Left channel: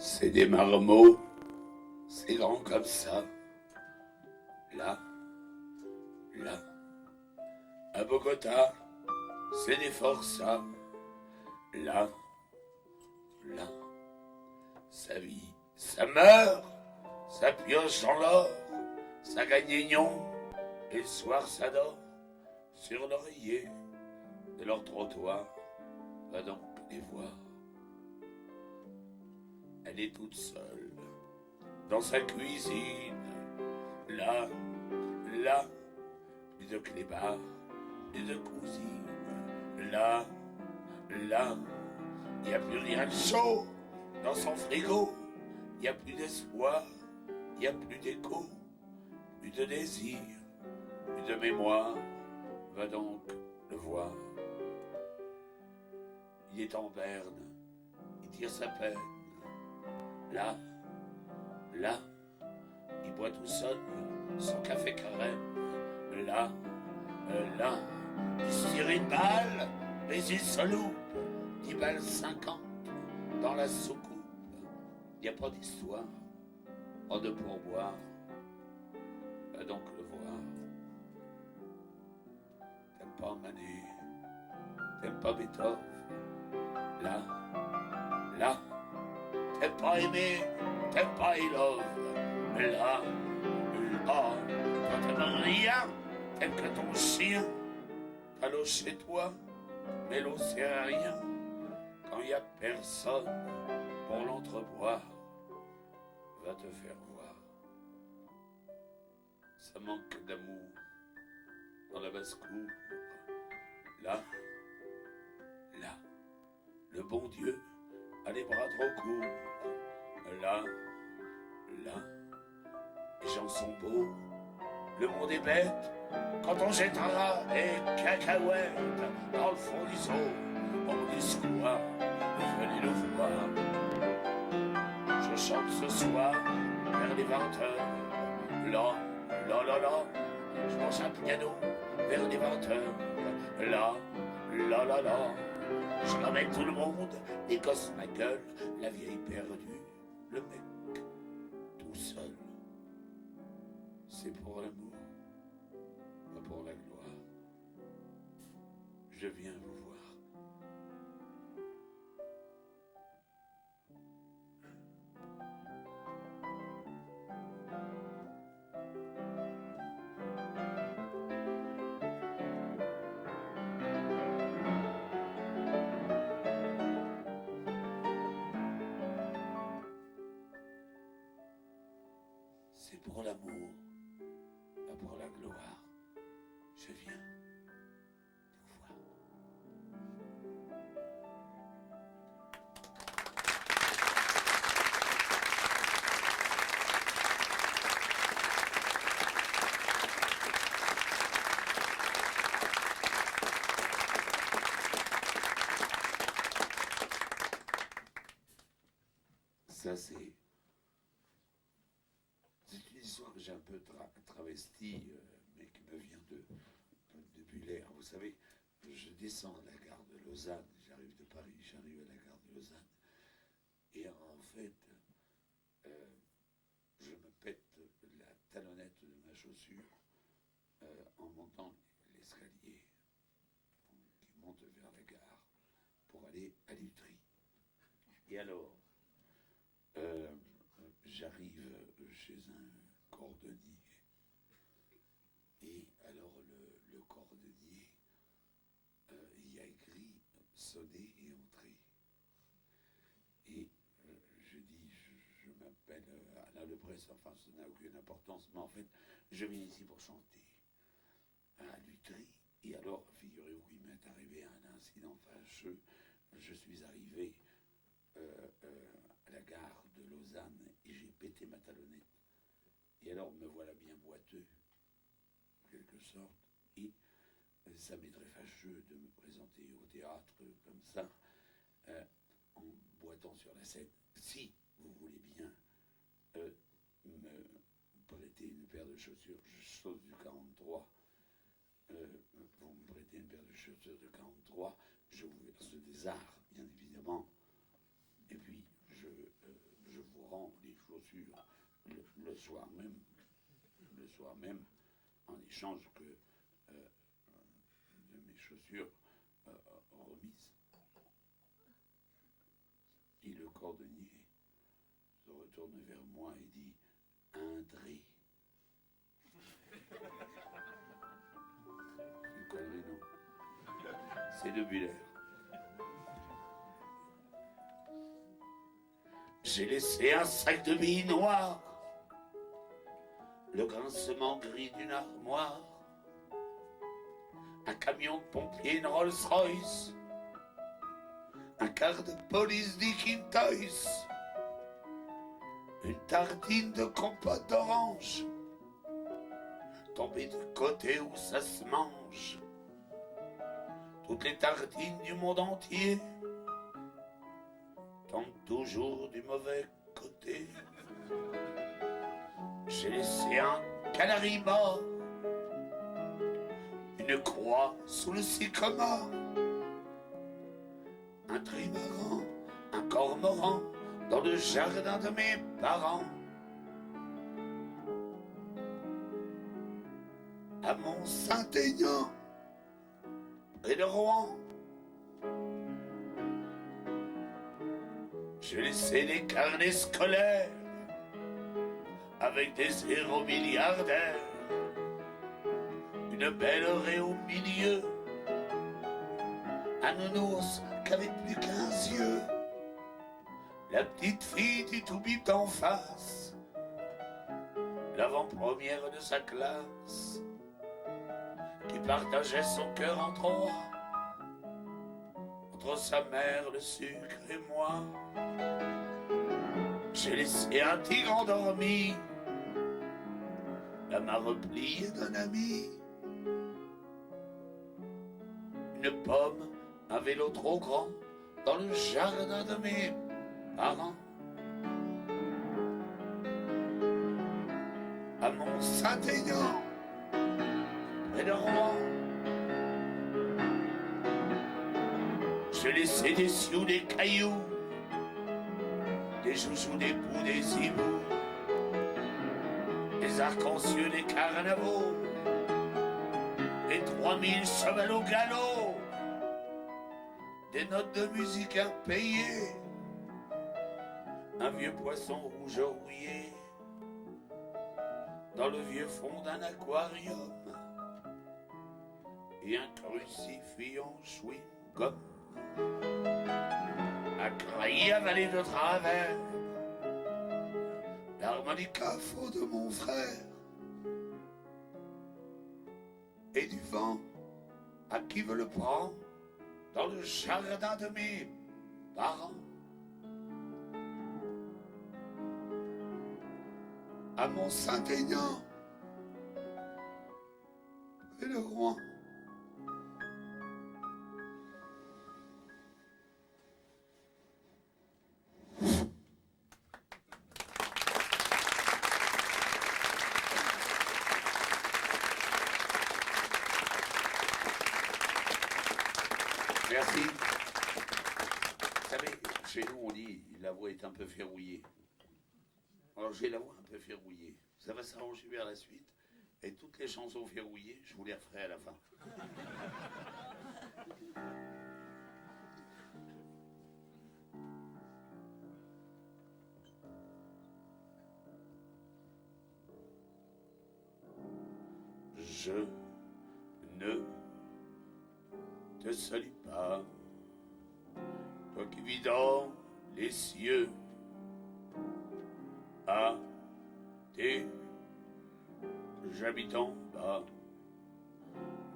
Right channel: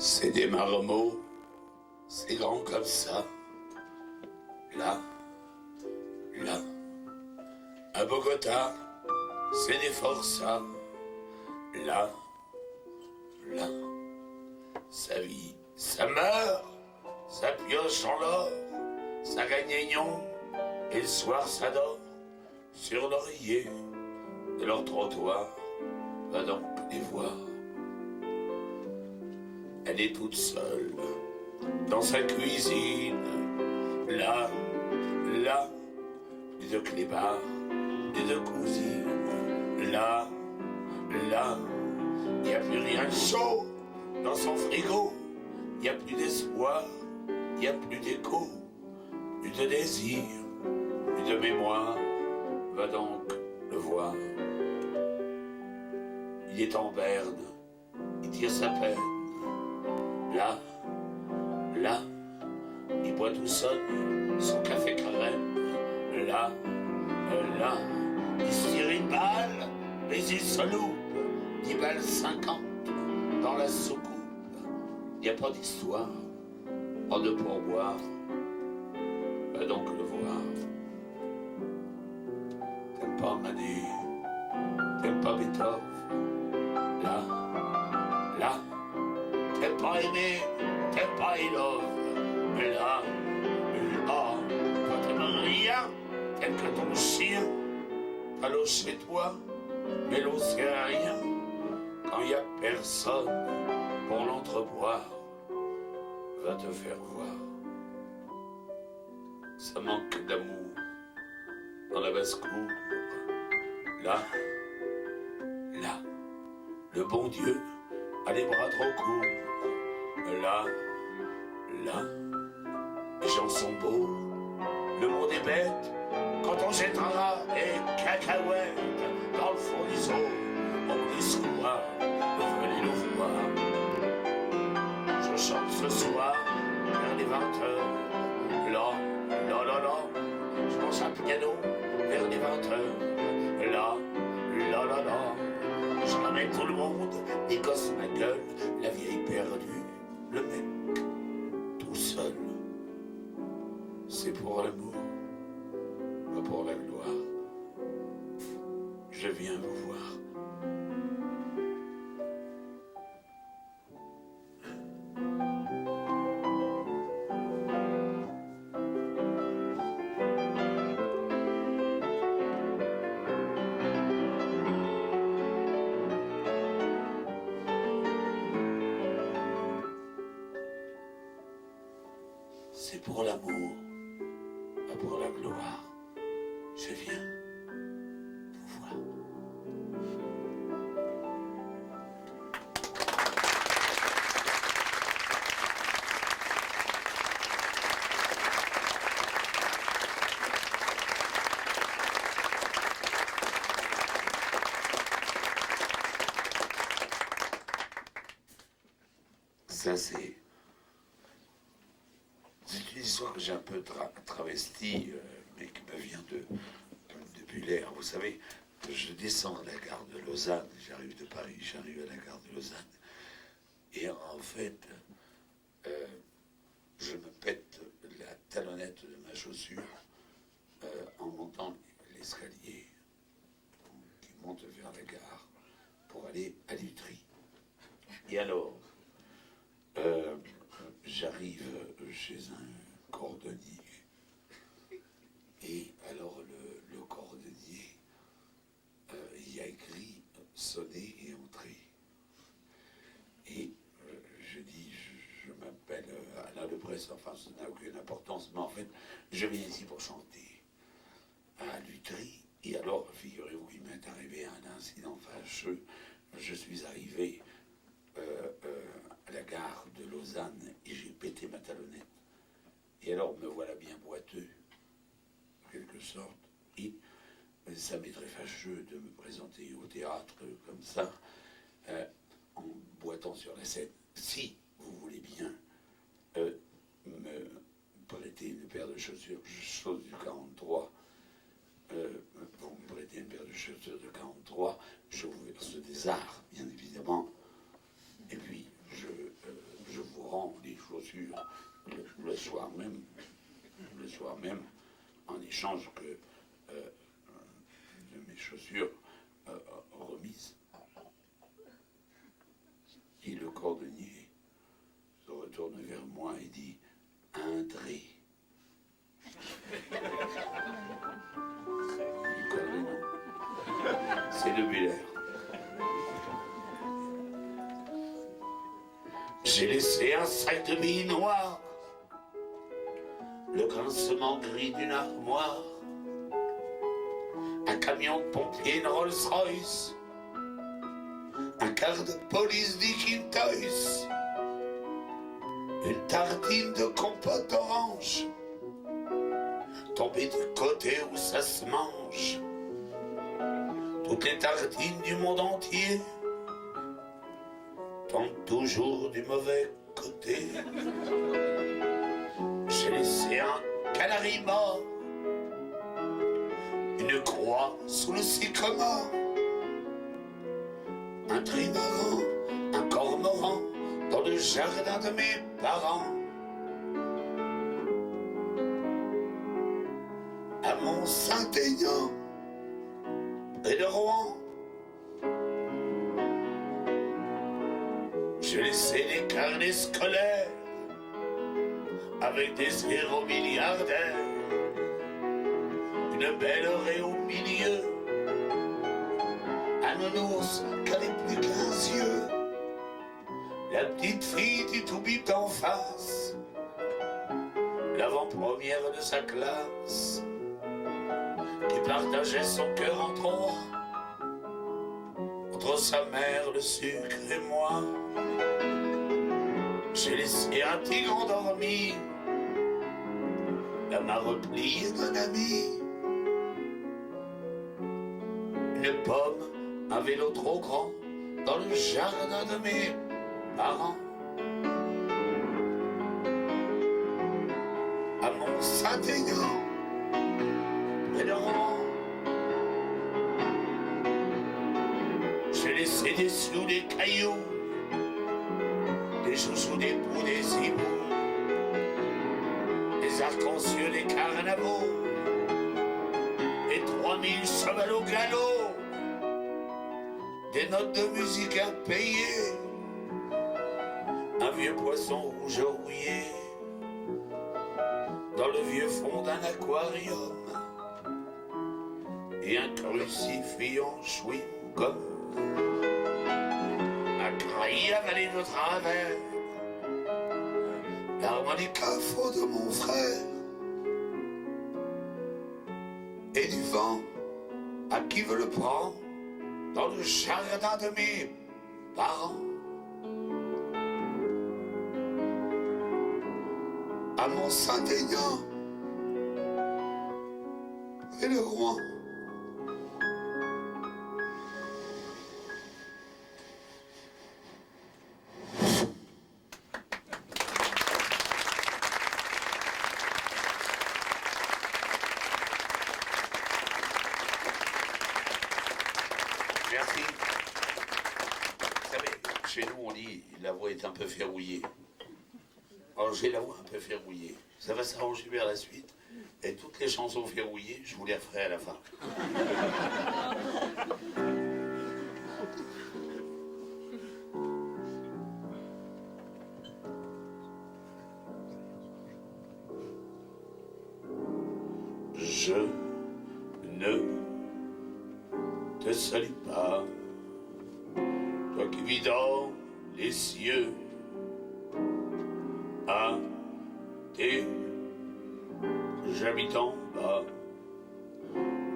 C'est des marmots, c'est grand comme ça. Là, là. À Bogota, c'est des forçats. Là, là. Ça vit, ça meurt, ça pioche en l'or, ça gagne des nions, et le soir ça dort sur l'oreiller de leur trottoir. Va donc les voir. Elle est toute seule dans sa cuisine. Là, là, plus de clébards, plus de cousines. Là, là, y a plus rien de chaud dans son frigo. Y a plus d'espoir, y a plus d'écho, plus de désir, plus de mémoire. Va donc le voir. Il est en berne, il tire sa peine. Là, là, il boit tout seul son café crème. Là, là, il se tire une balle, mais il se loupe. 10 balles 50 dans la soucoupe. Y a pas d'histoire, pas de pourboire. Va donc le voir. T'aimes pas Manu, t'aimes pas Beethoven. Là, là, t'aimes pas aimer, t'aimes pas Ilov. Mais là, toi t'aimes rien, t'aimes que ton chien. T'as l'eau chez toi, mais l'eau sert à rien quand y a personne pour l'entreboire. Va te faire voir. Ça manque d'amour dans la basse-cour. Là, là, le bon Dieu a les bras trop courts. Là, là, les gens sont beaux, le monde est bête. Quand on jettera des cacahuètes dans le fond du zoo, on dit soir, venez nous voir. Je chante ce soir vers les 20h. Là, là, là, là, je pense un piano vers les 20h. Là, là, là, là, je ramène tout le monde, les gosses ma gueule, la vieille perdue, le mec tout seul. C'est pour l'amour, pas pour la gloire. Je viens vous voir. C'est pour l'amour, pas pour la gloire. Je viens vous voir. Ça c'est une histoire que j'ai un peu travestie, mais qui me vient de Buller. Vous savez, je descends à la gare de Lausanne, j'arrive de Paris, j'arrive à la gare de Lausanne, et en fait, je me pète la talonnette de ma chaussure en montant l'escalier qui monte vers la gare pour aller à Lutry. Et alors, j'arrive chez un cordonnier. Et alors le cordonnier, il y a écrit sonner et entrer. Et je dis, je m'appelle Alain Lebresse, enfin ça n'a aucune importance, mais en fait, je viens ici pour chanter à Lutry. Et alors, figurez-vous qu'il m'est arrivé un incident fâcheux. Je suis arrivé à la gare de Lausanne et j'ai pété ma talonnette. Et alors me voilà bien boiteux, en quelque sorte, et ça m'est très fâcheux de me présenter au théâtre comme ça, en boitant sur la scène. Si vous voulez bien me prêter une paire de chaussures, chose du 43, vous me prêtez une paire de chaussures de 43, je vous verse des arts, bien évidemment, et puis je change que de mes chaussures remises. Et le cordonnier se retourne vers moi et dit « Un dré ». Une connerie, non. C'est de Buller. J'ai laissé un sac de billes noires, le grincement gris d'une armoire, un camion pompier, une Rolls-Royce, un quart de police d'Ikintoys, une tartine de compote d'orange, tombée du côté où ça se mange, toutes les tartines du monde entier tombent toujours du mauvais côté. J'ai laissé un canari mort, une croix sous le sycomore, un trimaran, un cormoran dans le jardin de mes parents. À Mont-Saint-Aignan, près de Rouen, j'ai laissé des carnets scolaires avec des héros milliardaires, une belle oreille au milieu, un nounours qui avait plus qu'15 yeux, la petite fille du tout bip en face, l'avant-première de sa classe, qui partageait son cœur en trois, entre sa mère, le sucre et moi. J'ai laissé un tigre endormi, la main repliée d'un ami, une pomme, un vélo trop grand dans le jardin de mes parents. À Mont-Saint-Aignan, près de Rouen, j'ai laissé des sous, des cailloux, des chouchous, des poux, des hiboux, des arcs-en-ciel, des carnavaux, et 3000 chevals au galop, des notes de musique impayées, un vieux poisson rouge rouillé dans le vieux fond d'un aquarium, et un crucifix en chewing-gum, un craï avalé de travers, l'harmonica faux de mon frère, et du vent à qui veut le prendre dans le jardin de mes parents. À Mont-Saint-Aignan, près de Rouen. Merci. Vous savez, chez nous on dit la voix est un peu verrouillée. Alors j'ai la voix un peu verrouillée. Ça va s'arranger vers la suite. Et toutes les chansons verrouillées, je vous les referai à la fin. Je ne te salue pas, toi qui vis dans les cieux, à tes habitants bas,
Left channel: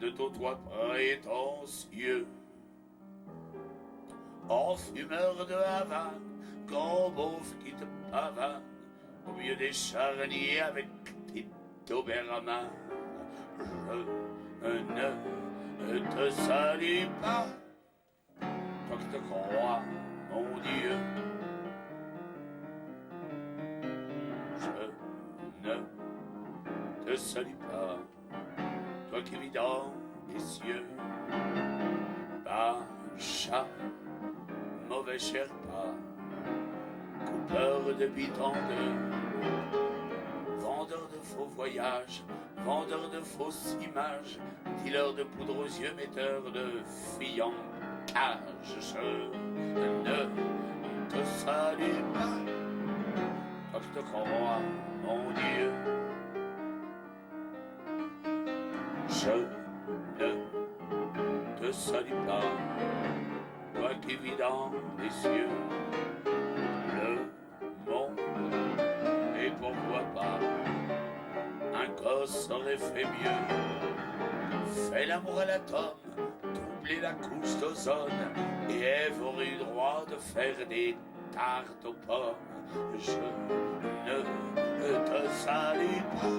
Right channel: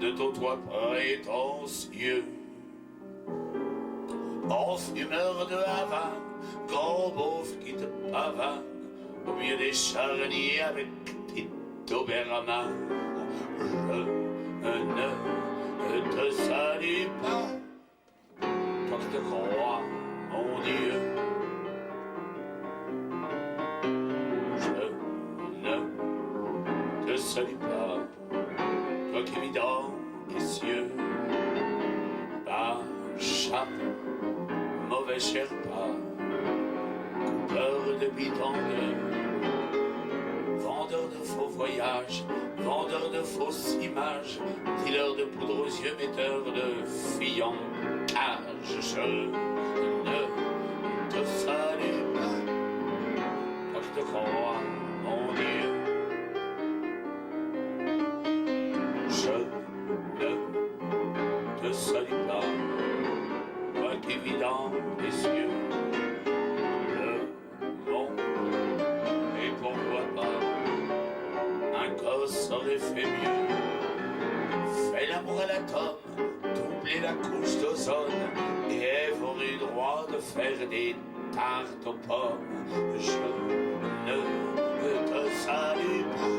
de ton toit prétentieux, en fumeur de Havane, grand beauf qui te pavane, au milieu des charniers avec tes Doberman. Je ne te salue pas, toi qui te crois, mon Dieu. Je ne te salue pas, toi qui vis dans les cieux. Pacha, mauvais Sherpa, coupeur de bidons, vendeur de faux voyages, vendeur de fausses images, dealer de poudre aux yeux, metteur de filles en cage. Je ne te salue pas, toi que je te crois, mon Dieu. Je ne te salue pas, toi qui vis dans les cieux. Le monde, et pourquoi pas, un gosse aurait fait mieux. Fait l'amour à l'atome, doubler la couche d'ozone, et Ève aurait eu droit de faire des tartes aux pommes. Je ne te salue pas,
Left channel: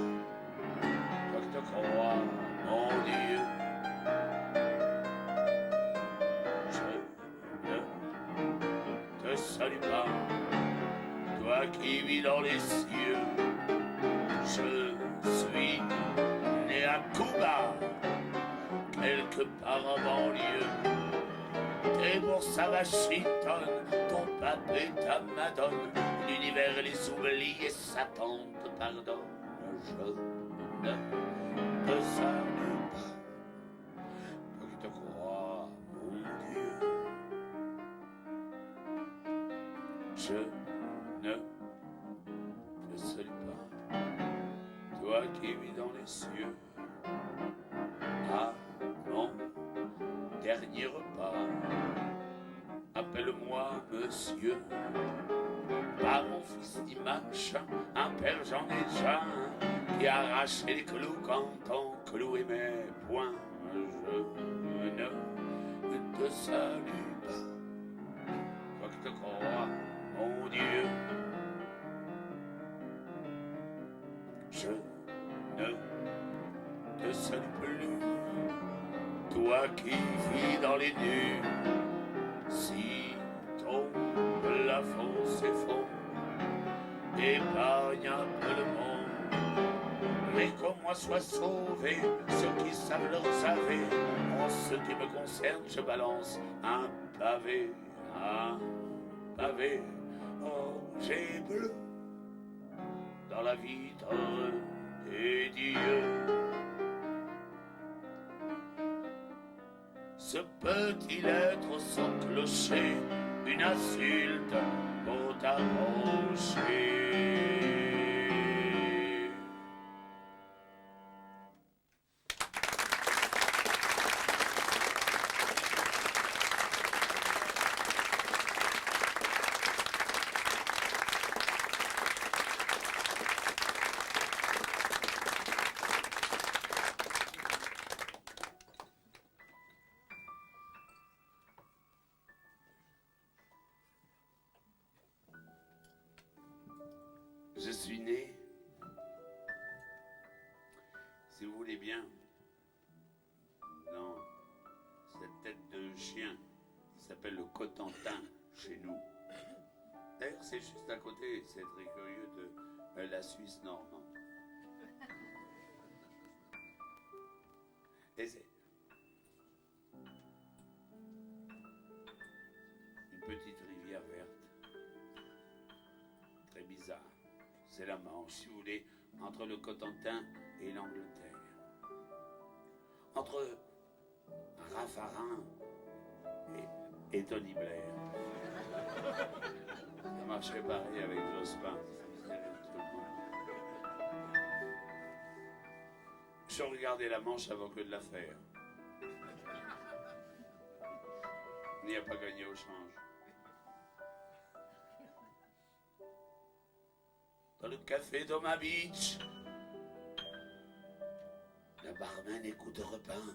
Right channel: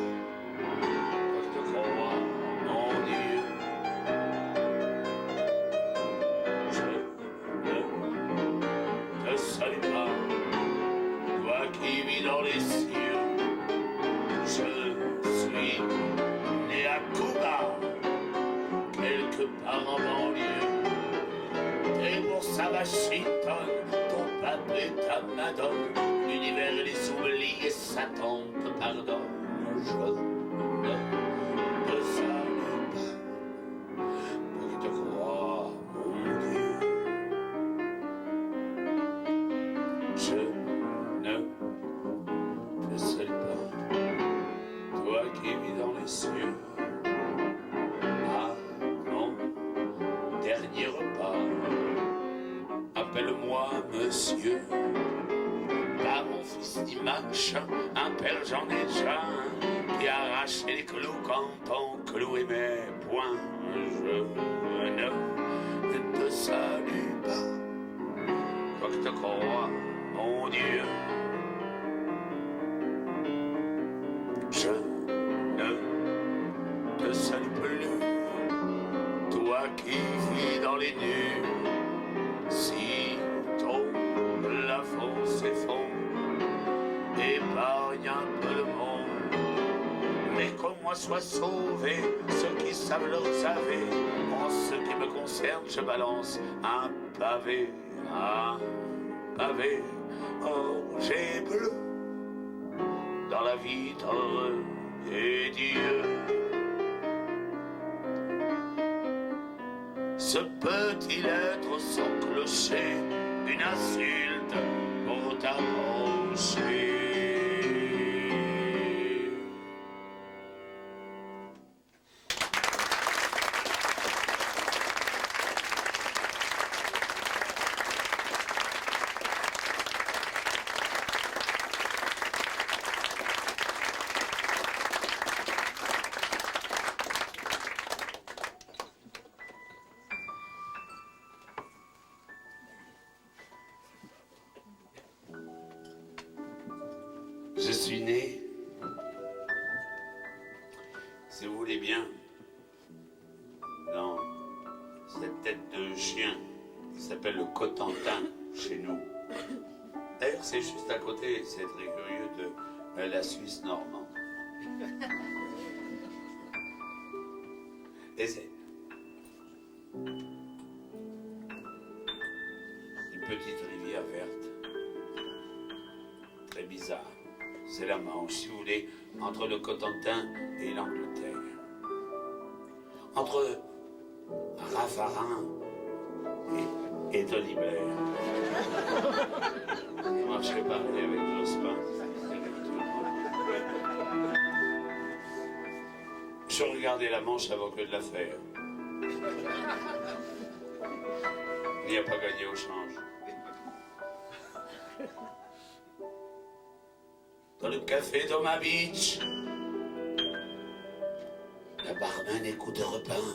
toi je te crois, mon Dieu. Je ne te salue pas, toi qui vis dans les cieux. Je suis né à Cuba, quelque part en banlieue. T'es bourses à Washington, ton pape et ta madone, l'univers et les oublis et Satan te pardonne. Je ne te salue pas, toi qui te crois, mon Dieu. Je ne te salue pas, toi qui vis dans les cieux. À mon dernier repas, appelle-moi monsieur. Pas mon fils Dimanche, un père j'en ai déjà un, qui arrache les clous quand on clouait mes poings. Je ne te salue pas, toi que te crois, mon Dieu. Je ne te salue plus, toi qui vis dans les nues. Si ton plafond s'effondre, épargne un peu le monde, mais qu'au moins soient sauvés ceux qui savent leur saver. En ce qui me concerne, je balance un pavé, j'ai bleu dans la vitre des dieux. Ce peut-il être sans clocher, une insulte pour t'approcher? Je suis né, si vous voulez bien, dans cette tête de chien qui s'appelle le Cotentin chez nous. D'ailleurs, c'est juste à côté, c'est très curieux, de la Suisse normande. Et c'est une petite rivière verte, très bizarre. C'est la Manche, si vous voulez, entre le Cotentin et l'Angleterre. Entre Raffarin et Tony Blair. Moi, je serais pareil avec Jospin. Je regardais la Manche avant que de la faire. Il n'y a pas gagné au change. Dans le café Thomas Beach, la barman écoute un repas.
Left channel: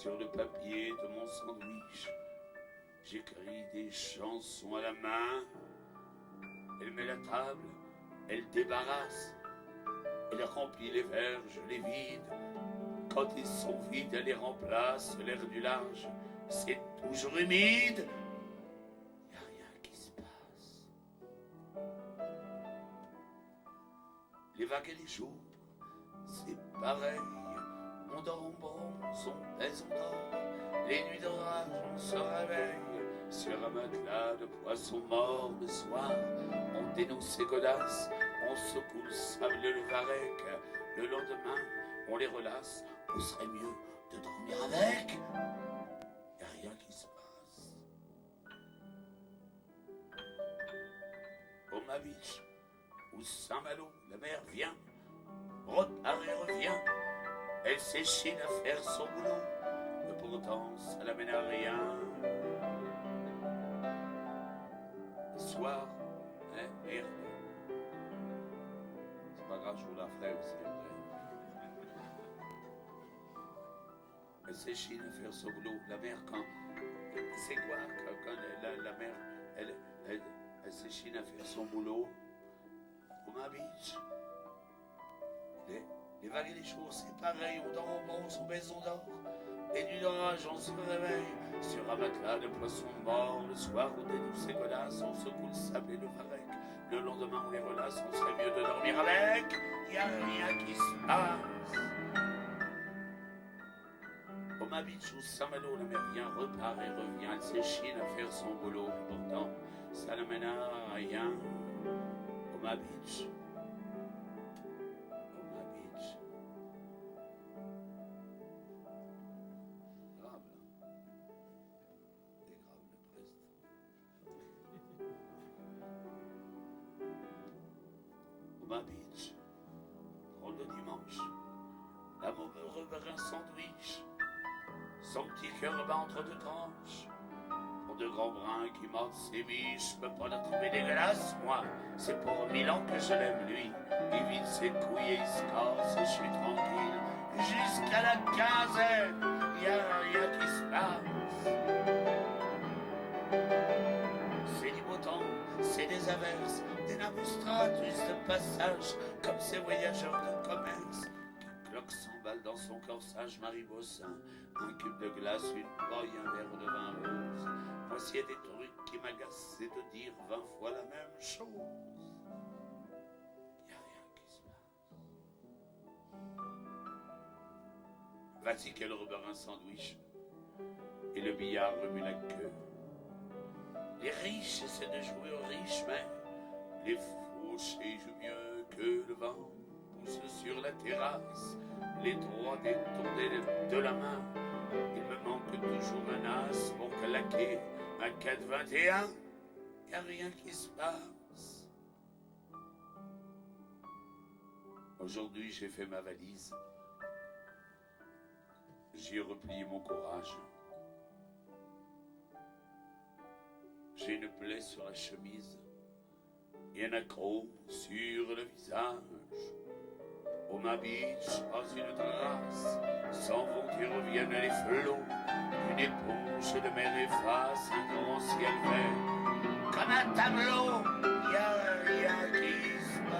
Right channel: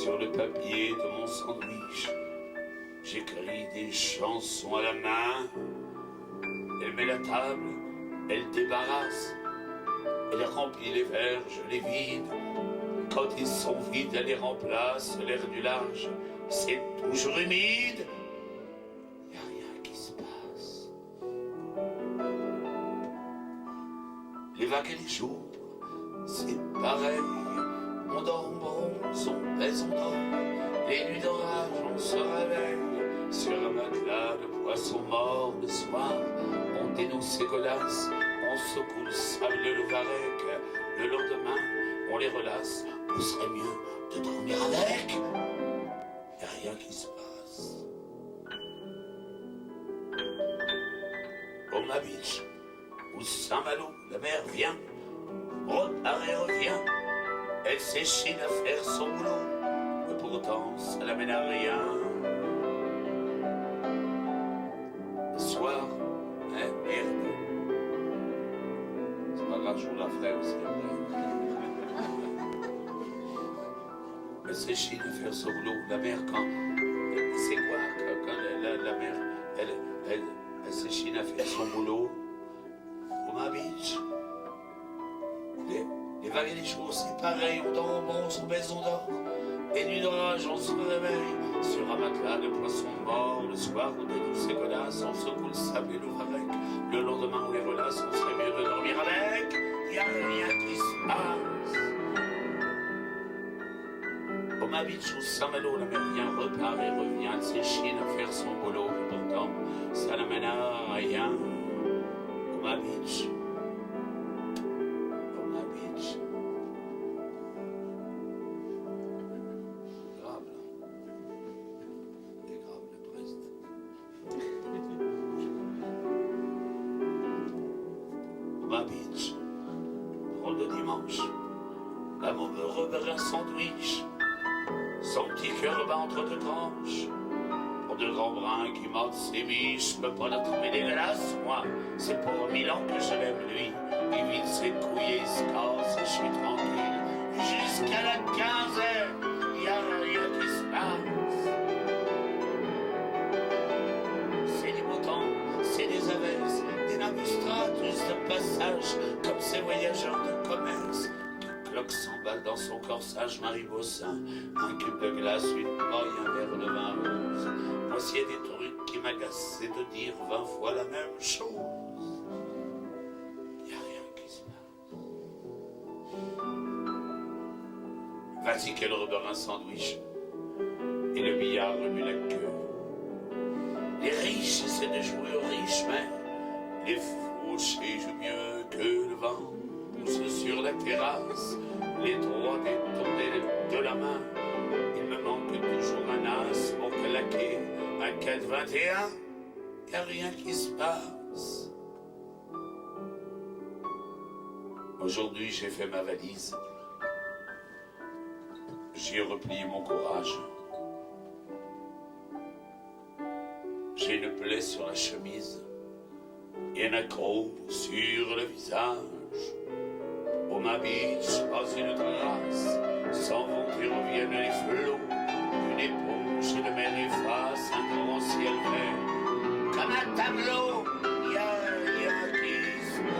Sur le papier de mon sandwich, j'écris des chansons à la main. Elle met la table, elle débarrasse, elle remplit les verres, je les vide. Quand ils sont vides, elle les remplace. L'air du large, c'est toujours humide. Y a rien qui se passe. Les vagues et les jours, c'est pareil. On dort, on bronze, on pèse, on dort. Les nuits d'orage, on se réveille. Sur un matelas de poissons morts le soir, on dénonce ses godasses, on secoue le sable, le varech. Le lendemain, on les relasse. On serait mieux de dormir avec. Il n'y a rien qui se passe. Omaha Beach, où Saint-Malo, la mère vient, repart et revient. Elle s'échine à faire son boulot, mais pourtant ça l'amène à rien. Le soir, hein, merde. C'est pas grave, je vous la ferai aussi après. Elle s'échine à faire son boulot, la mère quand... C'est quoi quand la mère, elle s'échine à faire son boulot? Omaha Beach. Les vagues et les jours, c'est pareil, on dort, on mange, on baise, on dort. Et nuit d'orage, on se réveille sur un matelas de poissons morts. Le soir, on dénonce ces godasses, on secoue le sable et l'ouvrec. Le lendemain, on les relasse, on serait mieux de dormir avec. Y a rien qui se passe. Omaha Beach ou Saint-Malo, la mère vient, repart et revient. Elle s'échine à faire son boulot, mais pourtant, ça n'amène à rien. Omaha Beach. L'amour me repère un sandwich, son petit cœur bat entre deux tranches. Pour deux grands brins qui mordent ses biches, je peux pas la trouver dégueulasse, moi. C'est pour 1000 ans que je l'aime, lui. Il vide ses couilles et il se casse, et je suis tranquille. Jusqu'à la quinzaine, y a rien qui se passe. C'est du beau temps, c'est des averses, des nabustrates, juste un passage, comme ces voyageurs de commerce. Cloque 100 balles dans son corsage, Marie Bossin, un cube de glace, une paille, un verre de vin rose. Voici des trucs qui m'agacent, c'est de dire 20 fois la même chose. Y a rien qui se passe. Vas-y qu'elle rebeurre un sandwich, et le billard remue la queue. Les riches essaient de jouer aux riches, mais les fauchés jouent mieux que le vent. Sur la terrasse, les trois détournés de la main. Il me manque toujours un as pour claquer un 4,21. Y a rien qui se passe. Aujourd'hui, j'ai fait ma valise. J'y ai replié mon courage. J'ai une plaie sur la chemise et un accroc sur le visage. Omaha Beach, pas une trace, s'en vont et reviennent les flots. Une éponge de mer efface un grand ciel vert. Comme un tableau, y a rien qui se passe.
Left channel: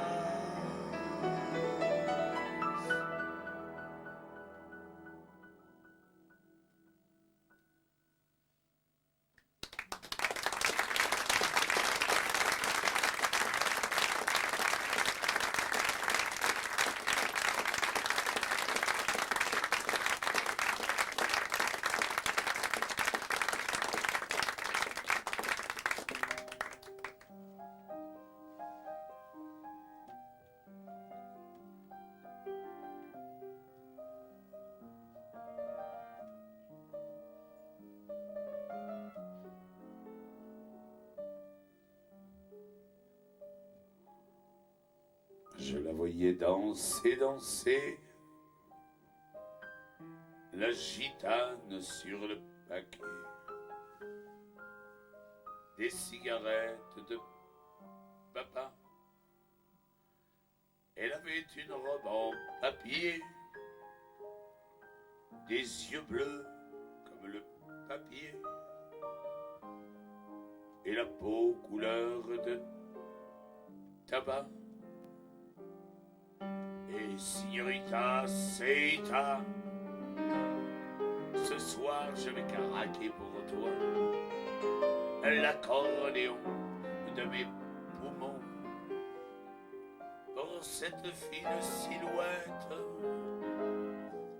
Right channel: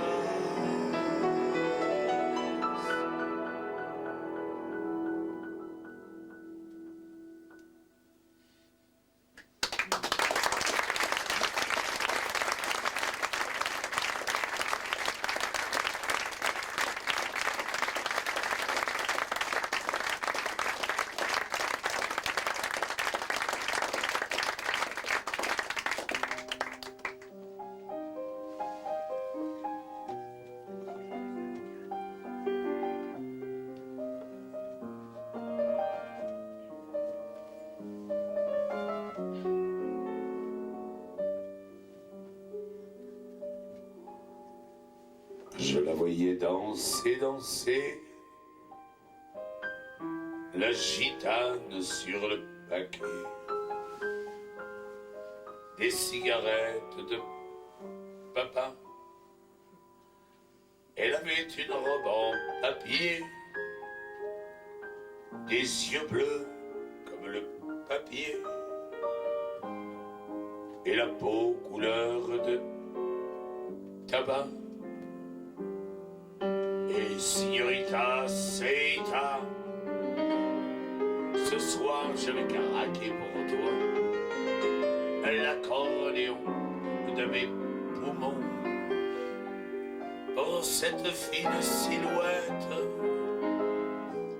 Je la voyais danser, danser, la gitane sur le paquet, des cigarettes de papa. Elle avait une robe en papier, des yeux bleus comme le papier, et la peau couleur de tabac. Et signorita, seita, ce soir je vais craquer pour toi, l'accordéon de mes poumons, pour cette fine silhouette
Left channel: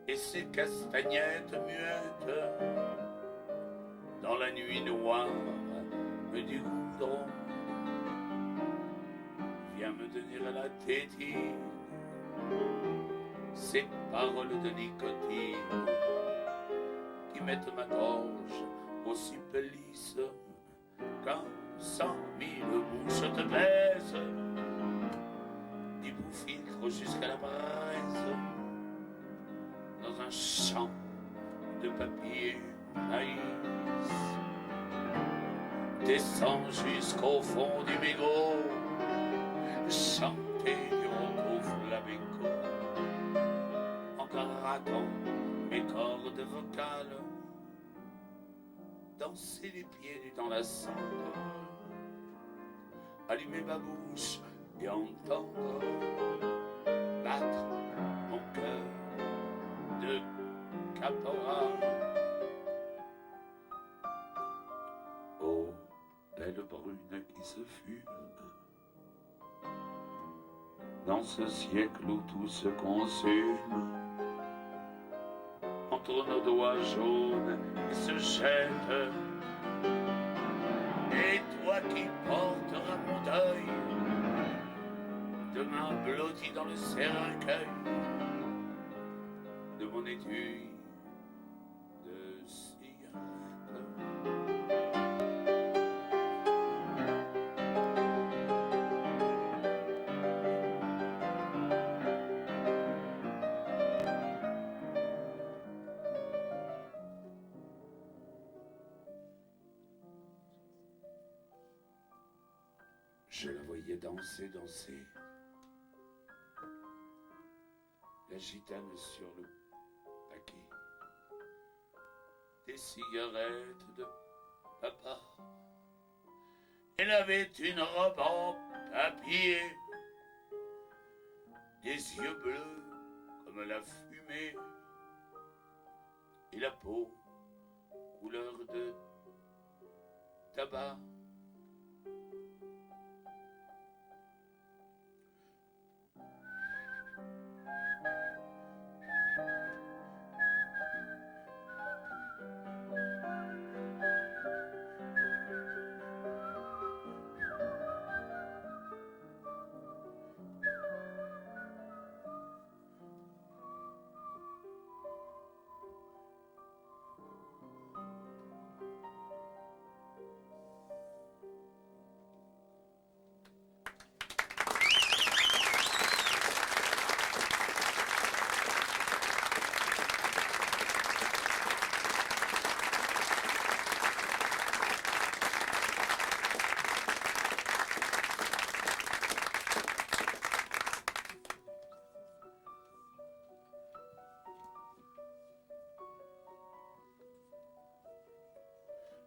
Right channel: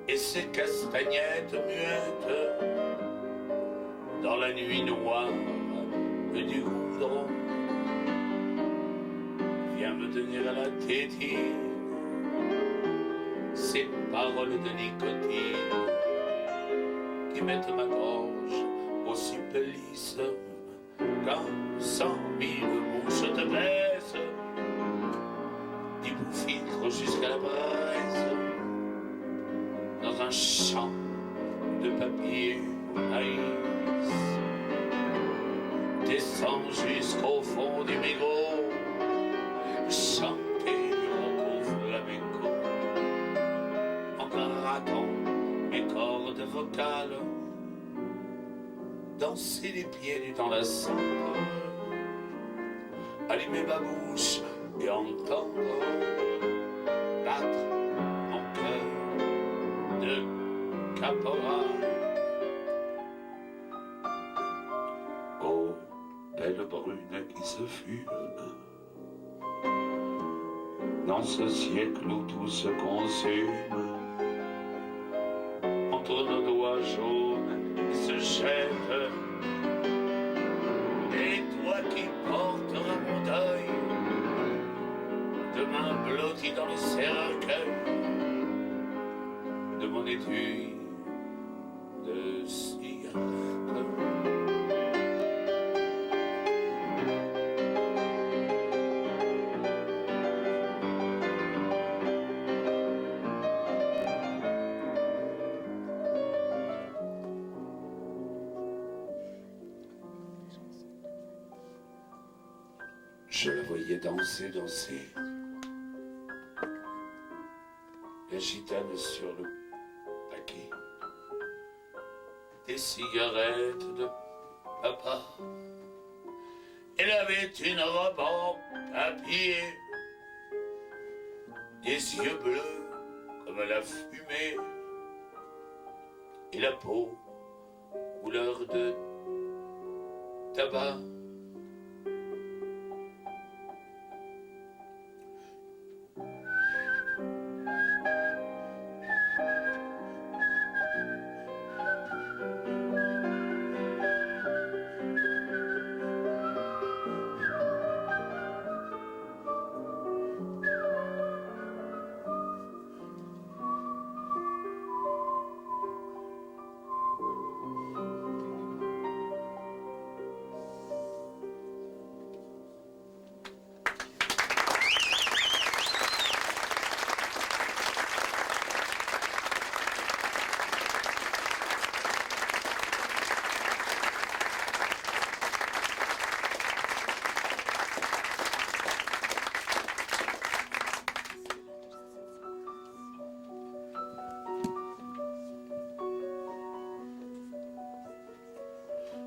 et ces castagnettes muettes, dans la nuit noire du goudron. Viens me tenir à la tétine ces paroles de nicotine qui mettent ma gorge au supplice. Quand 100 000 bouches te baissent, du bout-filtre jusqu'à la braise, dans un champ de papier maïs, descends jusqu'au fond du mégot, chanter du roco flamenco, en grattant mes cordes vocales, danser les pieds nus dans la cendre, allumer ma bouche et entendre battre mon cœur de caporal. Oh, belle brune qui se fume dans ce siècle où tout se consume, entre nos doigts jaunes se jette. Et toi qui porteras mon deuil, demain blotti dans le cercueil de mon étui de cigarette. Je la voyais danser, danser. La gitane sur le paquet. Des cigarettes de papa. Elle avait une robe en papier. Des yeux bleus comme la fumée. Et la peau couleur de tabac.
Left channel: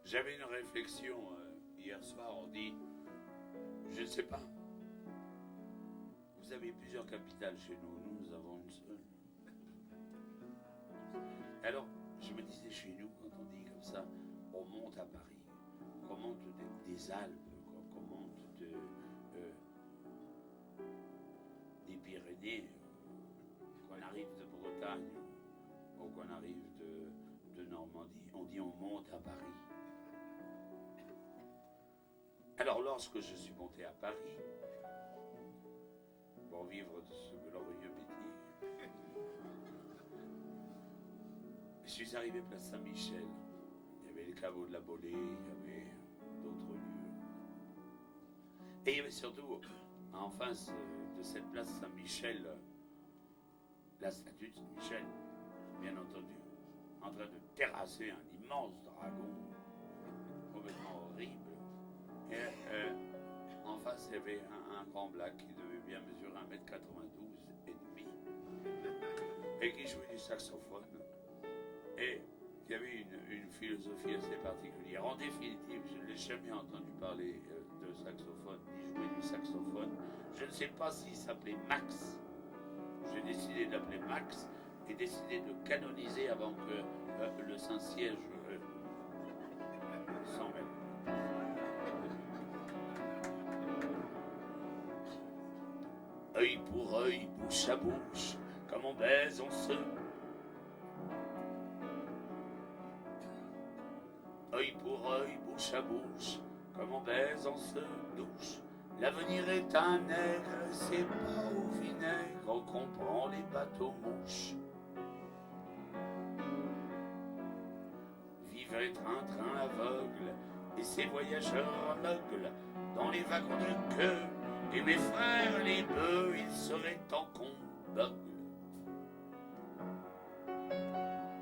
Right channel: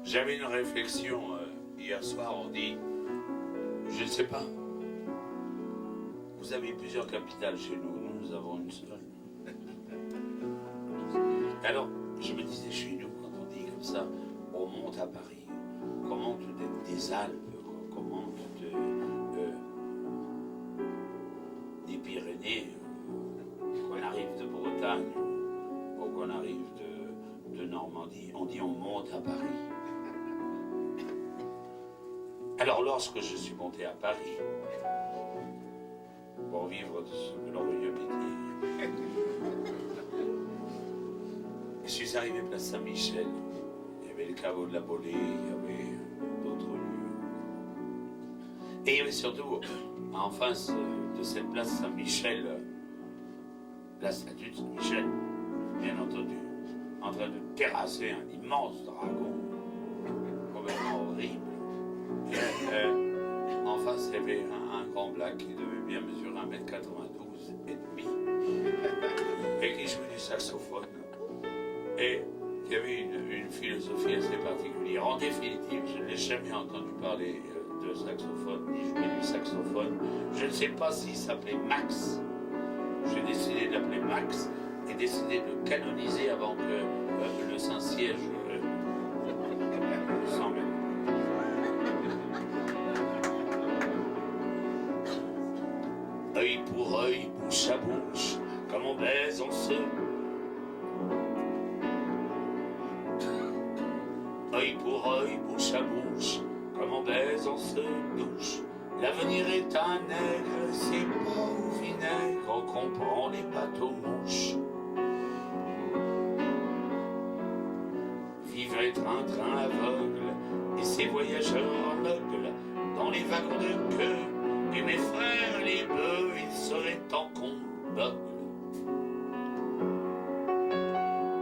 J'avais une réflexion hier soir, on dit, je ne sais pas, vous avez plusieurs capitales chez nous, nous avons une seule. Alors, je me disais chez nous, quand on dit comme ça, on monte à Paris, qu'on monte des Alpes, qu'on monte des Pyrénées, qu'on arrive de Bretagne, ou qu'on arrive de Normandie, on dit on monte à Paris. Alors lorsque je suis monté à Paris, pour vivre de ce glorieux métier, je suis arrivé place Saint-Michel, il y avait le caveau de la Bolée, il y avait d'autres lieux. Et il y avait surtout, en face de cette place Saint-Michel, la statue de Saint-Michel, bien entendu, en train de terrasser un immense dragon, complètement horrible. En face, il y avait un grand black qui devait bien mesurer 1m92 et demi et qui jouait du saxophone. Et il y avait une philosophie assez particulière. En définitive, je n'ai jamais entendu parler de saxophone, ni jouer du saxophone. Je ne sais pas s'il s'appelait Max. J'ai décidé de l'appeler Max et décidé de le canoniser avant que le Saint-Siège s'en mêle. Œil pour œil, bouche à bouche, comme on baise, on se... Œil pour œil, bouche à bouche, comme on baise, on se douche. L'avenir est un nègre, c'est beau. vinaigre qu'on prend des bateaux mouches. Vivait un train aveugle et ses voyageurs aveugles dans les wagons de queue. Et mes frères les bœufs, ils seraient en combat.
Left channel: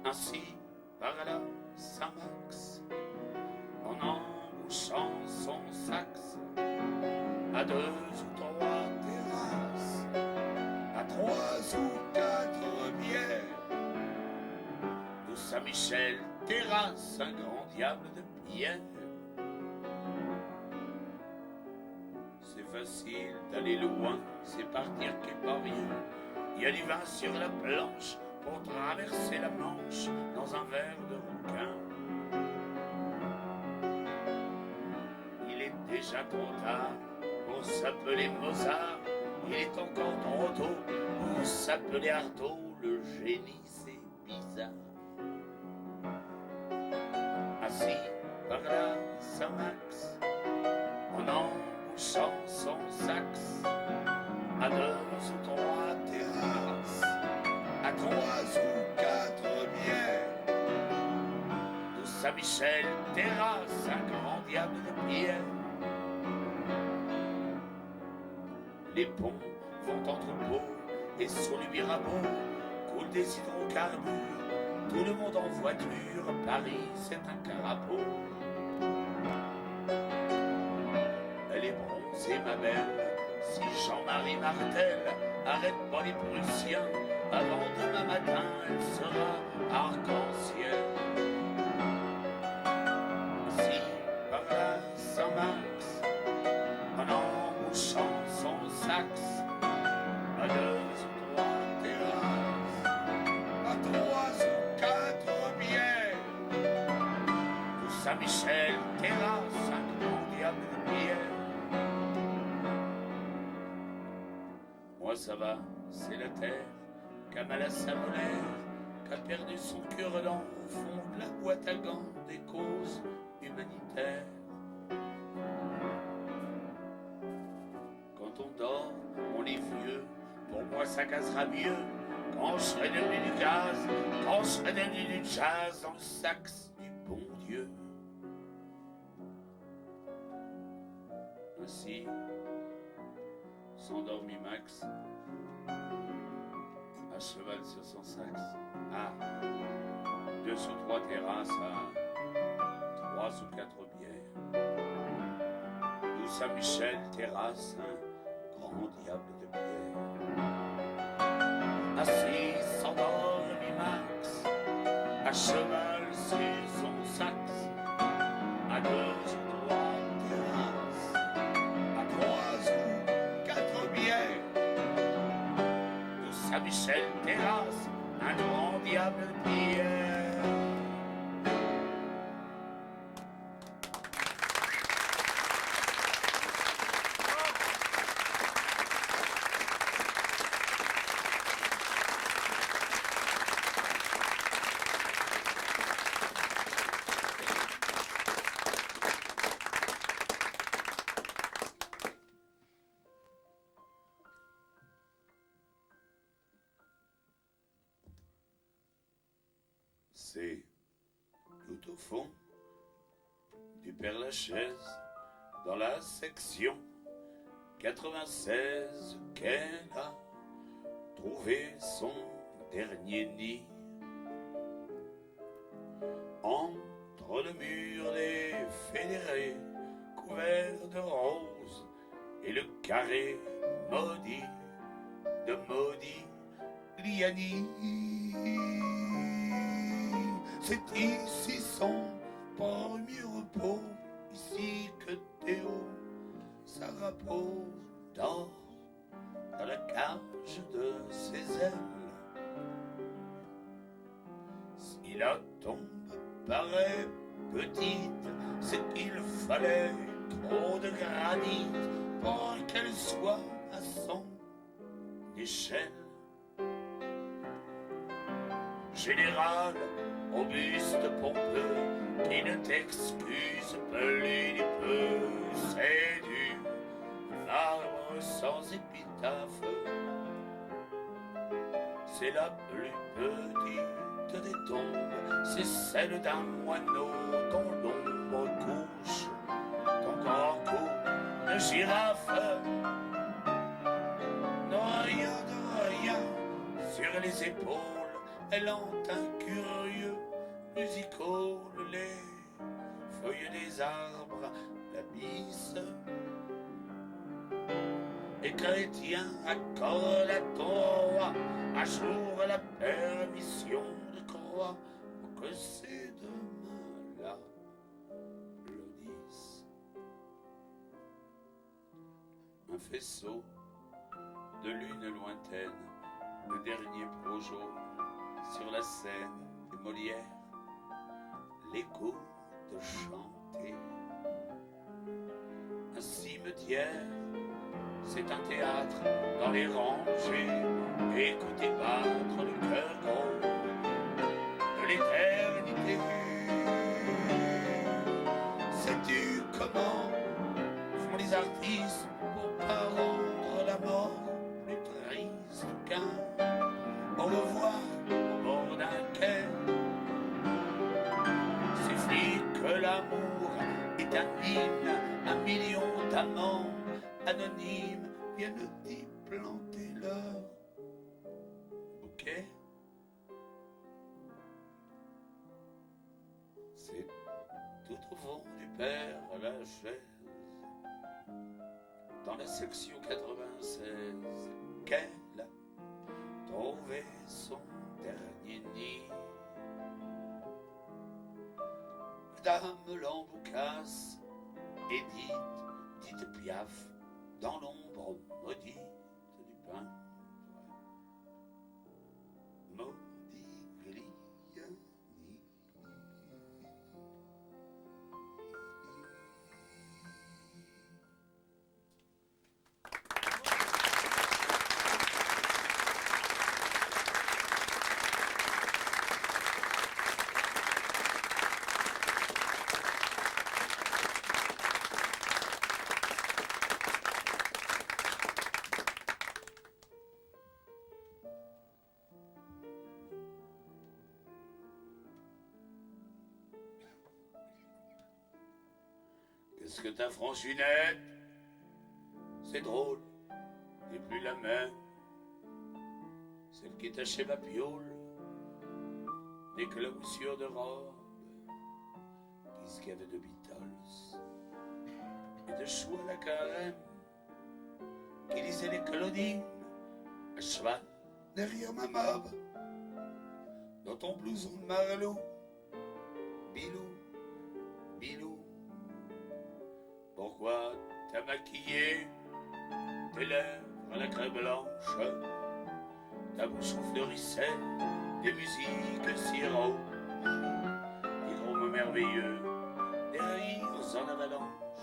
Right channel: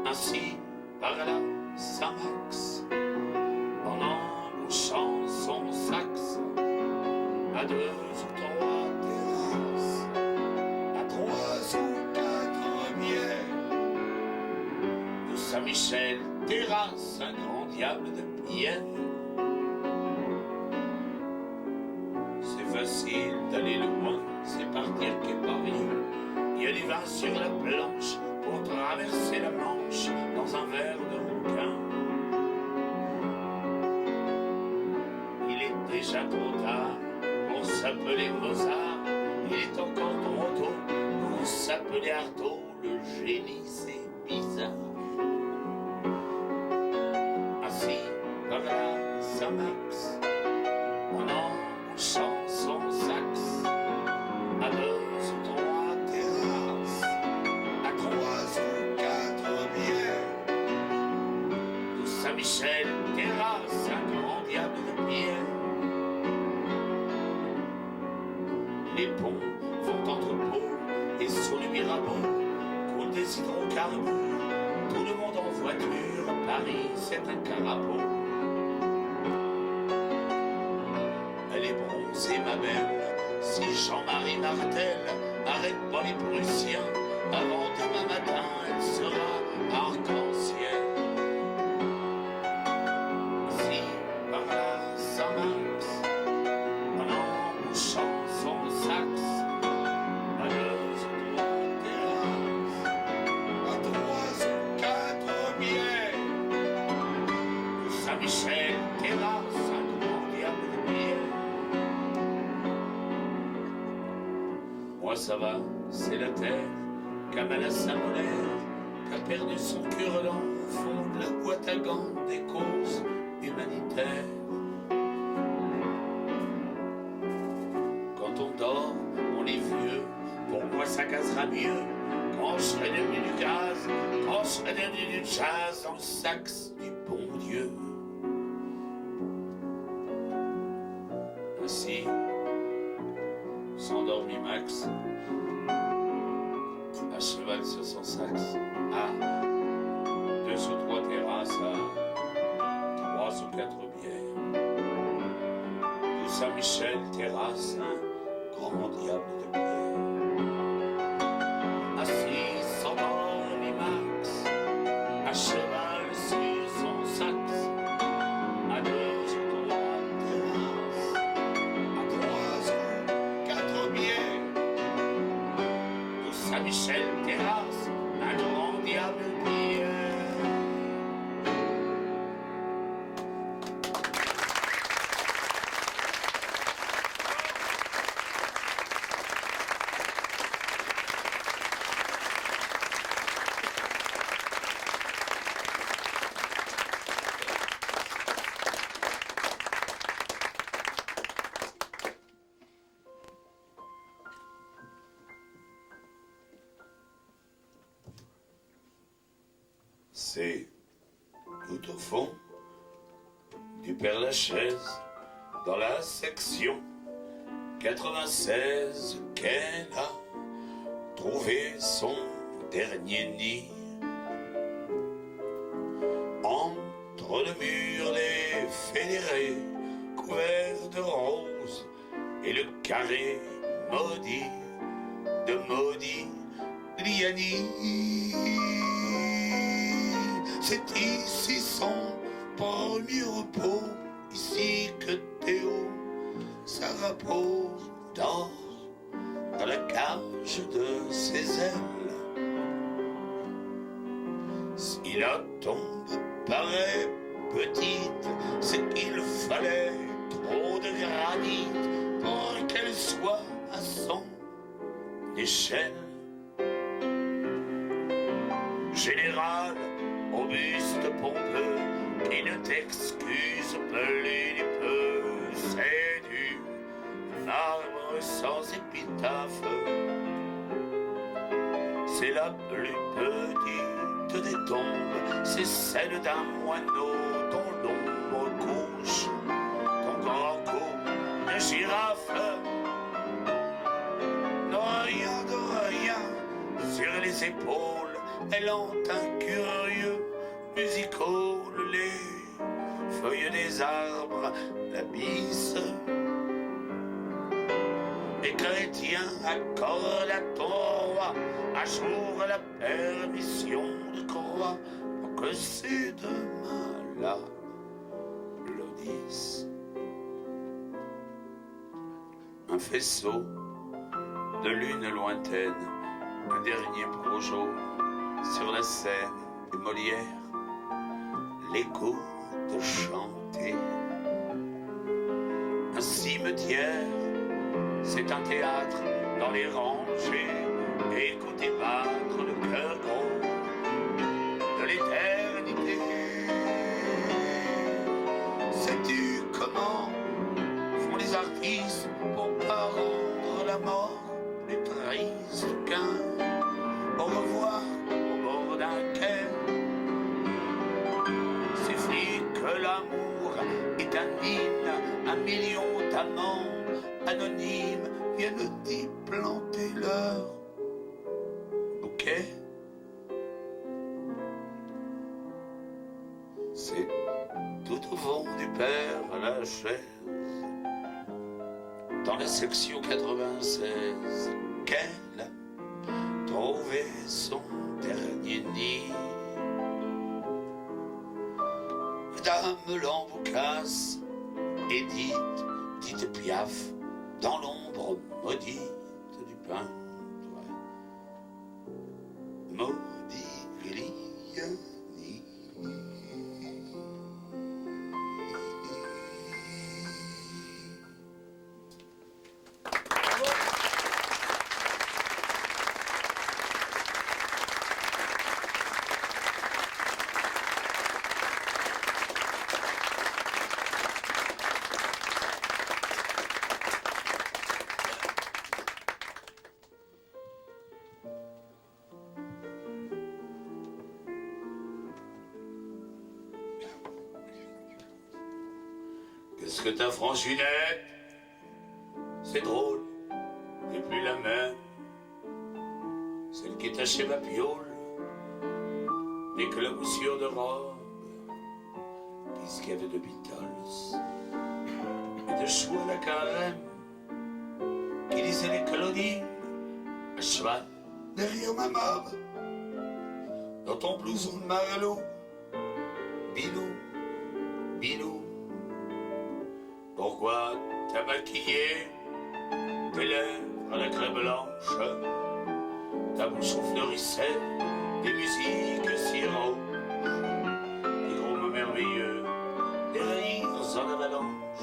Ainsi parla Saint-Max en embouchant son saxe à 2 ou 3 terrasses, à 3 ou 4 bières de Saint-Michel terrasse, un grand diable de pierre. C'est facile d'aller loin, c'est partir qu'est pas rien. Il y a du vin sur la planche pour traverser la Manche dans un verre de rouquin. Il est déjà trop tard pour s'appeler Mozart. Il est encore trop tôt pour s'appeler Artaud. Le génie c'est bizarre. Assis par là Saint-Max en embouchant son saxe à 2 ou 3 terrasses, à 3 ou 4 bières de Saint-Michel terrasse, un grand diable de pierre. Les ponts vont entre Pau et sous les Mirabeau coulent des hydrocarbures. Tout le monde en voiture, Paris c'est un carapaud. Elle est bronzée ma belle, si Jean-Marie Martel arrête pas les Prussiens, avant demain matin elle sera arc-en-ciel. Si par là Saint-Max en embouchant son saxe à 2 ou 3 terrasses, à 3 ou 4 bières de Saint-Michel terrasse, un grand diable de pierre. Moi ça va, c'est la terre, Kamala Saint-Molaire, qu'a perdu son cure-dent au fond de la boîte à gants des causes humanitaires. Quand on dort, on est vieux, pourquoi ça cassera mieux quand je serai devenu du gaz, quand je serai devenu du jazz dans le saxe du bon Dieu. Ainsi s'endormit Max à cheval sur son saxe, à 2 ou 3 terrasses, à 3 ou 4 bières de Saint-Michel terrasse, un grand diable de pierre. Assis s'endormit Max à cheval sur son saxe, à 2 ou 3 terrasses, à 3 ou 4 bières de Saint-Michel terrasse, un grand diable de pierre. C'est tout au fond du Père-Lachaise, dans la section 96, qu'elle a trouvé son dernier nid. Entre le mur des fédérés, couvert de roses, et le carré maudit de maudit lianis. C'est ici son premier repos, ici que Théo, sa repose dort dans la cage de ses ailes. Si la tombe paraît petite, c'est qu'il fallait trop de granit pour qu'elle soit à son échelle. Général, auguste pompeux, qui ne t'excuse plus du peu, c'est du marbre sans épitaphe, c'est la plus petite des tombes, c'est celle d'un moineau dont l'ombre couche ton grand cou de girafe. Non, rien de rien sur les épaules, elle hante un curieux music-hall, les feuilles des arbres la bise. Les chrétiens accordent à ton roi un jour la permission de croire que c'est demain là l'Odysse. Un faisceau de lune lointaine, un dernier projo sur la scène de Molière, l'écho de chanter. Un cimetière, c'est un théâtre dans les rangées, écoutez battre le cœur gros de l'éternité. Sais-tu comment font les artistes pour pas rendre la mort plus triste qu'un au revoir au bord d'un quai? Suffit que l'amour est un hymne, un million d'amants anonymes viennent d'y planter leur bouquet. C'est tout au fond du Père Lachaise, dans la section 96, qu'elle a trouvé son dernier nid. Dame Lamboucasse, Édith Piaf, dans l'ombre maudite du peintre, Modigliani. Qu'est-ce que t'as, Francinette? C'est drôle, t'es plus la même. Celle qui tachait ma piole, d'éclaboussures de robe, qu'est-ce qu'il y avait de Beatles et de choux à la carême, qui lisait les Claudines à cheval derrière ma mob, dans ton blouson de Marlowe, Bilou, Bilou. Pourquoi t'as maquillé tes lèvres à la craie blanche, ta bouche fleurissait des musiques si roses, des gros mots merveilleux, des rires en avalanche,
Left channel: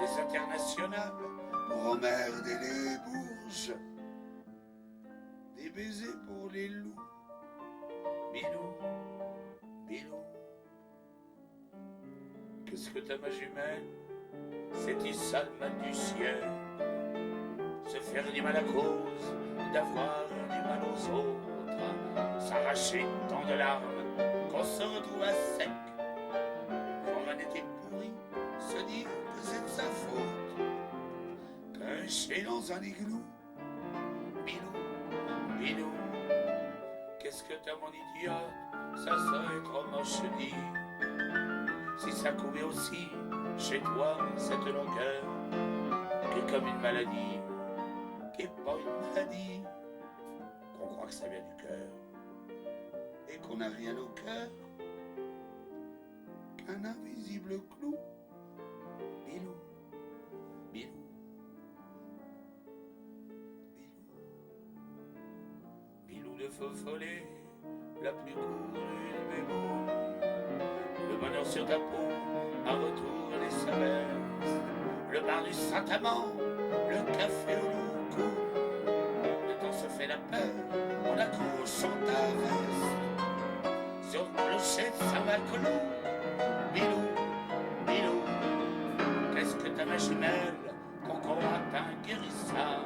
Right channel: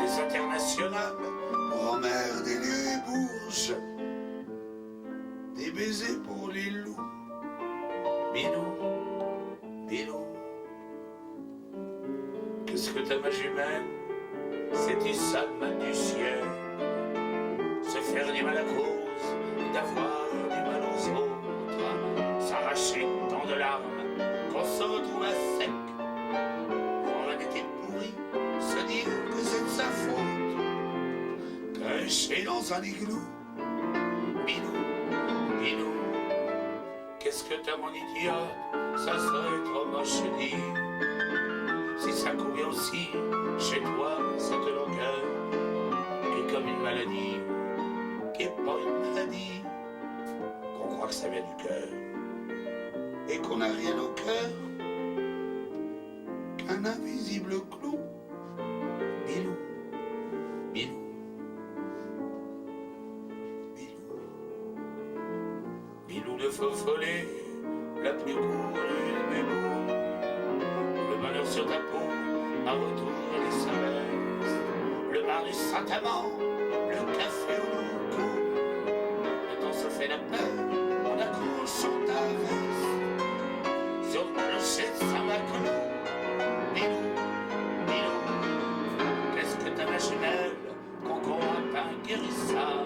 des internationales pour emmerder les bourges, des baisers pour les loups, Bilou, Bilou. Qu'est-ce que t'as, ma jumelle? C'est du sale mal du ciel, se faire du mal à cause d'avoir du mal aux autres, s'arracher tant de larmes qu'on se retrouve à sec, pour un été pourri, se dire que c'est de sa faute, caché dans un igloo, Bilou, Bilou. Qu'est-ce que t'as, mon idiote? Ça serait trop moche de dire. Si ça couvait aussi chez toi cette longueur, qui est comme une maladie, qui est pas une maladie, qu'on croit que ça vient du cœur, et qu'on n'a rien au cœur qu'un invisible clou, Bilou, Bilou, Bilou, Bilou le faux follet, la plus courue de mes mots. Le bonheur sur ta peau, un retour à l'essence, le bar du Saint-Amand, le café au loup. Le temps se fait la paix, on accroche ta veste sur le plancher de Saint-Maclou. Bilou, Bilou, qu'est-ce que t'as, ma jumelle, qu'on croit un guérissard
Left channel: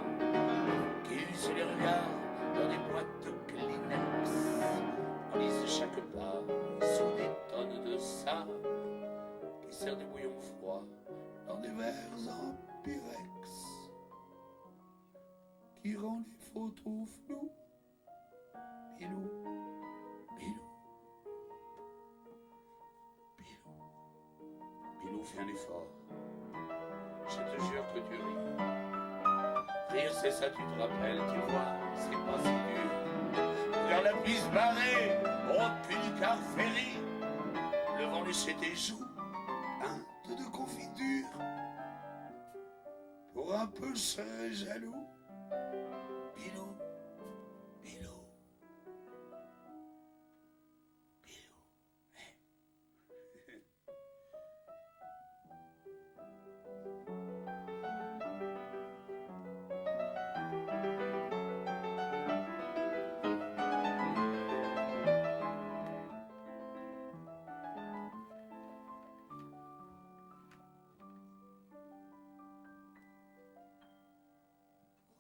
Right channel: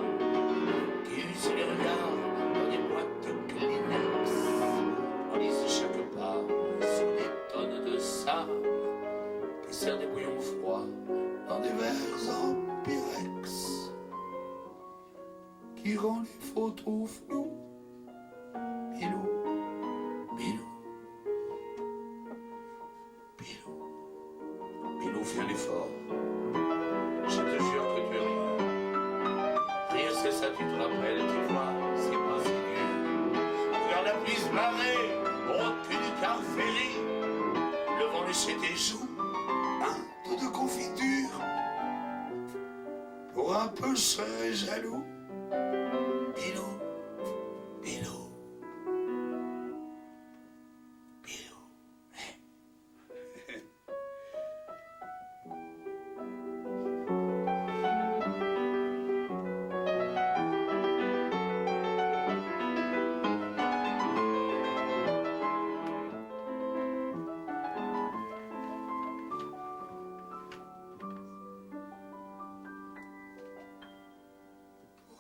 qui use les regards dans des boîtes de Il sert des bouillons froids dans des verres en pyrex qui rend les photos floues. Pilou, Pilou, Pilou, Pilou, fais un effort. Je te jure que tu ris. Rire, c'est ça, tu te rappelles, tu vois, c'est pas si dur. Vers la pluie se barrer, au cul du car ferry, le vent léchait tes joues, un peu de confiture. Pour un peu, je serais jaloux. Pilou, Pilou.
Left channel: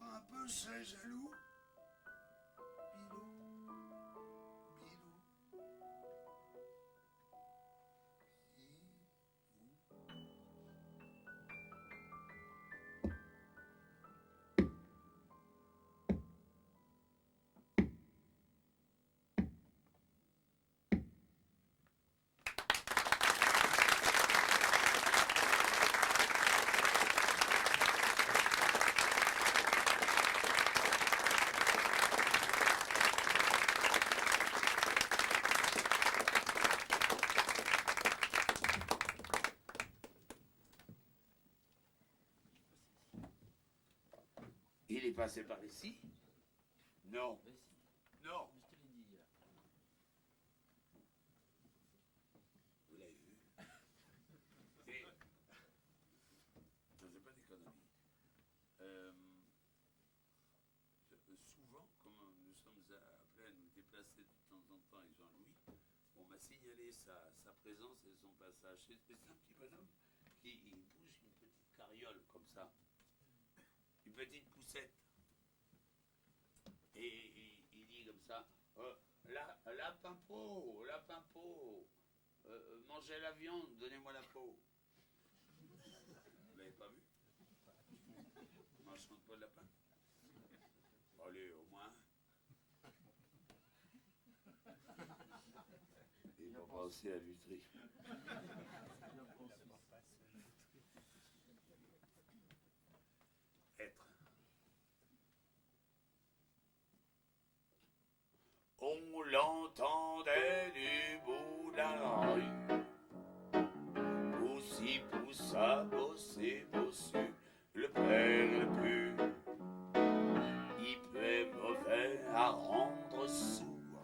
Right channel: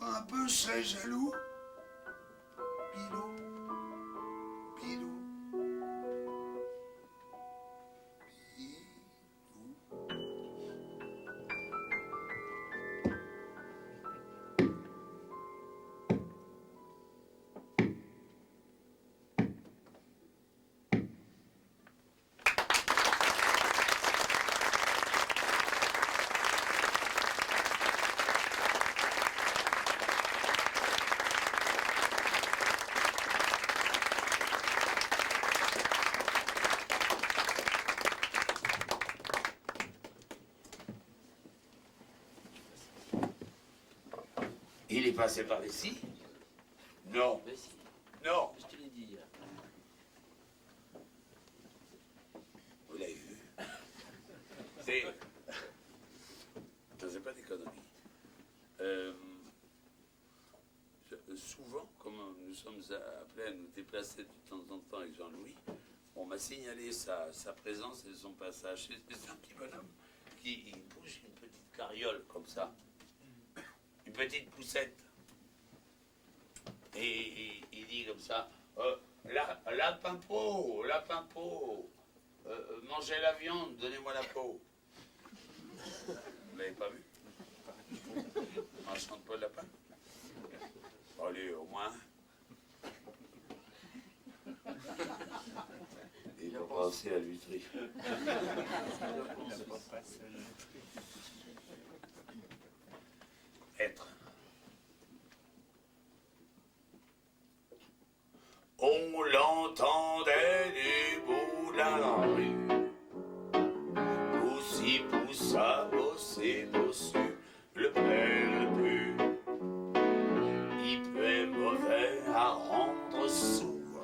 Un peu, je serais jaloux. Pilou, Pilou, Il est passé par ici? Non. Mais si, Non. je te l'ai dit hier. Vous l'avez vu? C'est... C'est pas des conneries. Souvent, comme nous sommes appelés à nous déplacer de temps en temps avec Jean-Louis, on m'a signalé sa présence et son passage. C'est un petit bonhomme qui bouge une petite carriole comme ça. Une petite poussette. Et il dit comme ça, lapin pot, mangez la viande, donnez-moi la peau. Vous l'avez pas vu? On chante pas de lapin? Allez, au moins. Il faut penser à l'huîtrie. Être. On l'entendait du bout de la rue. Poussi, poussa, bossé, bossu, le père le plus. Il peut mauvais à rendre sourd.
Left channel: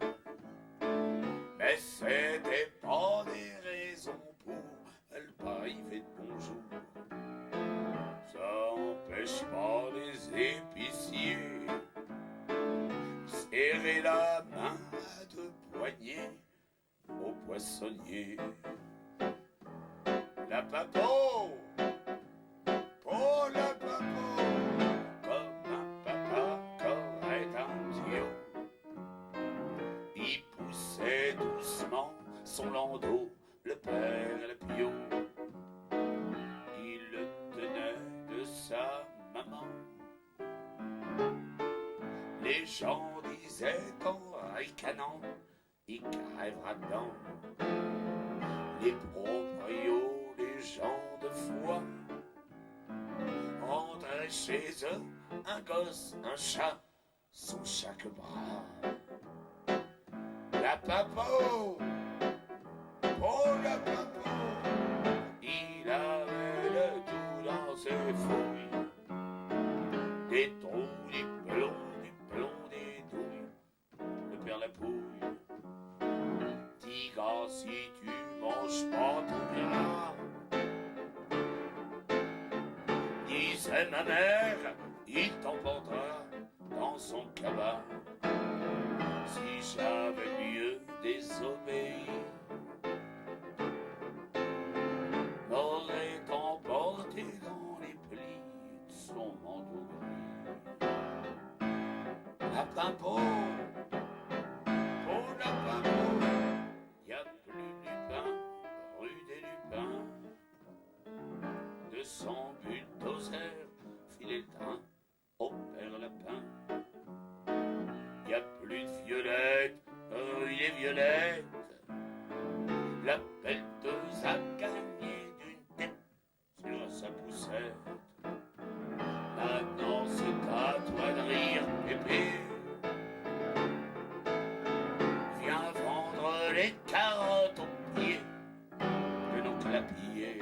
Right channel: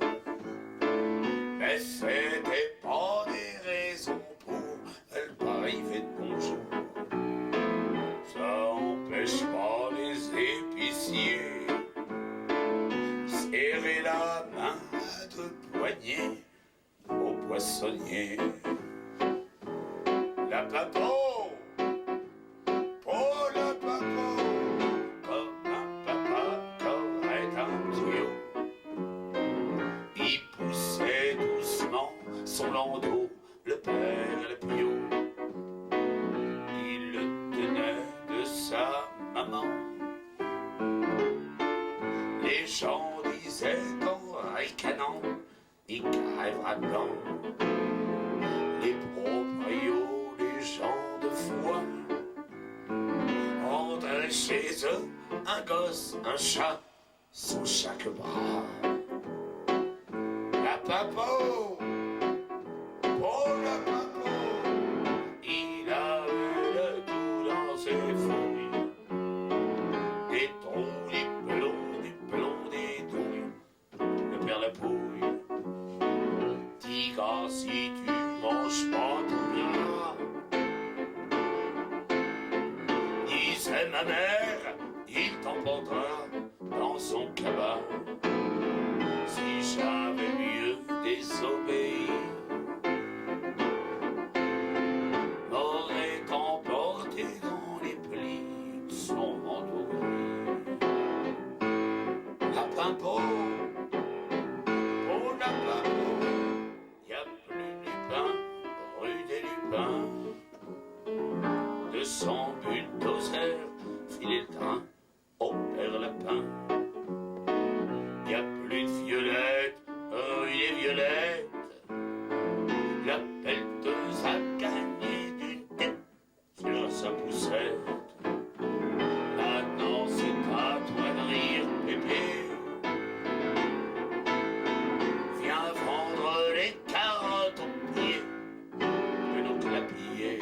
Mais c'était pas des raisons pour elle pas arriver de bonjour. Ça empêche pas les épiciers serrer la main à deux poignées au poissonnier. La papo, oh la papo, comme un papa qu'aurait un tuyau. Il poussait doucement son landau, le père le piot. Il le tenait de sa maman. Les gens disaient en ricanant, il crèvera dedans. Les proprios, les gens de foi, rentraient chez eux un gosse, un chat, sous chaque bras. La papo, oh la papo, il avait le tout dans ses fouilles. Des trous, des plombs, des douilles, le père la pouille. Dis gars, si tu manges pas tout bien, disait ma mère, il t'emportera dans son cabas. Si j'avais mieux désobéi, m'aurait emporté dans les plis de son manteau gris. Lapin pot, oh lapin pot, y a plus Lupin, rue des Lupins. son bulldozer filer le train au père lapin. Y a plus de violettes, oh il est violette. La pelleteuse a gagné d'une tête sur sa poussette. Maintenant c'est à toi de rire, pépé. Viens vendre les carottes au pied de nos clapiers.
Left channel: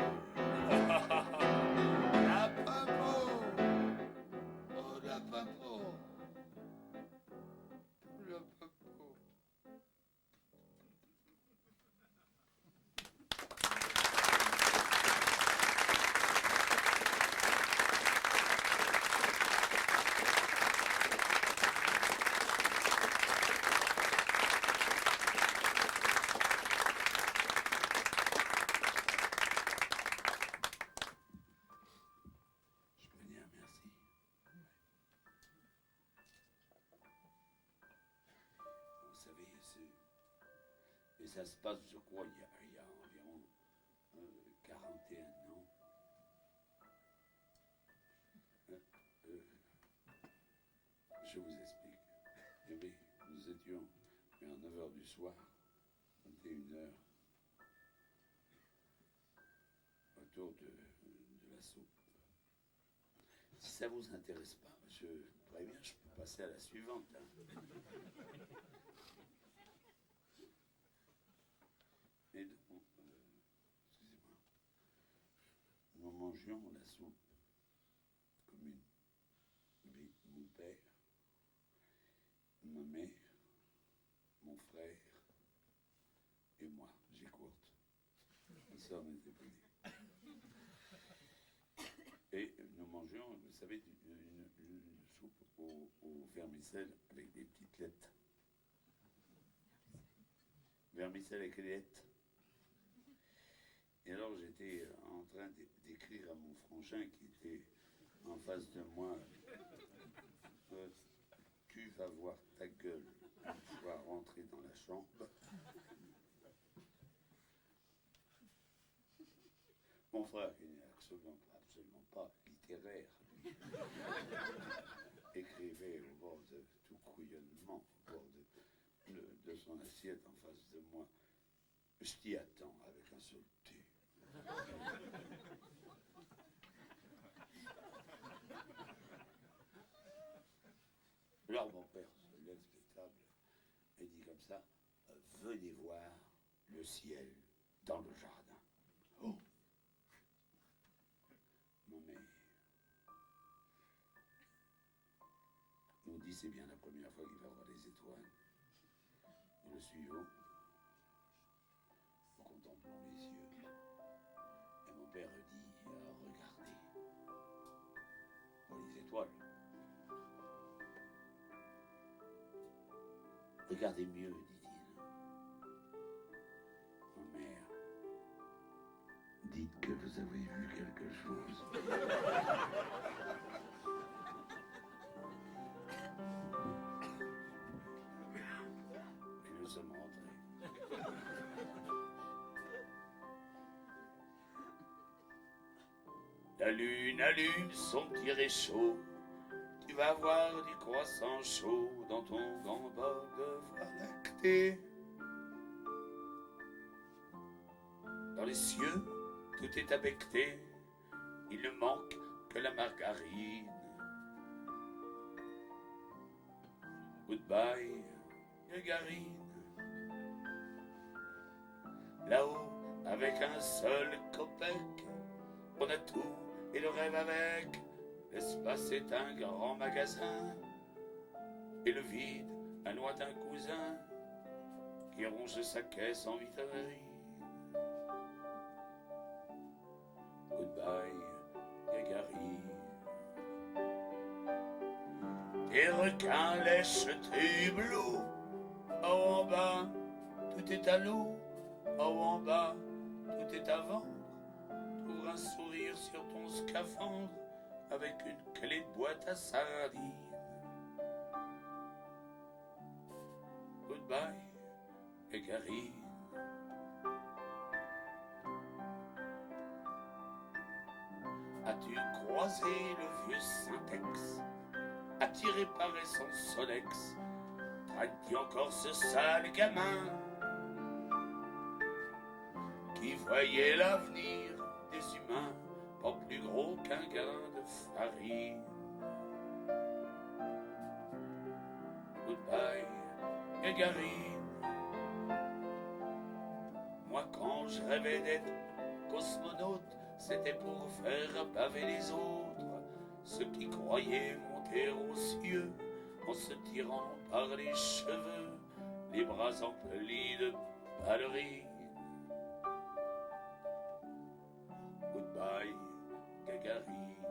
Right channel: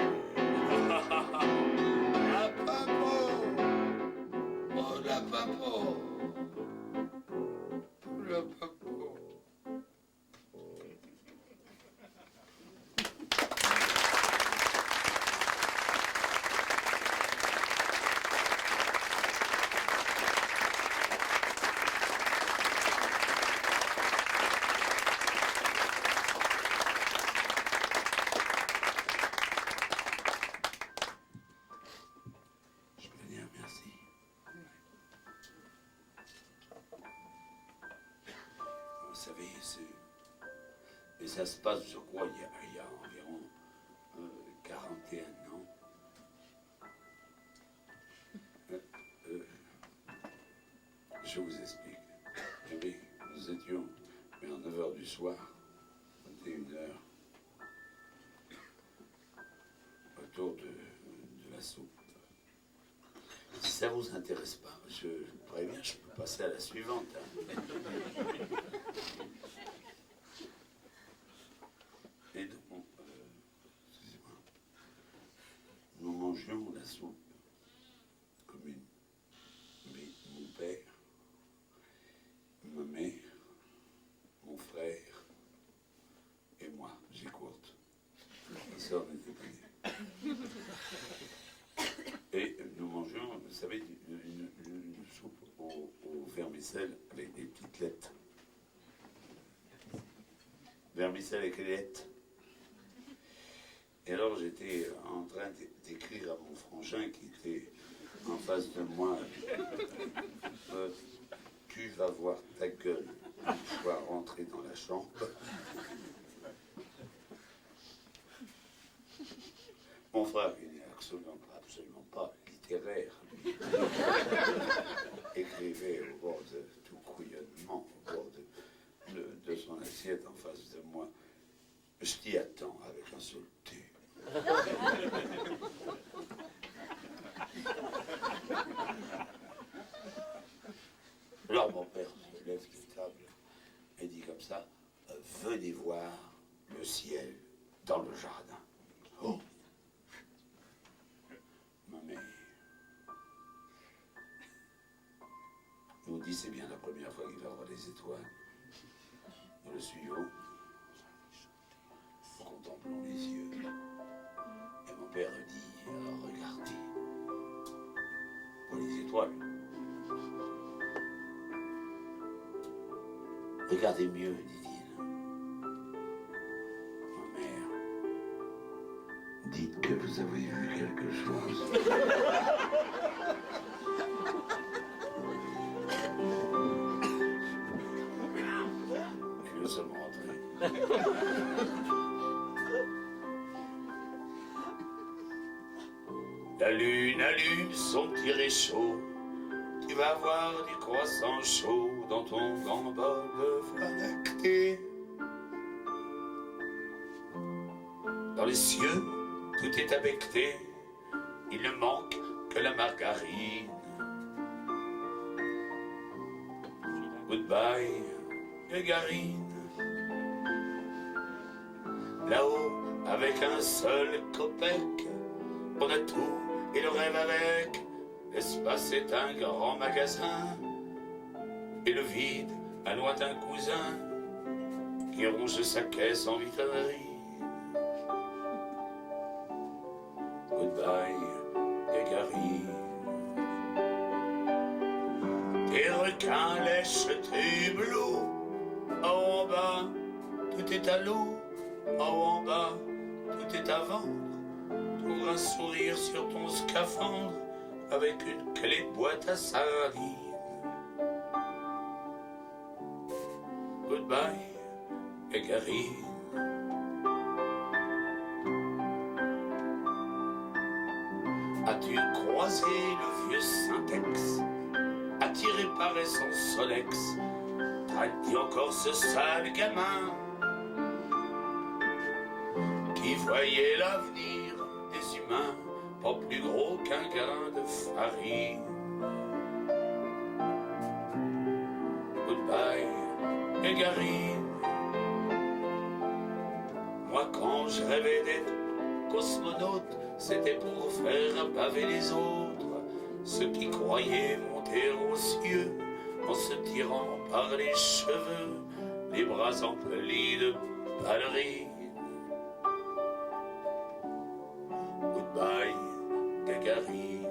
La papo, oh la papo, la papo. Je peux dire merci. Vous savez, et ça se passe, je crois, il y a environ 41 ans. Je vous explique. Eh bien, nous étions vers 9h du soir, 21h, autour de la soupe. Si ça vous intéresse pas, je préviens, je peux passer à la suivante. Hein. Et donc, excusez-moi, nous mangions la soupe commune. Mais mon père, ma mère, mon frère et moi, j'ai courte. Ça, on était pas nés. Et nous mangeons, vous savez, une soupe au vermicelle avec des petites lettres. Vermicelle avec les lettres. Et alors j'étais en train d'écrire à mon frangin qui était en face de moi. Tu vas voir ta gueule. Je dois rentrer dans la chambre. Mon frère, il n'est absolument pas littéraire. Écrivait au bord de tout couillonnement, au bord de son assiette en face de moi. Je t'y attends avec un seul thé. Alors mon père se lève de table et dit comme ça, venez voir le ciel dans le jardin. Oh. Ma mère nous dit c'est bien la première fois qu'il va voir les étoiles. Et le suivant, nous contemplons les yeux. Et mon père dit, regardez, pour les étoiles. Regardez mieux, dit-il. Ma mère, dites que vous avez vu quelque chose. Et nous sommes rentrés. La lune allume son petit réchaud. Tu vas voir du croissant chaud dans ton grand bol de voie lactée. Dans les cieux, tout est abecté. Il ne manque que la margarine. Goodbye, Gagarine. Là-haut, avec un seul copec, on a tout et le rêve avec. L'espace est un grand magasin, et le vide, un lointain cousin, qui ronge sa caisse en vitonnerie. Goodbye, Gagarine. Tes requins lèchent tes bleus. En bas, tout est à l'eau. En bas, tout est à vendre. T'ouvres un sourire sur ton scaphandre avec une clé de boîte à sardines. Goodbye, Gagarine. As-tu croisé le vieux Syntex, attiré par son Solex? T'as dit encore ce sale gamin qui voyait l'avenir des humains pas plus gros qu'un grain de farine? Goodbye, Gagarine. Moi, quand je rêvais d'être cosmonaute, c'était pour faire baver les autres, ceux qui croyaient monter aux cieux en se tirant par les cheveux, les bras emplis de ballerines. Goodbye, Gagarine.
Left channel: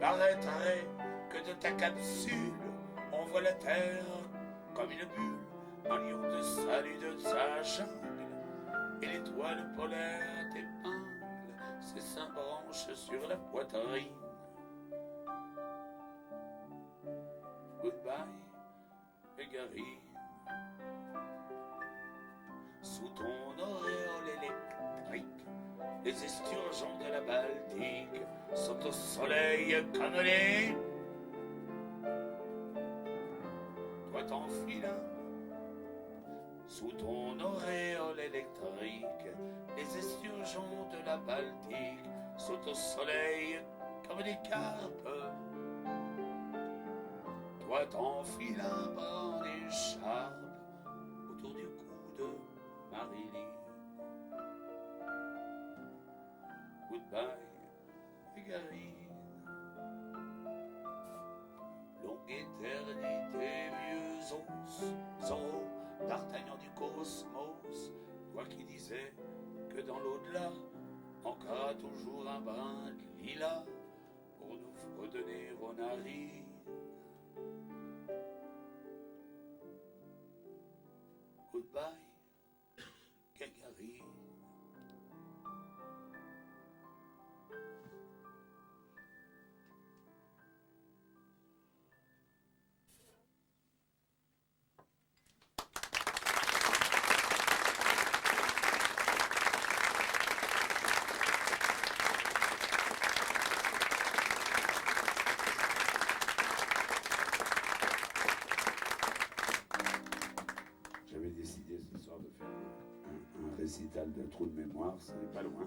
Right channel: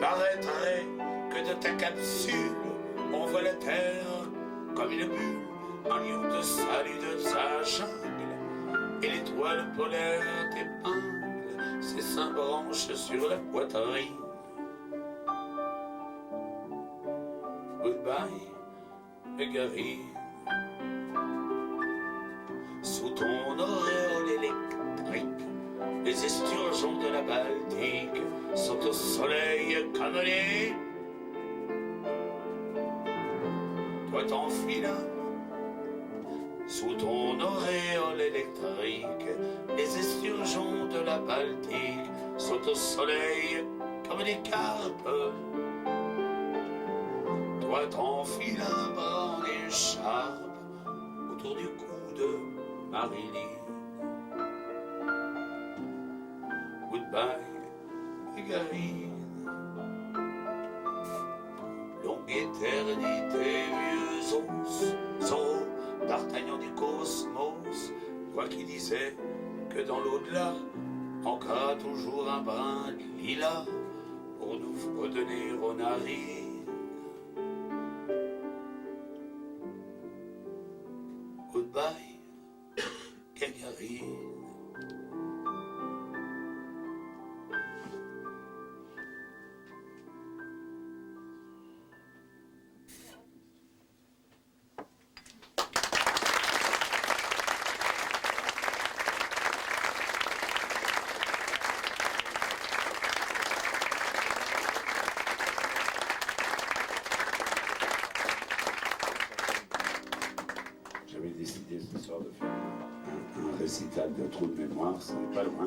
Paraîtrait que de ta capsule, on voit la terre comme une bulle, en lieu de salut de sa jungle, et l'étoile polaire t'épingle ses 5 branches sur la poitrine. Goodbye, Gagarine. Sous ton auréole électrique, les esturgeons de la Baltique sont au soleil comme les... Toi t'enfiles sous ton auréole électrique, les esturgeons de la Baltique sont au soleil comme des carpes. Toi t'enfiles un bras en écharpe autour du cou de Marilyn. Goodbye, Gagarine. Longue éternité, vieux os, Zorro, D'Artagnan du cosmos, toi qui disais que dans l'au-delà, ancra toujours un brin de lilas pour nous redonner aux narines. Goodbye, Gagarine. J'avais décidé ce soir de faire un récital de trou de mémoire, ce n'est pas loin.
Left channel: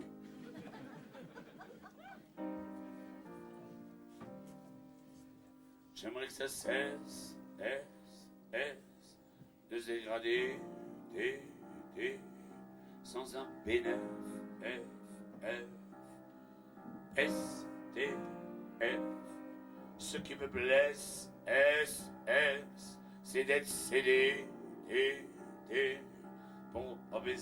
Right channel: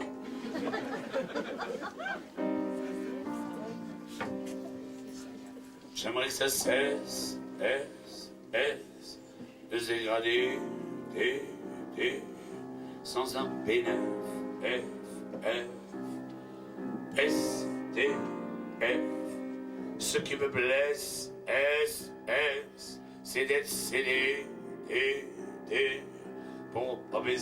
J'aimerais que ça cesse, de se dégrader, sans un P9, SDF. Ce qui me blesse, c'est d'être cédé, pour pas mes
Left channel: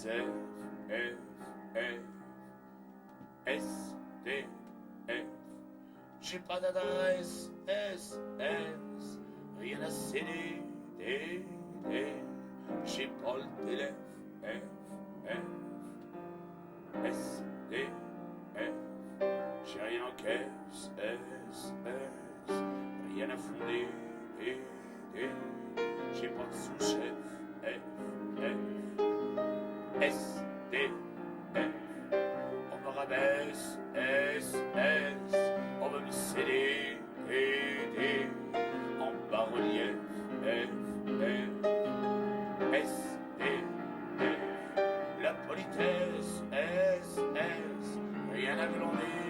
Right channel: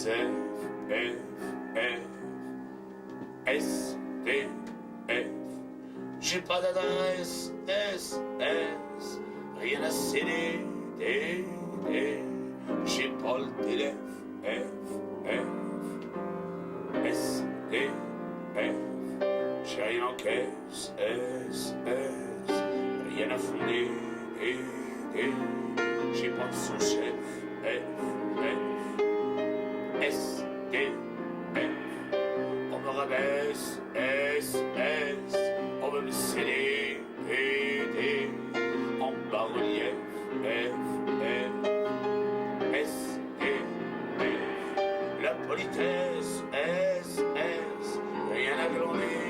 SDF. J'ai pas d'adresse, rien à céder, j'ai pas le téléphone, SDF. J'ai rien en caisse, rien à fonder, j'ai pas de sous-chef, SDF. On me rabaisse, on veut me céder, en bas-relief, SDF. La politesse, rien à glander,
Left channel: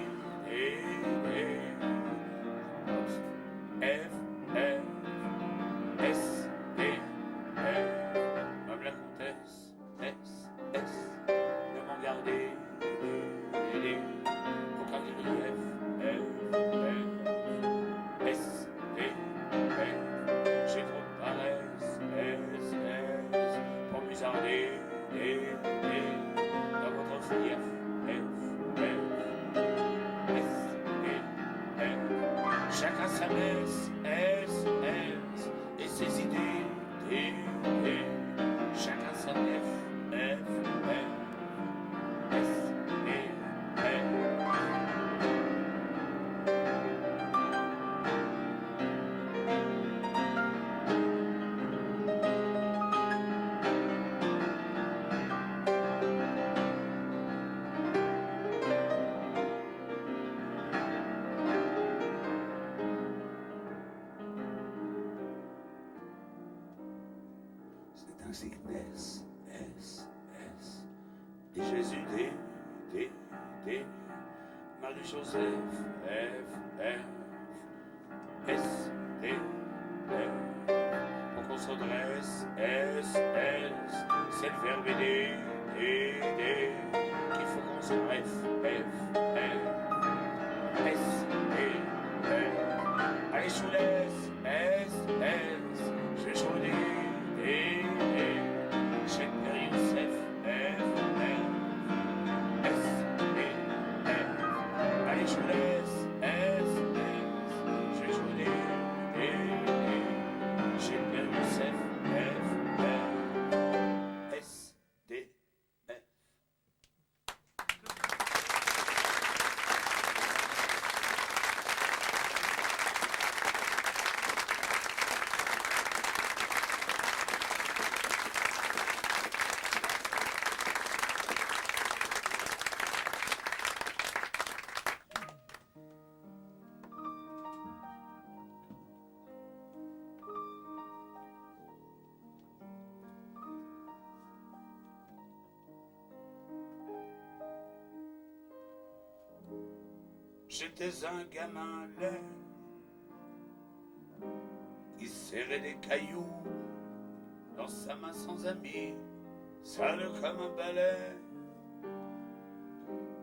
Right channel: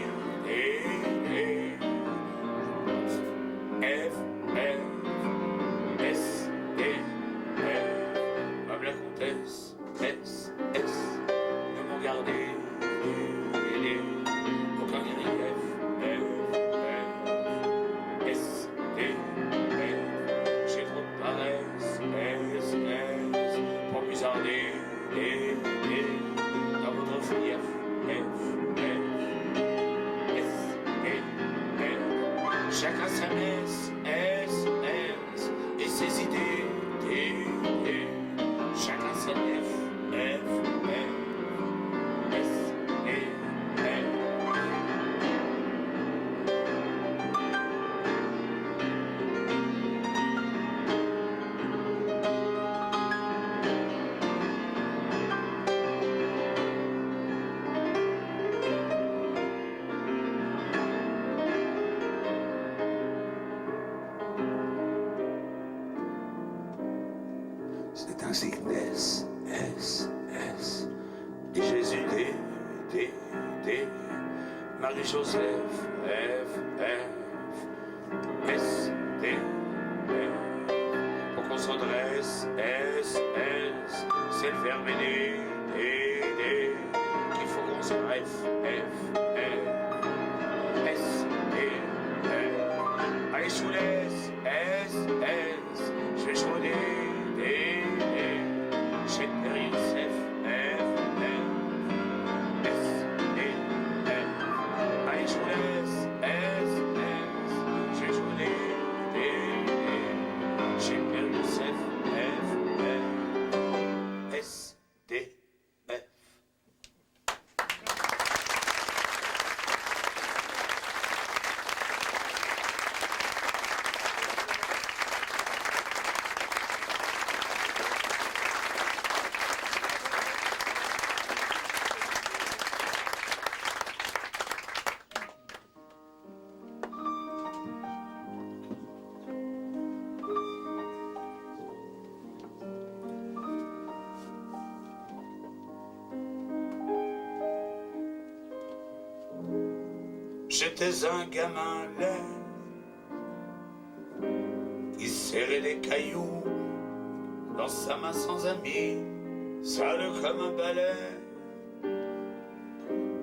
Madame la comtesse, ne m'en gardez, aucun grief, j'ai trop de paresse, pour musarder, dans votre fief, chacun sa messe, et ses idées, chacun sa nef, musique S, S, S. Et Jésus, D, Marie-Joseph, F, F, S, D, F. Pour qu'on s'adresse, S, S. C'est le verbe D, D. Qu'il faut qu'on s'arrête, F, F. S, D, F. Allez, je vous laisse, S, S. Je vais jouer D. J'ai Marie Joseph, F, F. S, D, F. Allez, je vous laisse, S, S. Je vais jouer D. J'ai Marie Joseph, F, F. S, D, F. J'étais un gamin laid qui serrait des cailloux dans sa main sans amis, sale comme un balai,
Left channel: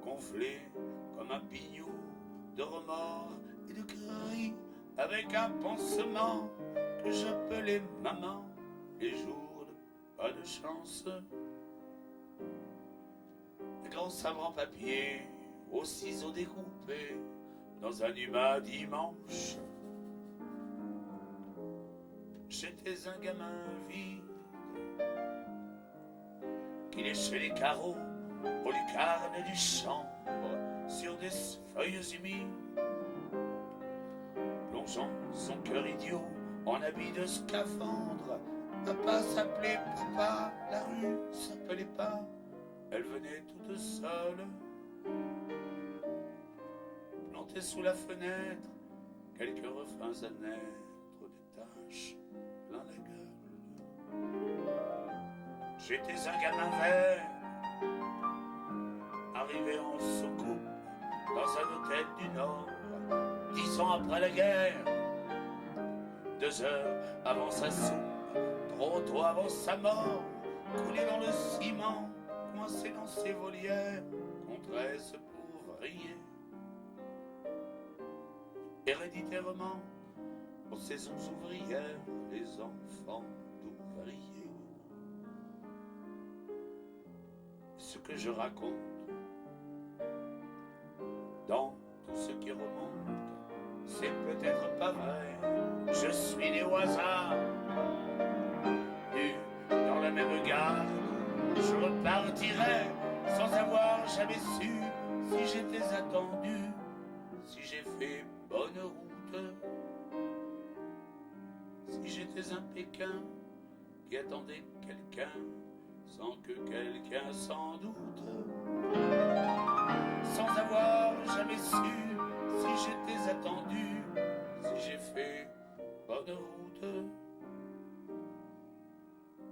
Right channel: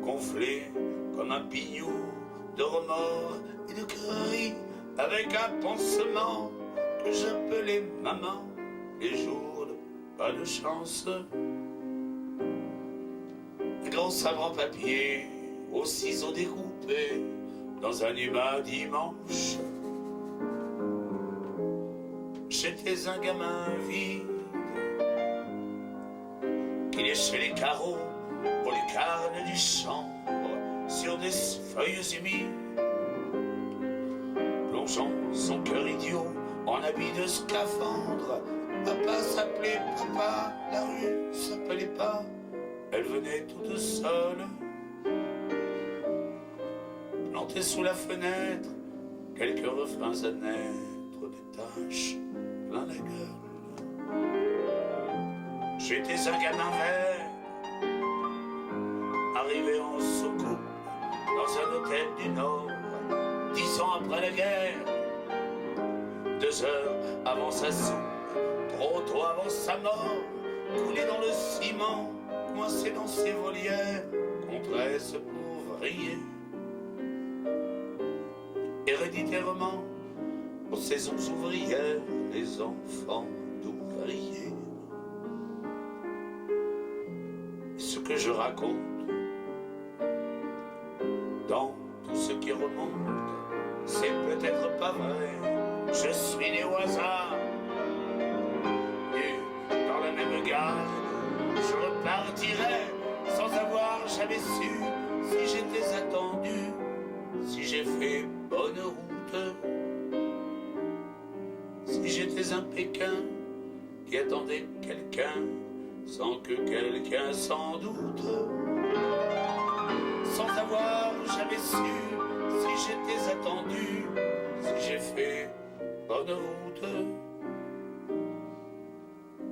gonflé comme un pignou de remords et de cris, avec un pansement que j'appelais maman, les jours de pas de chance. Un gros sabre en papier aux ciseaux découpés dans un humain dimanche. J'étais un gamin vide qui léchait les carreaux aux lucarnes du chambre sur des feuilles humides, plongeant son cœur idiot en habit de scaphandre. Papa s'appelait papa, la rue s'appelait pas, elle venait toute seule. Planté sous la fenêtre, quelques refrains à naître, des taches plein la gueule. J'étais un gamin vert, arrivé en soucoupe dans un hôtel du Nord, 10 ans après la guerre, 2 heures avant sa soupe, trop tôt avant sa mort, coulé dans le ciment, coincé dans ses volières, contre ce pauvre ouvrier. Héréditairement, aux saisons ouvrières, les enfants d'ouvriers. Ce que je raconte, dans tout ce qui remonte, c'est peut-être pas vrai. Je suis né au hasard, nu dans la même gare. Je repartirai sans avoir jamais su si j'étais attendu, si j'ai fait bonne route, si j'étais un Pékin qui attendait quelqu'un sans que quelqu'un s'en doute, sans avoir jamais su si j'étais attendu, si j'ai fait bonne route,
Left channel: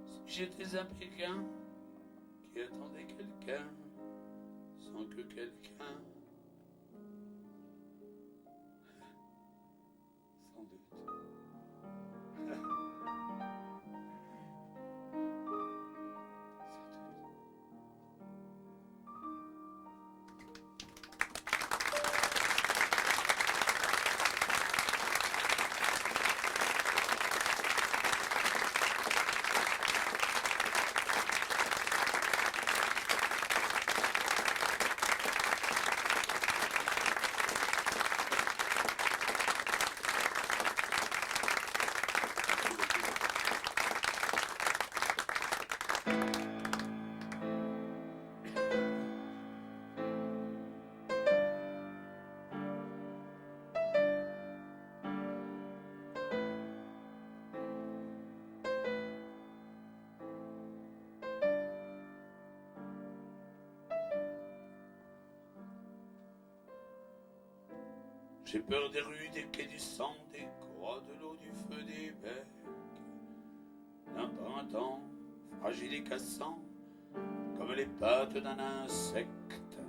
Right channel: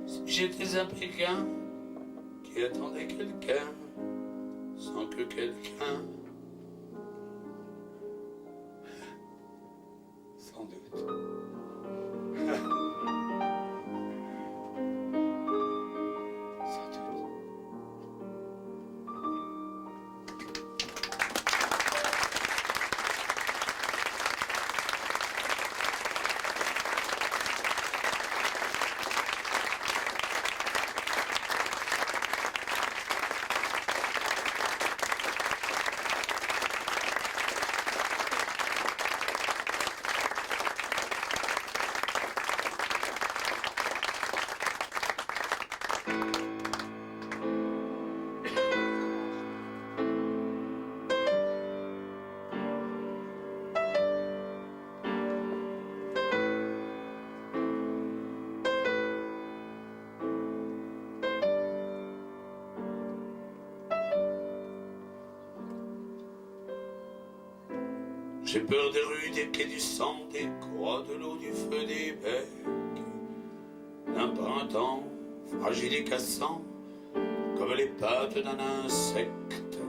si j'étais un Pékin qui attendait quelqu'un sans que quelqu'un sans doute. Sans doute. J'ai peur des rues, des quais, du sang, des croix, de l'eau, du feu, des becs, d'un printemps fragile et cassant, comme les pattes d'un insecte.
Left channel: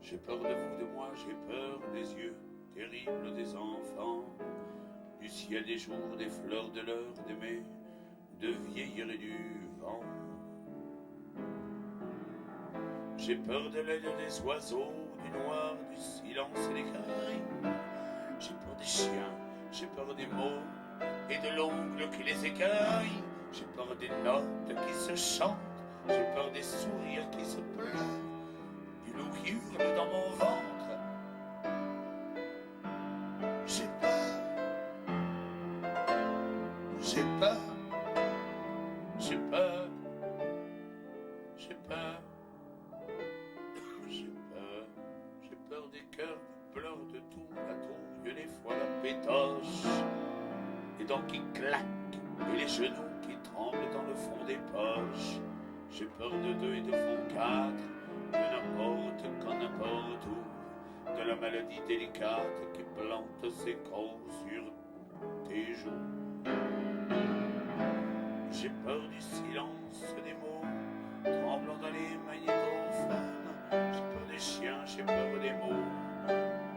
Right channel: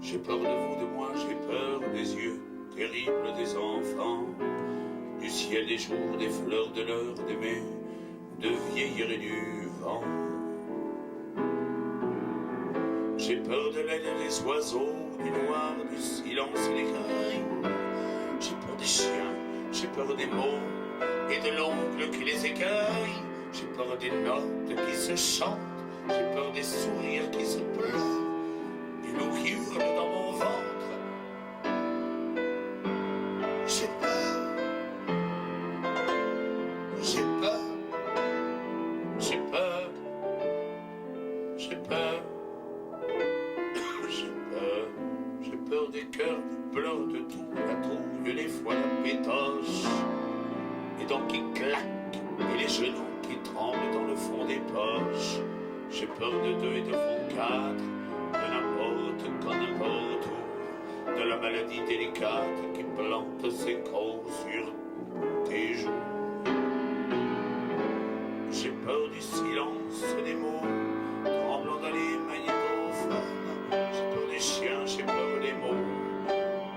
J'ai peur de vous, de moi, j'ai peur des yeux terribles des enfants, du ciel, des jours, des fleurs, de l'heure d'aimer, de vieillir et du vent. J'ai peur de l'aile des oiseaux, du noir, du silence et des cris. J'ai peur des chiens, j'ai peur des mots et de l'ongle qui les écueille. J'ai peur des notes qui se chantent, j'ai peur des sourires qui se pleurent, des loups qui hurlent dans mon ventre. J'ai peur, j'ai peur, j'ai peur, j'ai peur, j'ai peur, j'ai peur des cœurs qui pleurent de tout, la trouille, les fois la pétoche, les dents qui claquent et les genoux qui tremblent dans le fond des poches. J'ai peur de deux et de fond quatre, de n'importe quand, n'importe où, de la maladie délicate qui plante ses crocs sur tes joues. J'ai peur du silence des mots tremblant dans les magnétophones. J'ai peur des chiens, j'ai peur des mots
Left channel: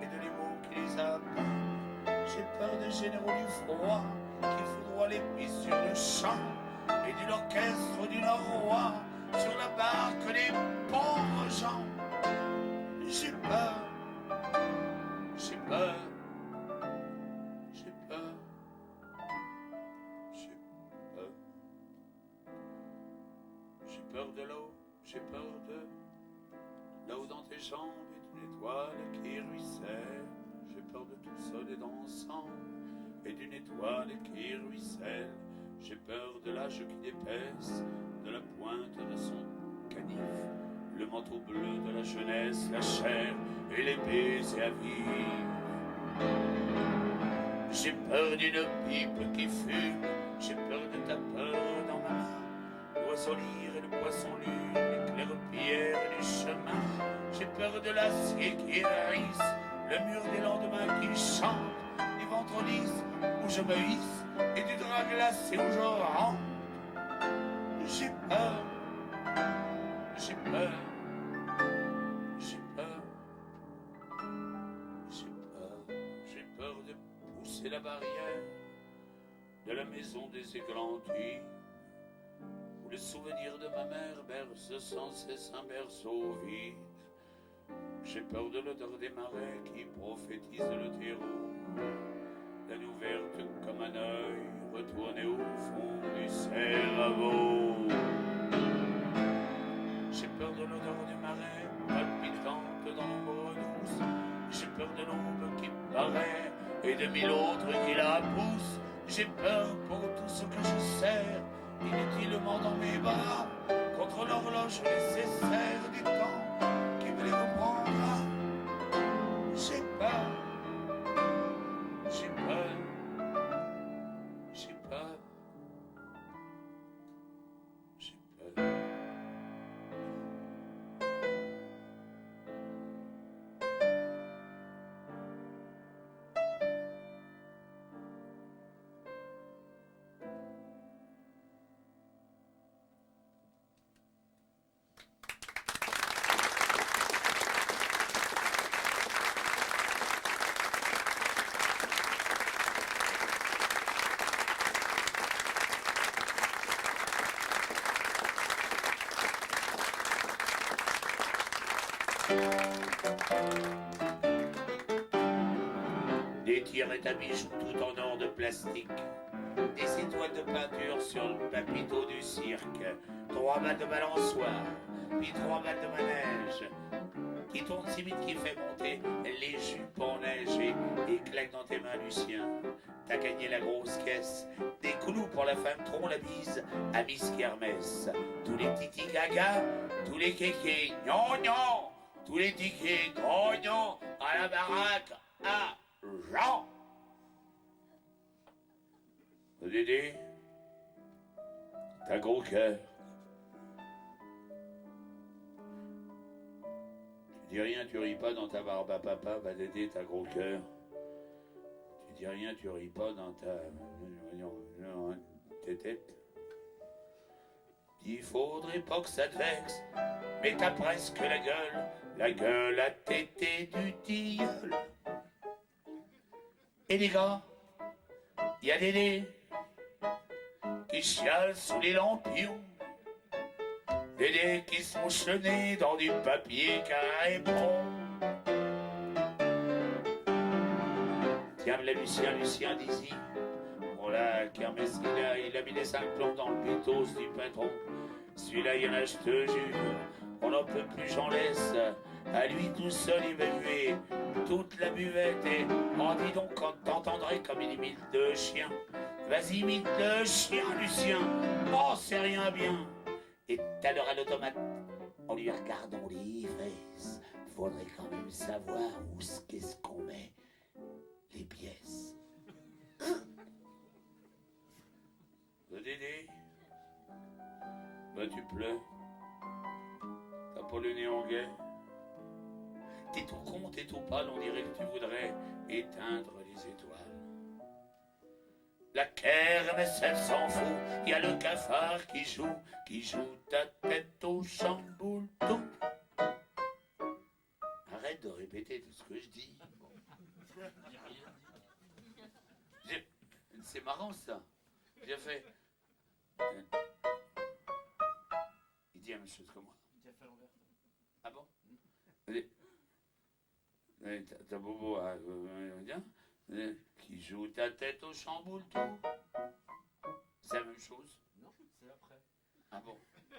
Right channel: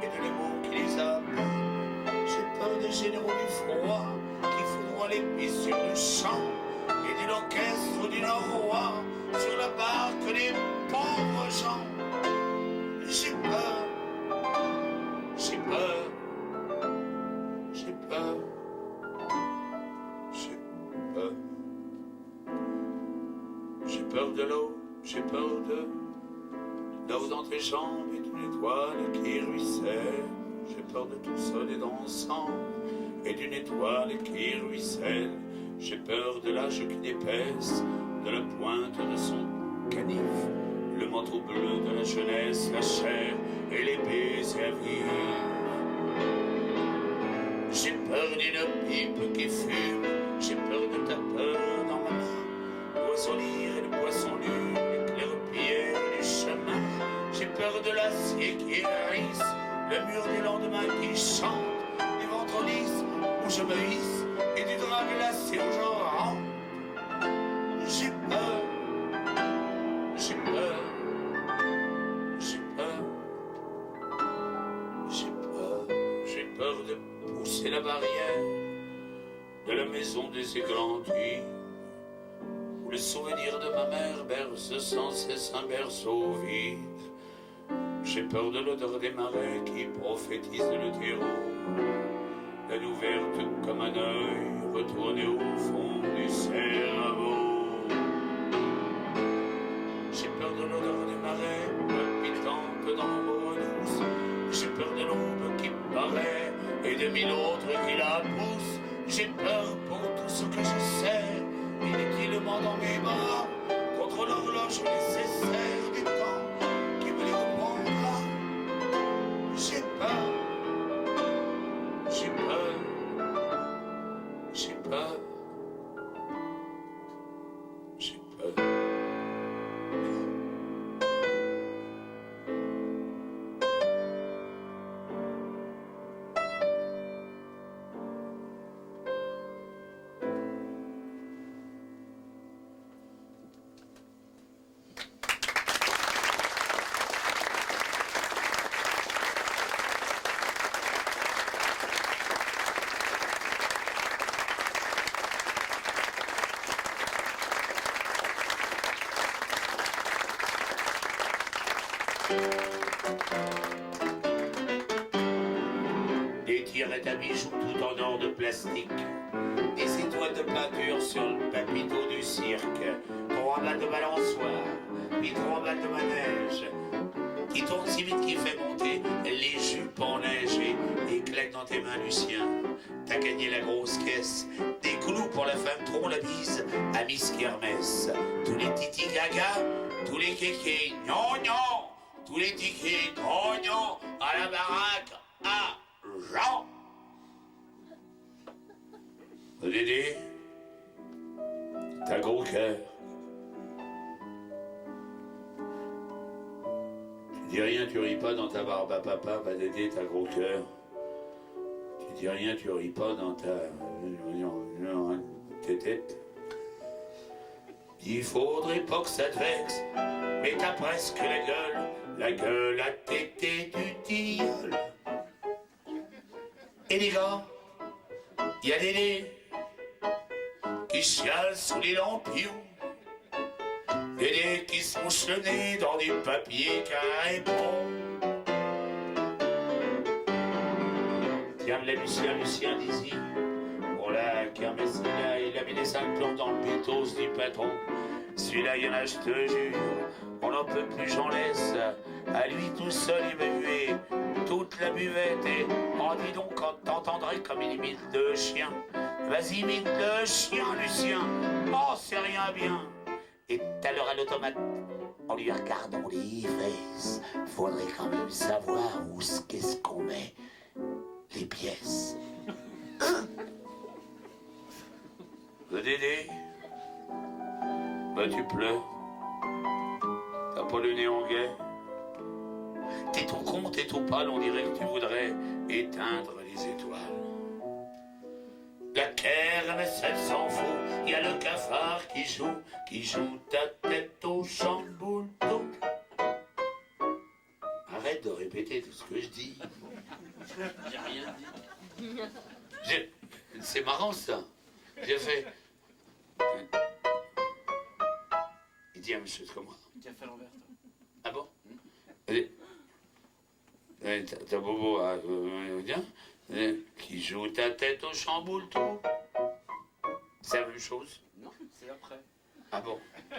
et de les mots qui les appellent. J'ai peur des généraux du froid qui foudroient les pistes sur le champ et de l'orchestre du Nord sur la barque des pauvres gens. J'ai peur, j'ai peur, j'ai peur, j'ai peur. J'ai peur de l'eau, j'ai peur de l'eau dans tes jambes et d'une étoile qui ruisselle. J'ai peur de tout seul et dansant et d'une étoile qui ruisselle. J'ai peur de l'âge qui n'épaisse, de la pointe de son canif, le manteau bleu de la jeunesse, la chair et les baisers vifs. J'ai peur d'une pipe qui fume, j'ai peur de ta peur dans ma main, l'oiseau lyre et le poisson lune, l'éclair pierre du chemin. J'ai peur de l'acier qui hérisse, le mur des lendemains qui chante, des ventrolismes où je me hisse et du drap glacé où je rentre. J'ai peur, j'ai peur, j'ai peur, j'ai peur, j'ai peur de pousser la barrière de la maison des églantines, où le souvenir de ma mère berce sans cesse un berceau vide. J'ai peur de l'odeur des marais qui prophétise le terreau, la nuit ouverte comme un œil retourné au fond du cerveau. J'ai peur de l'odeur des marais palpitante dans l'ombre douce. J'ai peur de l'aube qui paraît et de mille autres qui la poussent. J'ai peur pour tout ce que je sers inutilement dans mes bras, contre l'horloge nécessaire du temps qui me les reprendra. J'ai peur, j'ai peur, j'ai peur, j'ai peur. Des tirettes à bijoux tout en or de plastique, des étoiles de peinture sur le papiteau du cirque, 3 balles de balançoire, puis 3 balles de manège, qui tourne si vite qu'il fait monter les jupes en neige et claque dans tes mains, Lucien. T'as gagné la grosse caisse, des clous pour la femme trop la bise à Miss Kermesse. Tous les titi gaga, tous les kékés gnangnan, tous les tickets grognons à la baraque à Jean. Dédé, t'as gros cœur. Tu dis rien, tu ris pas dans ta barbe à papa, Dédé, t'as gros cœur. Tu dis rien, tu ris pas dans ta tétette. Il faudrait pas que ça te vexe, mais t'as presque la gueule à tété du tilleul. Et les gars, y a Dédé qui chiale sous les lampions. Dédé qui se mouche le nez dans du papier carré bon. Tiens, le Lucien d'ici. Pour la kermesse, il a mis les 5 plombs dans le pétos du patron. Celui-là, y'en a, je te jure, on n'en peut plus, j'en laisse. À lui tout seul, il m'a hué toute la buvette. Et on dit donc quand t'entendrais comme il imite le chien. Vas-y, imite le chien, Lucien. Oh, c'est rien bien. Et tout à l'heure à l'automate, en lui regardant les fesses, faudrait quand même savoir où qu'est-ce qu'on met les pièces. Le Dédé, bah tu pleures. T'as pas le nez en guet. T'es tout con, t'es tout pâle, on dirait que tu voudrais éteindre les étoiles. La kermesse, elle s'en fout, y a le cafard qui joue ta tête au chamboulto. Arrête de répéter tout ce que je dis. J'ai rien dit. C'est marrant ça. J'ai fait... Il dit à monsieur comment? Tu as fait l'envers, toi. Ah bon? T'as bobo à bien qui joue ta tête au chamboule tout. C'est la même chose? Non, c'est après. Ah bon? Je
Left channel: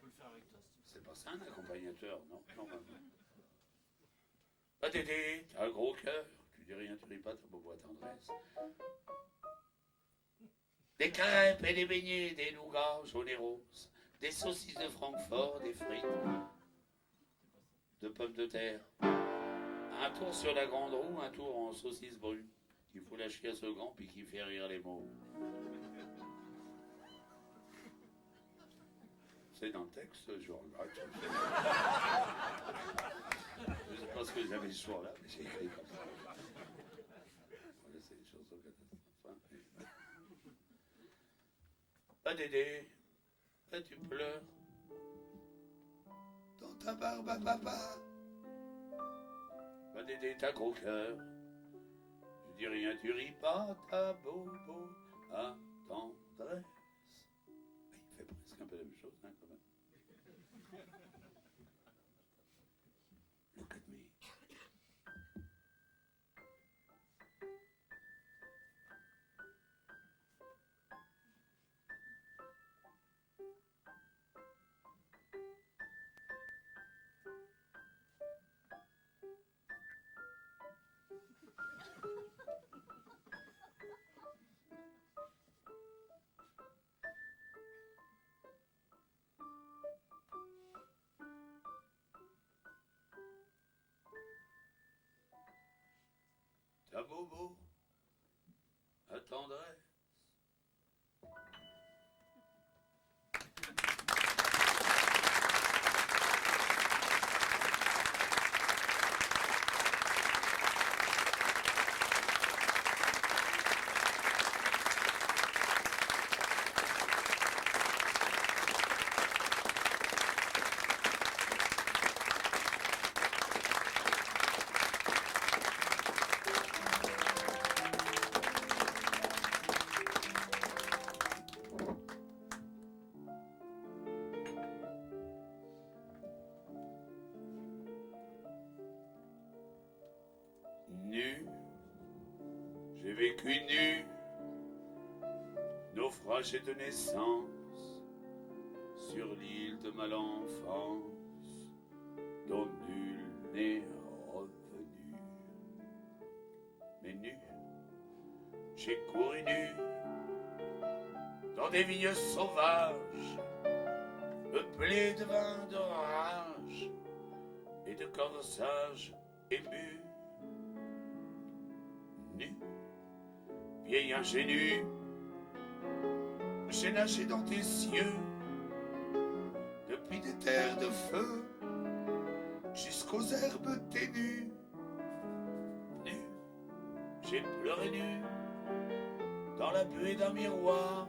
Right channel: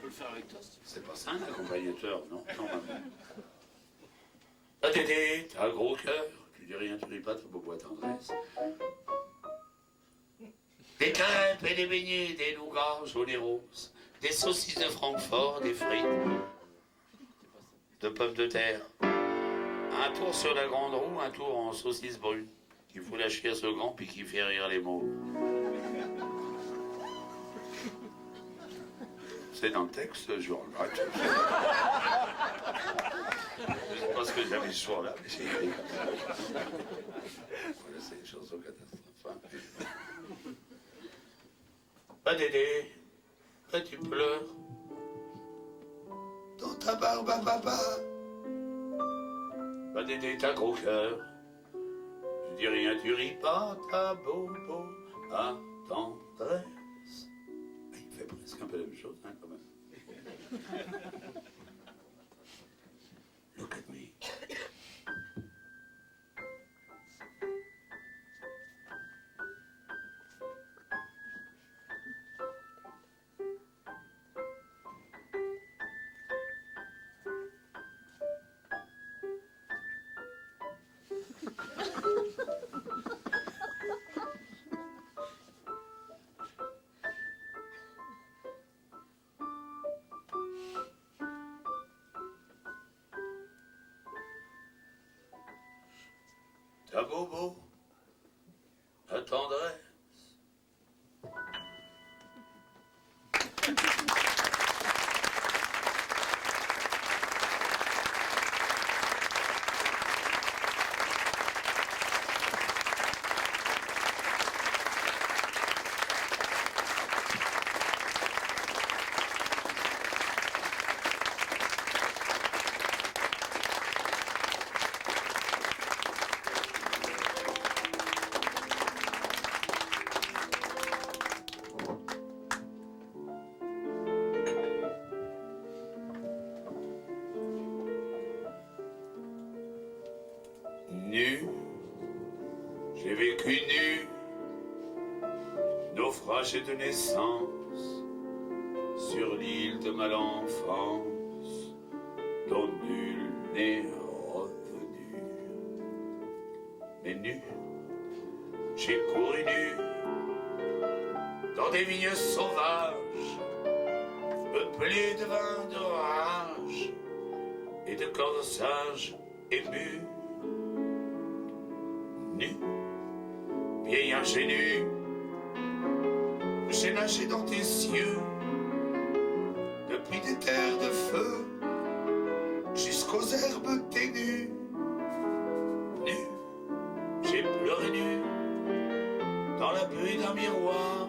peux le faire avec toi si tu veux. C'est pas ça un accompagnateur, non? Normalement. Ah Dédé, t'as un gros cœur. Tu dis rien, tu dis pas, t'as bobo à tendresse. Des crêpes et des beignets, des nougats jaunes et roses, des saucisses de Francfort, des frites, de pommes de terre. Un tour sur la grande roue, un tour en saucisse brune, qui fout la chiasse au grand puis qui fait rire les mots. C'est dans le texte, je regrette. Je sais pas ce que j'avais ce soir-là, mais j'ai écrit comme ça. Voilà, c'est une chanson catastrophe. Ah Dédé, ah tu pleures dans ta barbe à papa. Ah Dédé, t'as gros cœur. Je dis rien, tu ris pas, t'as bobo à tendresse. Ah, il fait presque un peu la même chose, hein, quand même. Look at me. Ta bobo, ta tendresse. Nu, j'ai vécu nu, naufrage de naissance, sur l'île de ma enfance, dont nul n'est revenu. Mais nu, j'ai couru nu, dans des vignes sauvages, peuplées de vins d'orage et de corsages émus. Nu, vieil ingénu, j'ai nagé dans tes cieux, depuis des terres de feu, jusqu'aux herbes ténues. Nu, j'ai pleuré nu, dans la buée d'un miroir,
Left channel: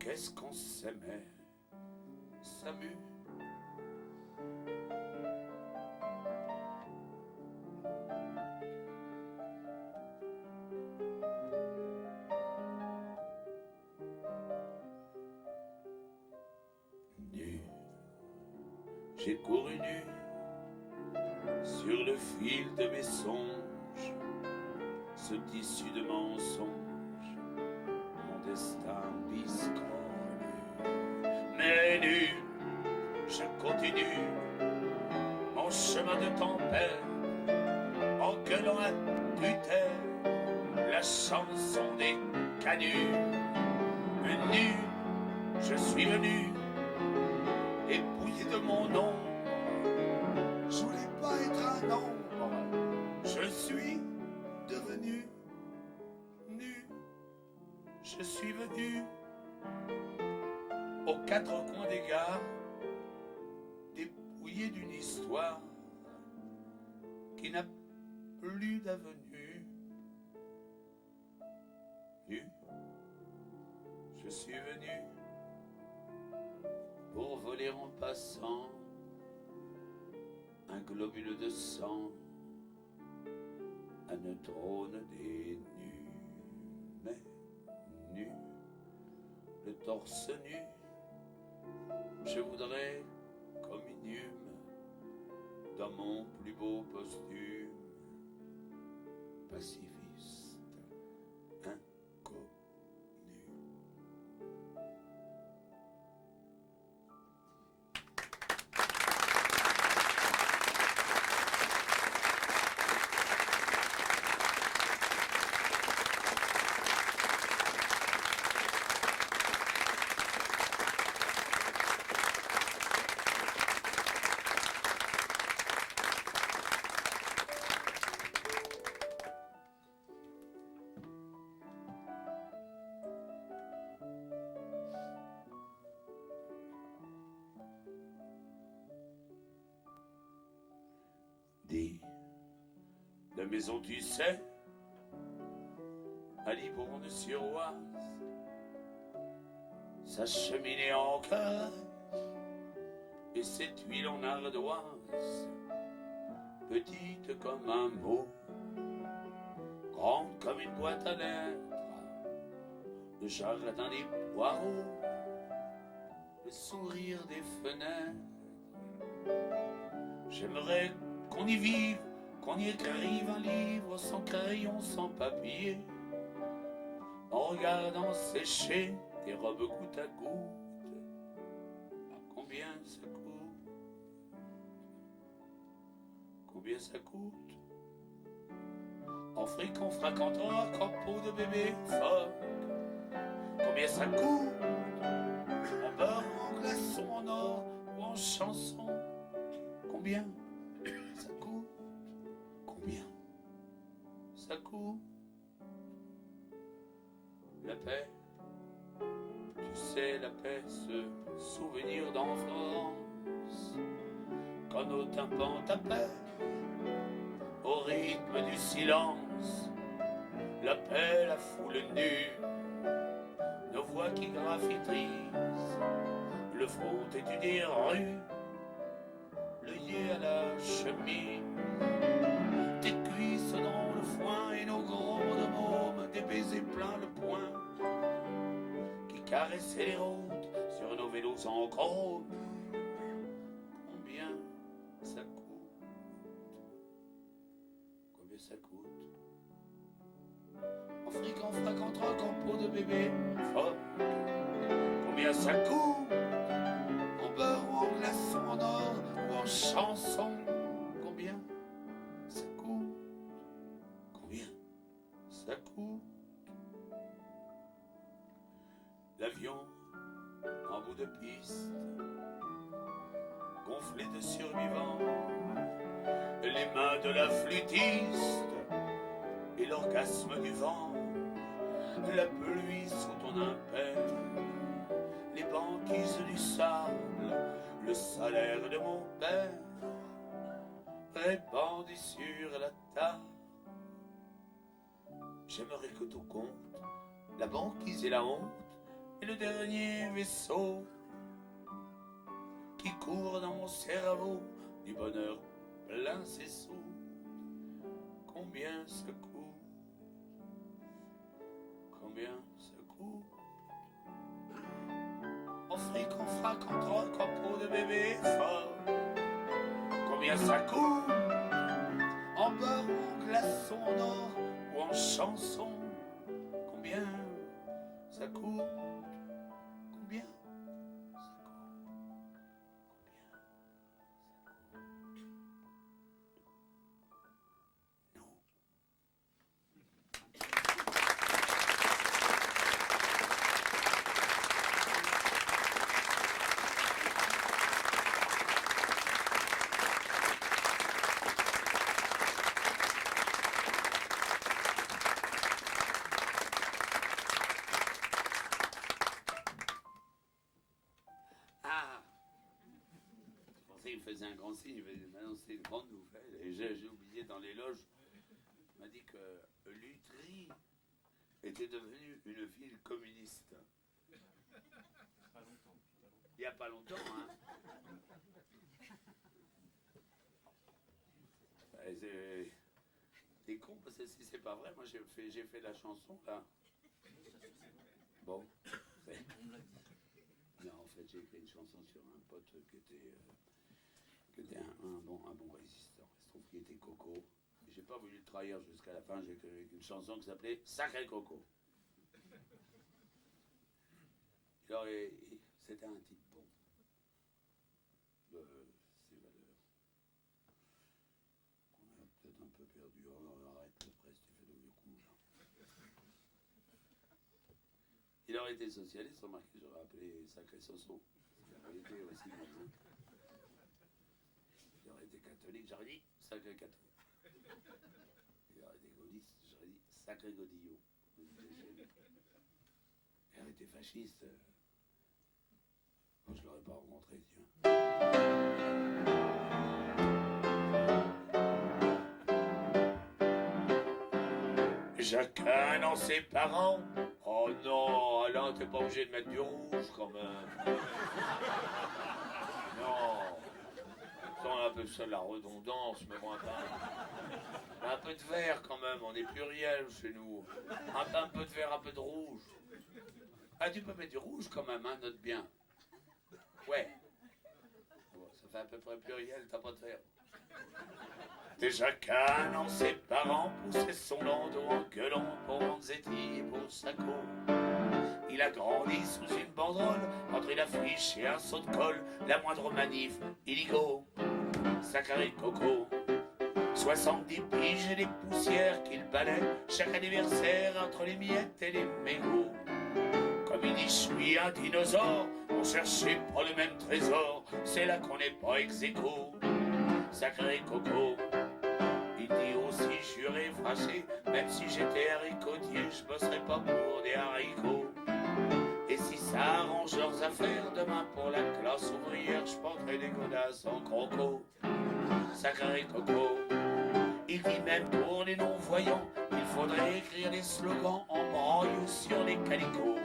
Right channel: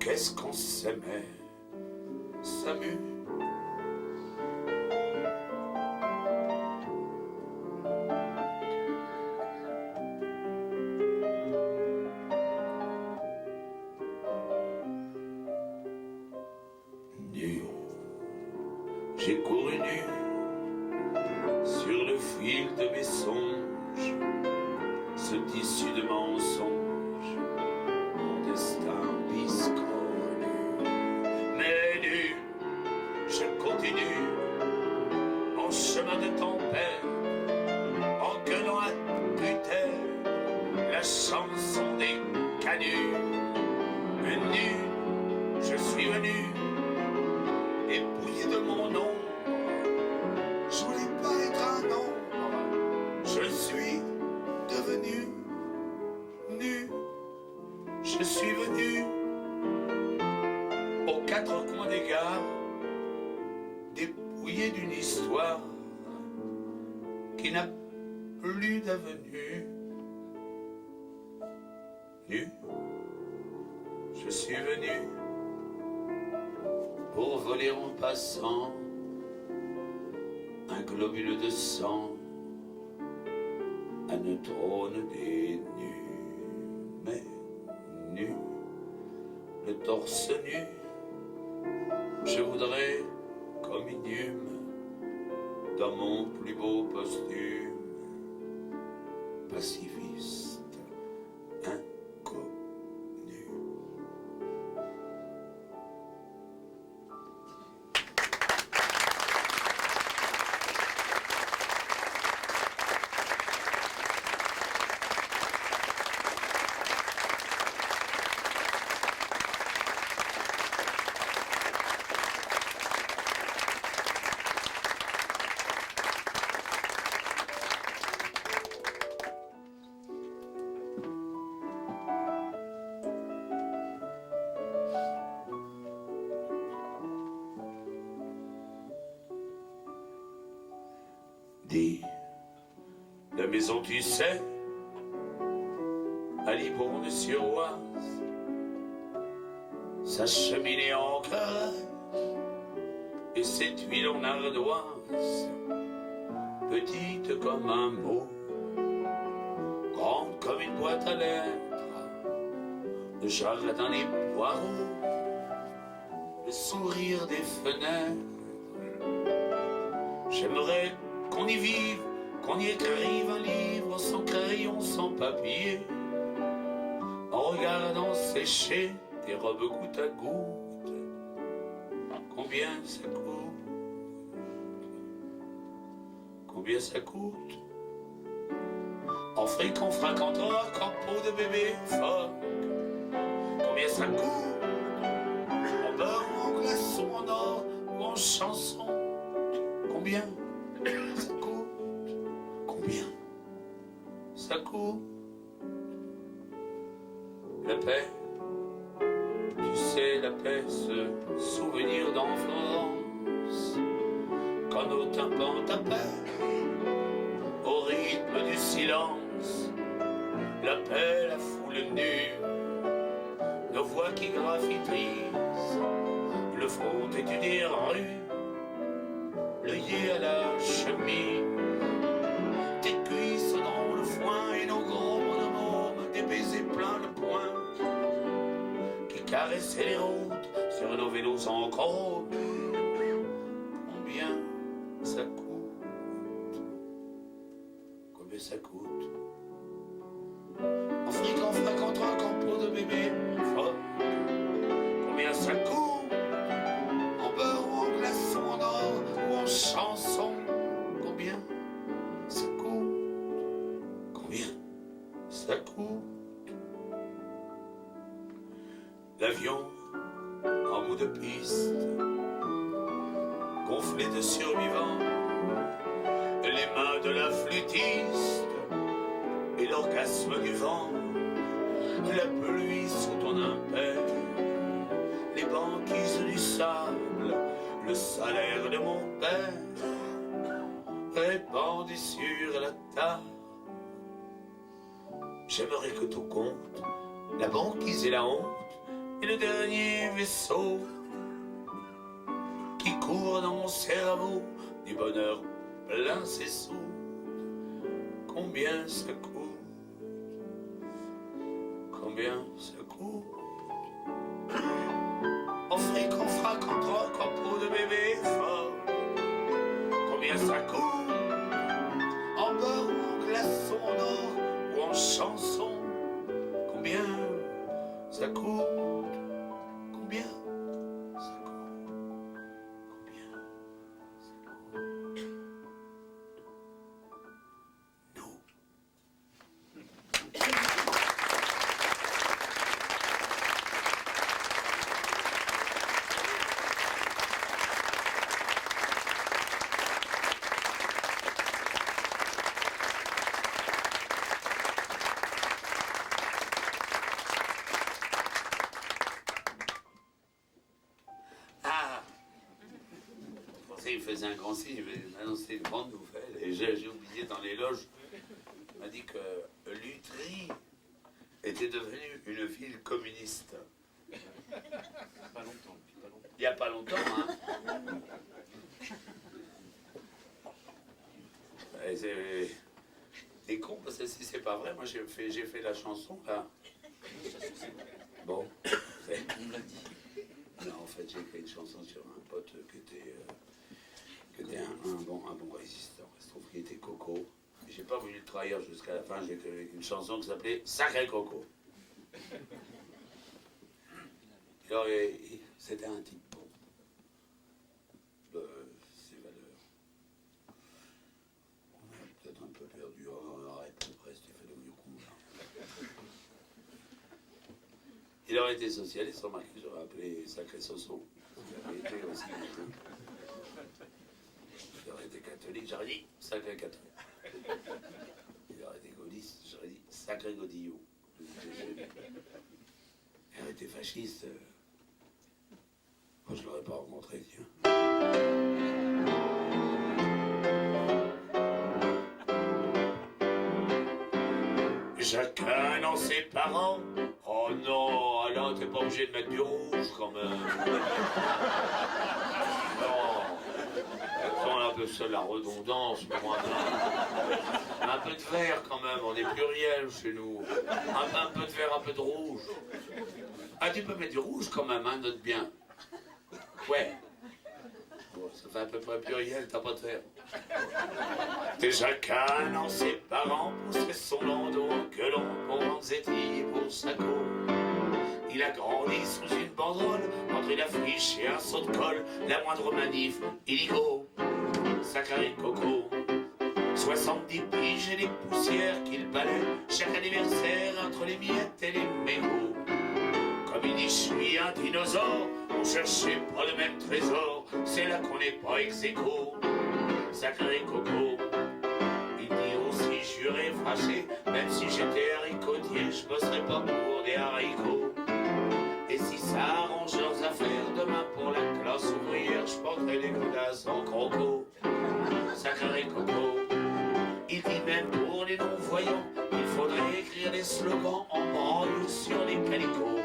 qu'est-ce qu'on s'aimait, Samu. Nu, j'ai couru nu sur le fil de mes songes, ce tissu de mensonges, mon destin biscornu. Mais nu, je continue mon chemin de tempête, en gueulant à tue-tête la chanson des canuts. Mais nu, je suis venu, épouillé de mon ombre. Je voulais pas être un ombre, je suis devenu nu. Je suis venu aux quatre coins des gares, dépouillé d'une histoire qui n'a plus d'avenue. Nu, je suis venu pour voler en passant un globule de sang, un neutrone des nus. Mais nu, le torse nu, je voudrais comme inhume dans mon plus beau costume, pacifiste, inconnu. Dis, la maison tu sais, à Libourne-sur-Oise, sa cheminée en carré et ses tuiles en ardoise, petite comme un mot, grande comme une boîte à lettres, le jardin des poireaux, le sourire des fenêtres. J'aimerais qu'on y vive, qu'on y écrive un livre sans crayon, sans papier, en regardant sécher tes robes goutte à goutte. Combien ça coûte? Combien ça coûte? En fric, en fracanteur, en peau de bébé phoque. Combien ça coûte? En beurre, en glaçon, en or ou en chanson? Combien ça coûte? Combien ça coûte? La paix, tu sais, la paix, ce souvenir d'enfance, quand nos tympans t'appellent au rythme du silence. La paix, la foule nue, nos voix qui graffitrisent le front têtu des rues, l'œillet à la chemise, tes cuisses dans le foin et nos gros bonhommes, des baisers plein le poing, qui caressaient les routes sur nos vélos en chrome. Combien ça coûte? Combien ça coûte? En fric, en frac, en troc, en peau de bébé phoque. Combien ça coûte? En beurre ou en glaçon, en or ou en chanson? Combien ça coûte? Combien ça coûte? L'avion en bout de piste, gonflé de survivants, les mains de la flûtiste et l'orgasme du vent, la pluie sous ton impère, les banquises du sable, le salaire de mon père, répandu sur la table. J'aimerais que tout compte, la banquise et la honte, Et le dernier vaisseau qui court dans mon cerveau, du bonheur plein ses sous. Combien ça coûte? Combien ça coûte? En fric, en frac, en troc, en peau de bébé fort. Combien ça coûte? En beurre ou en glaçon d'or ou en chanson. Combien ça coûte? Combien ça coûte? Combien ça coûte? Nous. Ah! Je pensais qu'il faisait un grand signe, il m'a annoncé une grande nouvelle. Et j'ai oublié dans les loges, il m'a dit que Lutry était devenue une ville communiste. Pas longtemps, pas longtemps. Il n'y a pas longtemps, hein? Et c'est con parce que si c'est pas vrai, moi j'ai fait la chanson là. Bon, c'est- On me l'a dit. non, en fait j'ai écrit une chanson sur un pote qui était un bon résistant. Il se trouve qu'il était Coco. J'ai pas voulu le trahir jusqu'à la fin, j'ai écrit une chanson qui s'appelait Sacré Coco. Alors c'était un type bon. Ses valeurs. On a peut-être un peu perdu. Oh, arrête, presque, tu fais le vieux coup là. Il aurait été socialiste, remarquez, j'aurais appelé Sacré Soso. Il aurait été aussi. Il aurait été catholique, j'aurais dit Sacré catholique. Il aurait été gaulliste, j'aurais dit Sacré Godillot. Il aurait été fasciste. Moi, je l'aurais pas rencontré, tiens. Chacun dans ses parents. Oh non, Alain, t'es pas obligé de mettre du rouge quand même. Non. Attends, un peu seul la redondance, mais moi, non. Un peu de vert quand même, on est pluriel chez nous. Un peu de vert, un peu de rouge. Ah, tu peux mettre du rouge quand même, hein, note bien. Ouais. Bon, ça fait à peu près pluriel, t'as pas de vert. Et chacun dans ses parents poussait son landau en gueulant pour Vanzetti et pour Sacco. Il a grandi sous une banderole, entre une affiche et un saut de colle, la moindre manif, illico, Sacré Coco. 70 piges et les poussières qu'il balait, chaque anniversaire entre les miettes et les mégots. Comme il dit, je suis un dinosaure, on cherchait pas le même trésor, c'est là qu'on n'est pas ex-aequo. Sacré Coco. Il dit aussi juré, fâché, même si j'étais haricotier, je bosserais pas pour des haricots. Et si ça arrange leurs affaires, demain pour la classe ouvrière, je porterai les godasses en croco. Sacré Coco. Il dit même pour les non-voyants, il faudrait écrire des slogans en branle sur les calicots.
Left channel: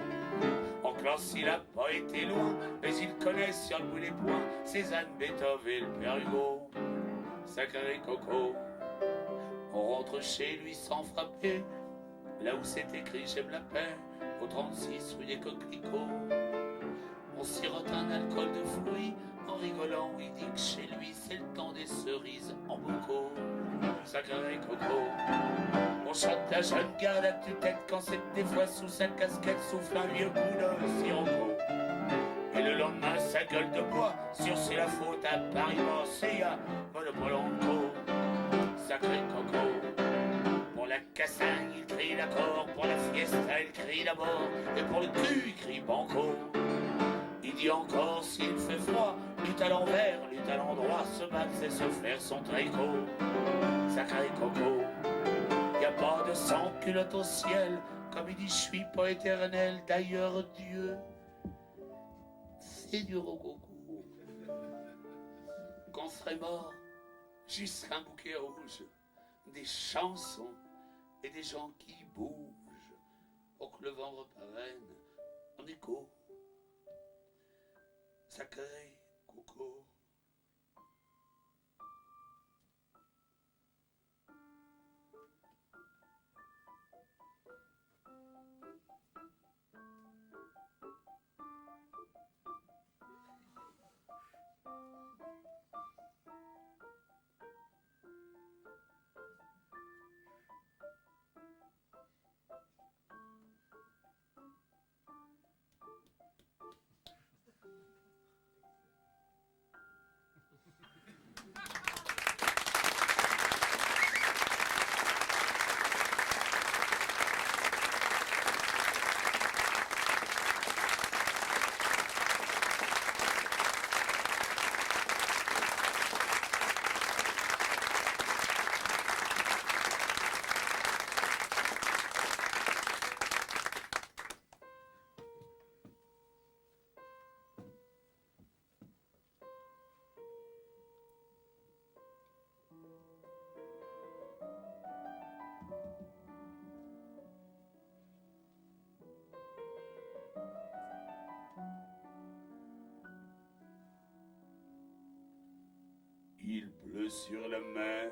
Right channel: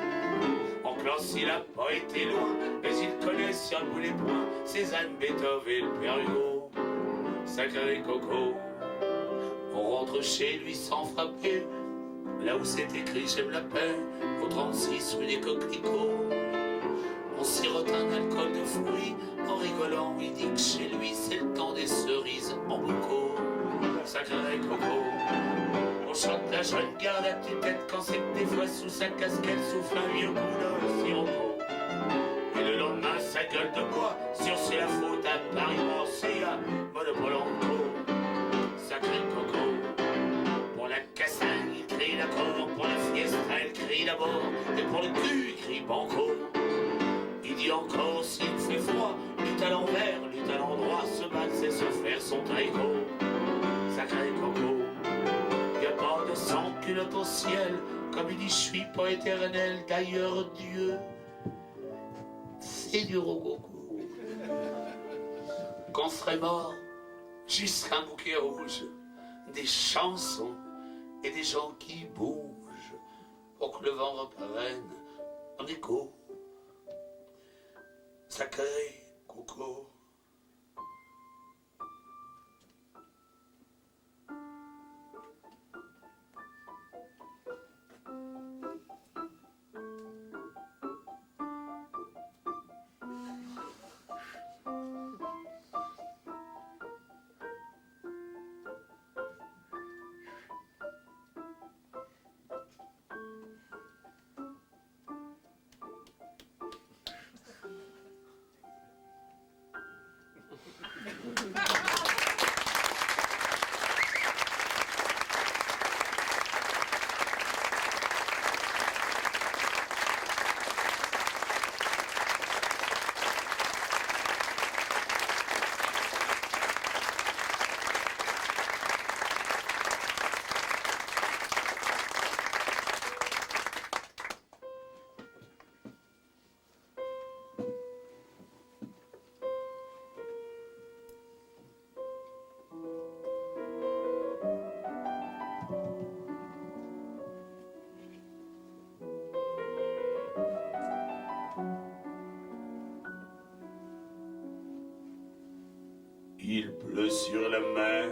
En classe, il a pas été loin, mais il connaît sur le bout des poings Cézanne, Beethoven et le Père Hugo. Sacré Coco. On rentre chez lui sans frapper, là où c'est écrit j'aime la paix, au 36 rue des Coquelicots. On sirote un alcool de fruits, en rigolant, il dit que chez lui c'est le temps des cerises en boucau. Sacré Coco. On chante la jeune garde à tue-tête quand c'est que des fois sous sa casquette souffle un vieux coup de sirocco. Et le lendemain sa gueule de bois, sur c'est la faute à Paris morcé à Monopole en co. Sacré Coco. Pour la cassagne il crie l'accord, pour la fiesta il crie d'abord, et pour le cul il crie banco. Il dit encore s'il fait froid, lutte à l'envers, lutte à l'endroit, se battre c'est se faire son tricot. Sacré Coco. Y a pas de sang culotte au ciel, comme il dit je suis pas éternel, d'ailleurs Dieu c'est du rococo. Qu'on serait mort, juste un bouquet rouge, des chansons et des gens qui bougent pour que le vent reprenne en écho. Sacré Coco. Il pleut sur la mer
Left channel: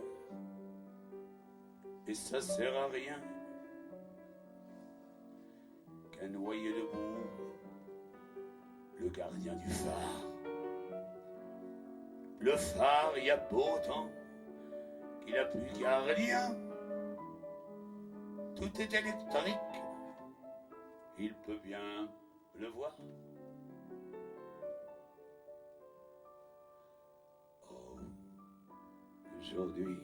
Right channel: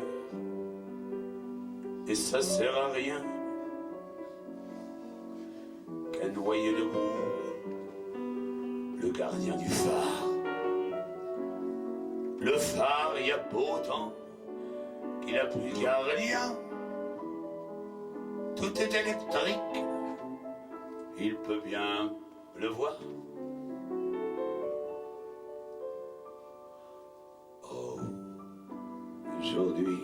et ça sert à rien qu'à noyer debout le gardien du phare. Le phare, il y a beau temps qu'il a plus de gardien. Tout est électrique, il peut bien pleuvoir. Aujourd'hui,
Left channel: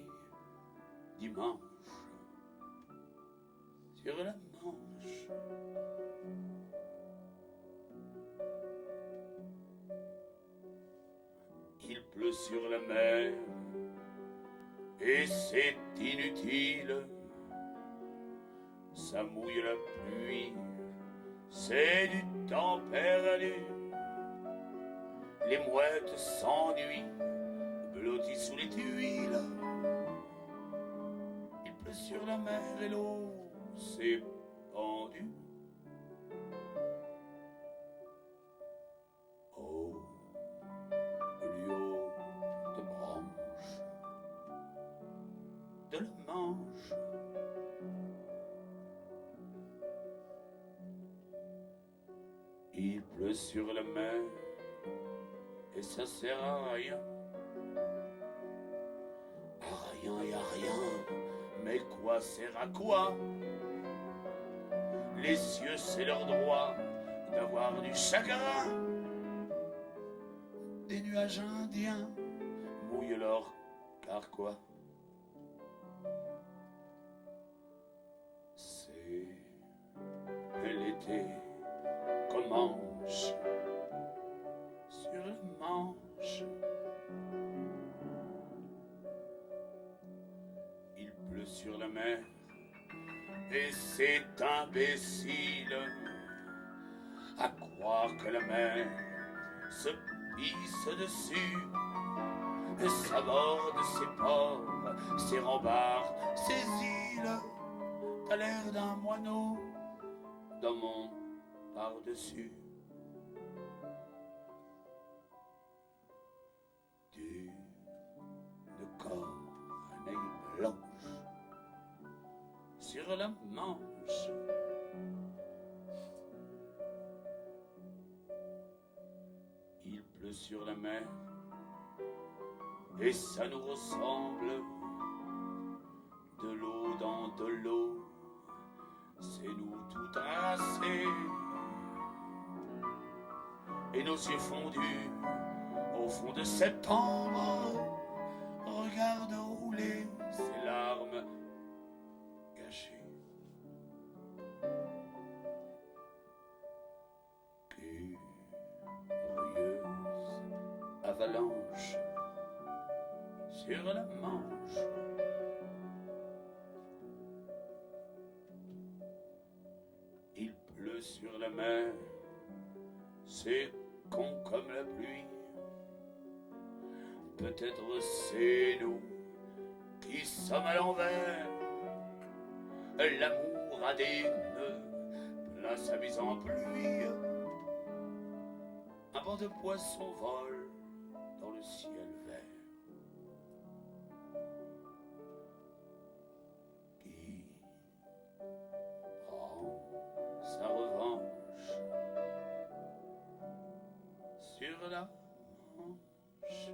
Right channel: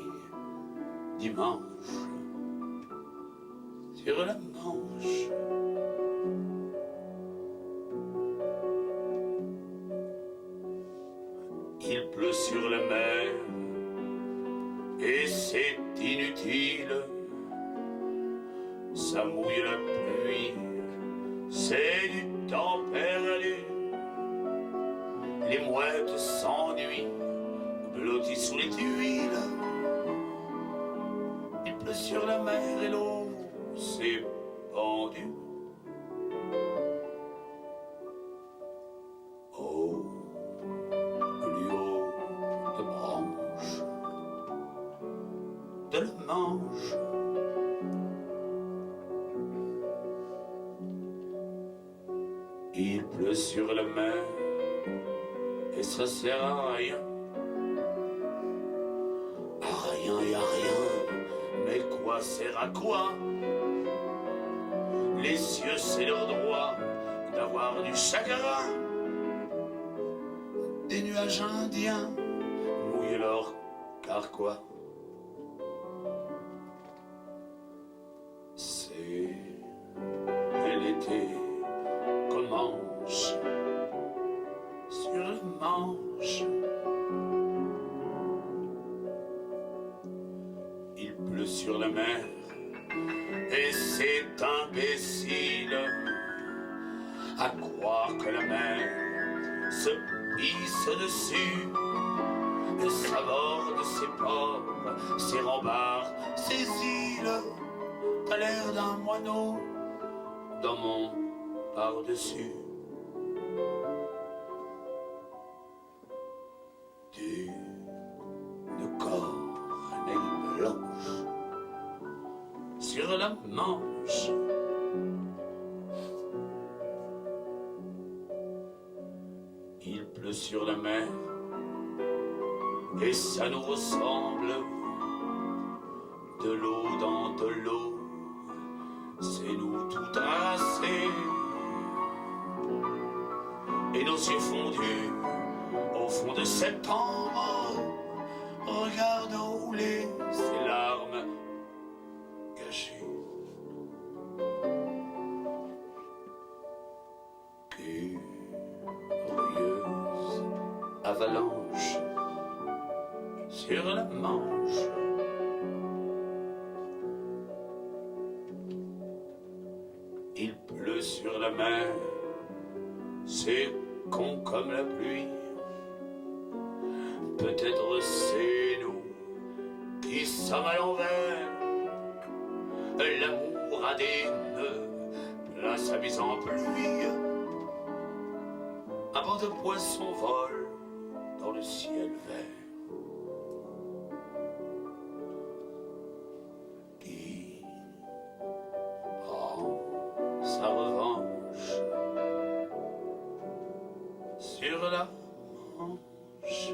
dimanche, sur la Manche, il pleut sur la mer et c'est inutile, ça mouille la pluie, c'est du temps perdu, les mouettes s'ennuient, blottis sous les tuiles. Il pleut sur la mer et l'eau s'est pendue. Oh, plus haut de branche de la Manche. Il pleut sur la mer et ça sert à rien. Y a rien, mais quoi sert à quoi? Les cieux, c'est leur droit d'avoir du chagrin. Des nuages indiens mouillent leur carquois. C'est l'été commence sur la Manche. Sur la mer, et c'est imbécile à croire que la mer se pisse dessus, et s'aborde ses ports, ses rembards, ses îles. T'as l'air d'un moineau dans mon par-dessus. D'une corneille blanche sur la Manche. Il pleut sur la mer et ça nous ressemble. De l'eau dans de l'eau, c'est nous tout tracés. Et nos yeux fondus au fond de septembre regardent rouler ces larmes cachées. Curieuse avalanche sur la Manche. Il pleut sur la mer, c'est con comme la pluie. Peut-être c'est nous qui sommes à l'envers. L'amour a des nœuds, plein sa mise en pluie. Avant de poissons volent dans le ciel vert, qui prend sa revanche sur la Manche.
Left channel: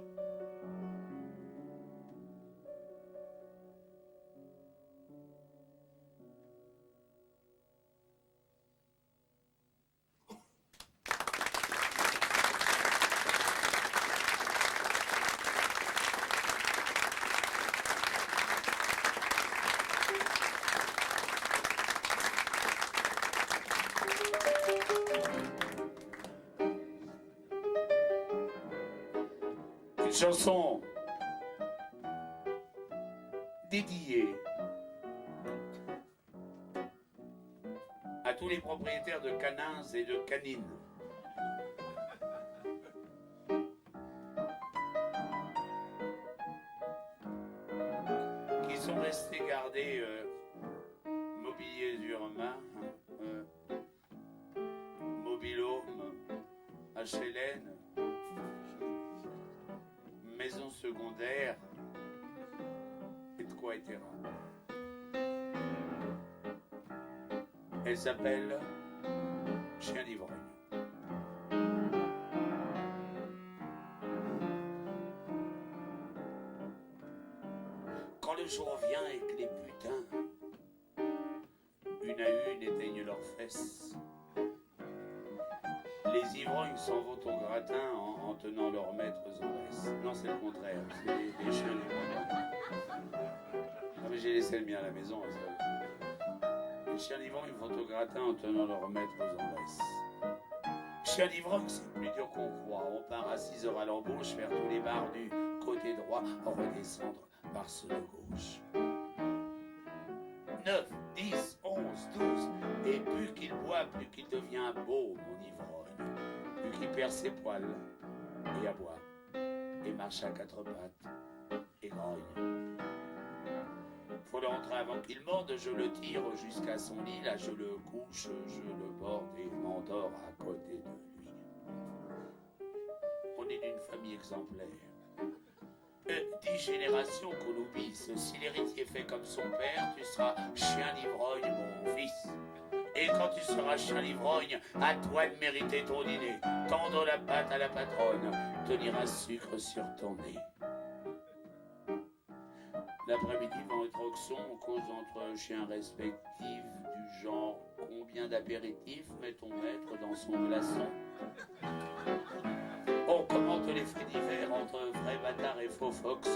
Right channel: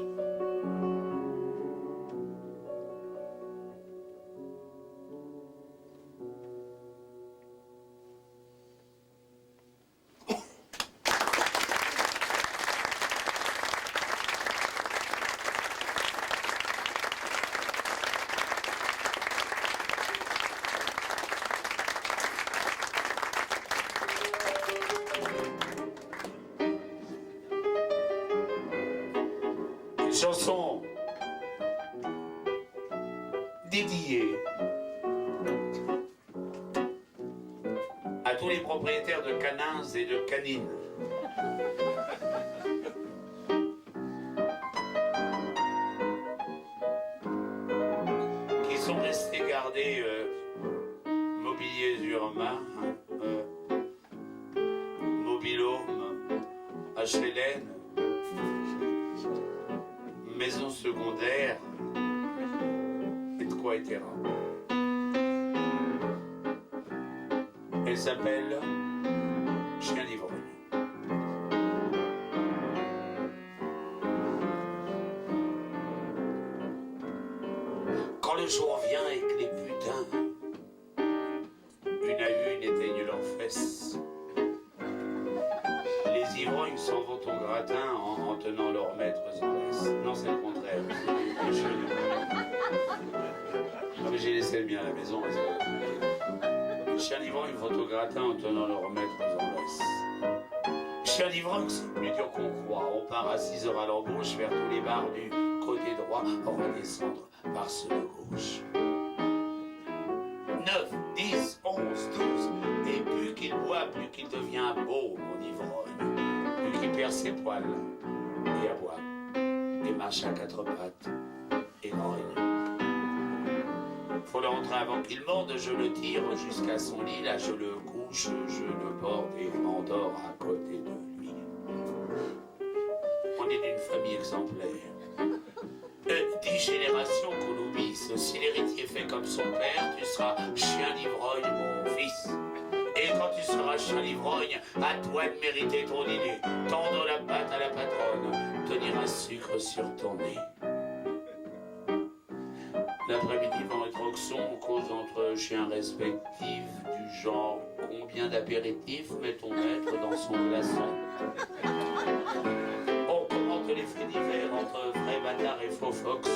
Une chanson dédiée à tous les propriétaires de canins et de canines. Qui sont restés gardés mobiliers urbains, mobilhome, HLN, maison secondaire, etc. Elle s'appelle Chien d'ivrogne. Quand le jour vient et que les putains, une à une, éteignent leurs fesses, les ivrognes s'en vont au gratin en tenant leurs maîtres en laisse. Non, c'est le contraire. Mais j'ai laissé le mien à la maison. Les chiens d'ivrogne vont au gratin en tenant leurs maîtres en laisse. Les chiens d'ivrogne, c'est plus dur qu'on croit. On part à 6 heures à l'embauche vers tous les bars du côté droit, redescendre par ceux de gauche. 9, 10, 11, 12, et plus qu'il boit, plus qu'il devient beau, mon ivrogne. Plus qu'il perd ses poils, et aboie, et marche à 4 pattes, et grogne. Faut le rentrer avant qu'il morde, je le tire jusqu'à son lit, là je le couche, je le borde et m'endors à côté de lui. On est d'une famille exemplaire. 10 générations qu'on oublie. Si l'héritier fait comme son père, tu seras chien d'ivrogne, mon fils. Et quand tu seras chien d'ivrogne, à toi de mériter ton dîner. Tendre la patte à la patronne, tenir un sucre sur ton nez. L'après-midi, vent et Troxon, on cause entre chiens respectifs du genre combien d'apéritifs met ton maître dans son glaçon. On commente les faits divers entre vrais bâtards et faux fox.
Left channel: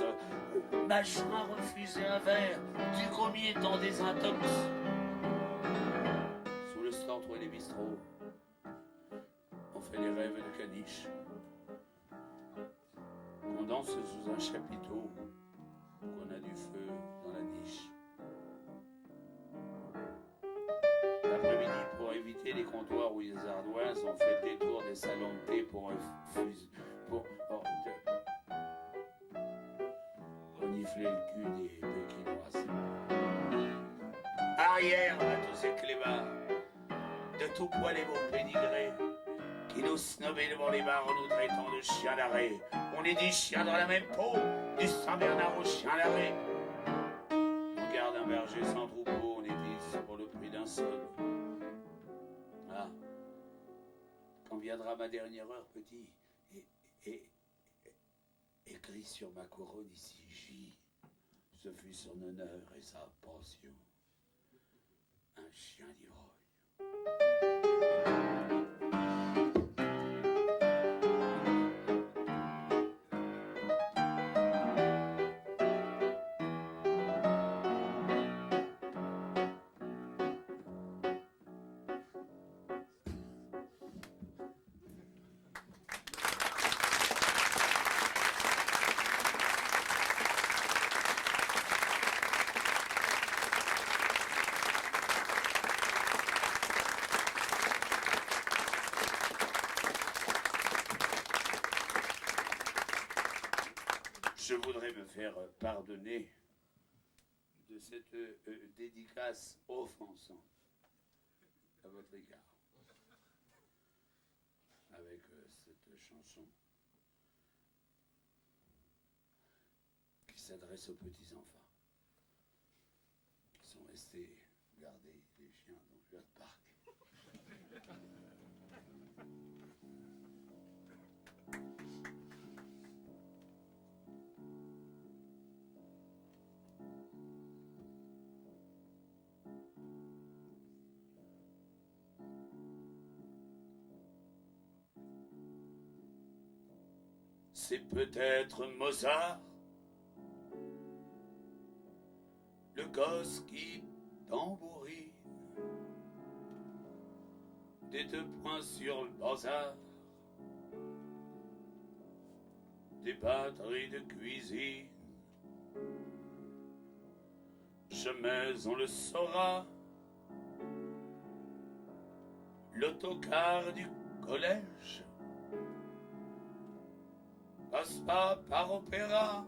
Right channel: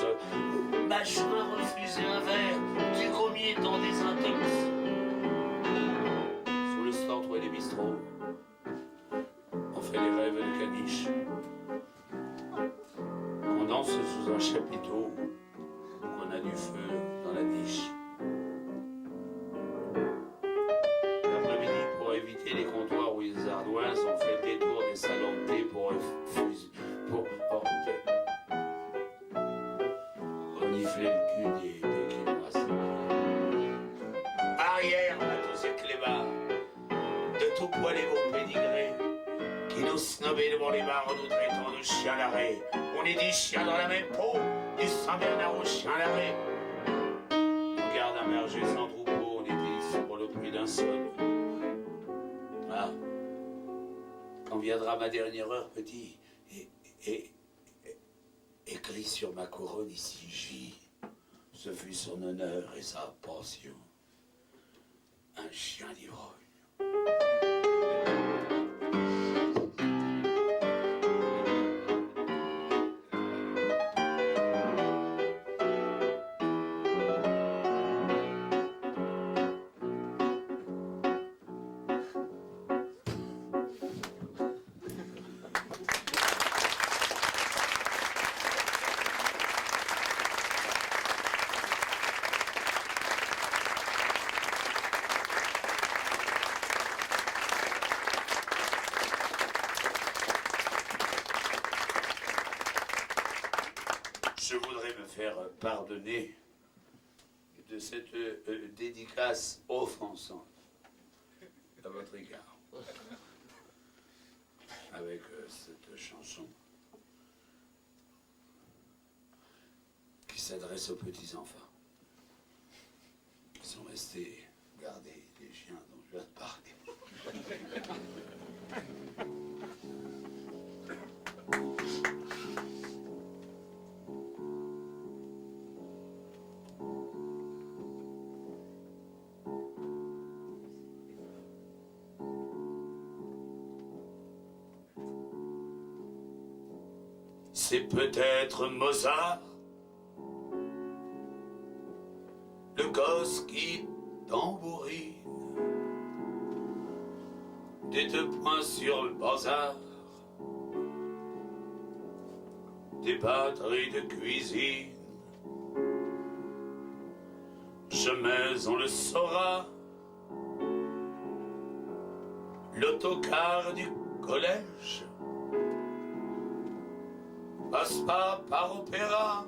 Machin a refusé un verre, du commis dans des intox. Sous le stantre et les bistrots, on fait des rêves de caniche. On danse sous un chapiteau, on a du feu dans la niche. L'après-midi, pour éviter les comptoirs où les ardoises, on fait le détour des salons de thé pour renifler le cul des pékinoises. Arrière, matos et clébards, de tout poil et gros pédigrés, qui nous snobait devant les bars, nous traitant de chiens d'arrêt. On est des chiens dans la même peau, du Saint-Bernard au chien d'arrêt. On garde un berger sans troupeau, on était ici pour le prix d'un seul. Ah, quand viendra ma dernière heure, petit, écrit sur ma couronne ici J, ce fut son honneur et sa pension. Un chien d'ivrogne. Je voudrais me faire pardonner de cette dédicace offensante à votre égard. avec cette chanson qui s'adresse aux petits-enfants qui sont restés garder les chiens dont je viens de parler. C'est peut-être Mozart, le gosse qui tambourine, des 2 points sur le bazar, des batteries de cuisine. Jamais on le saura, l'autocar du collège passe pas par opéra,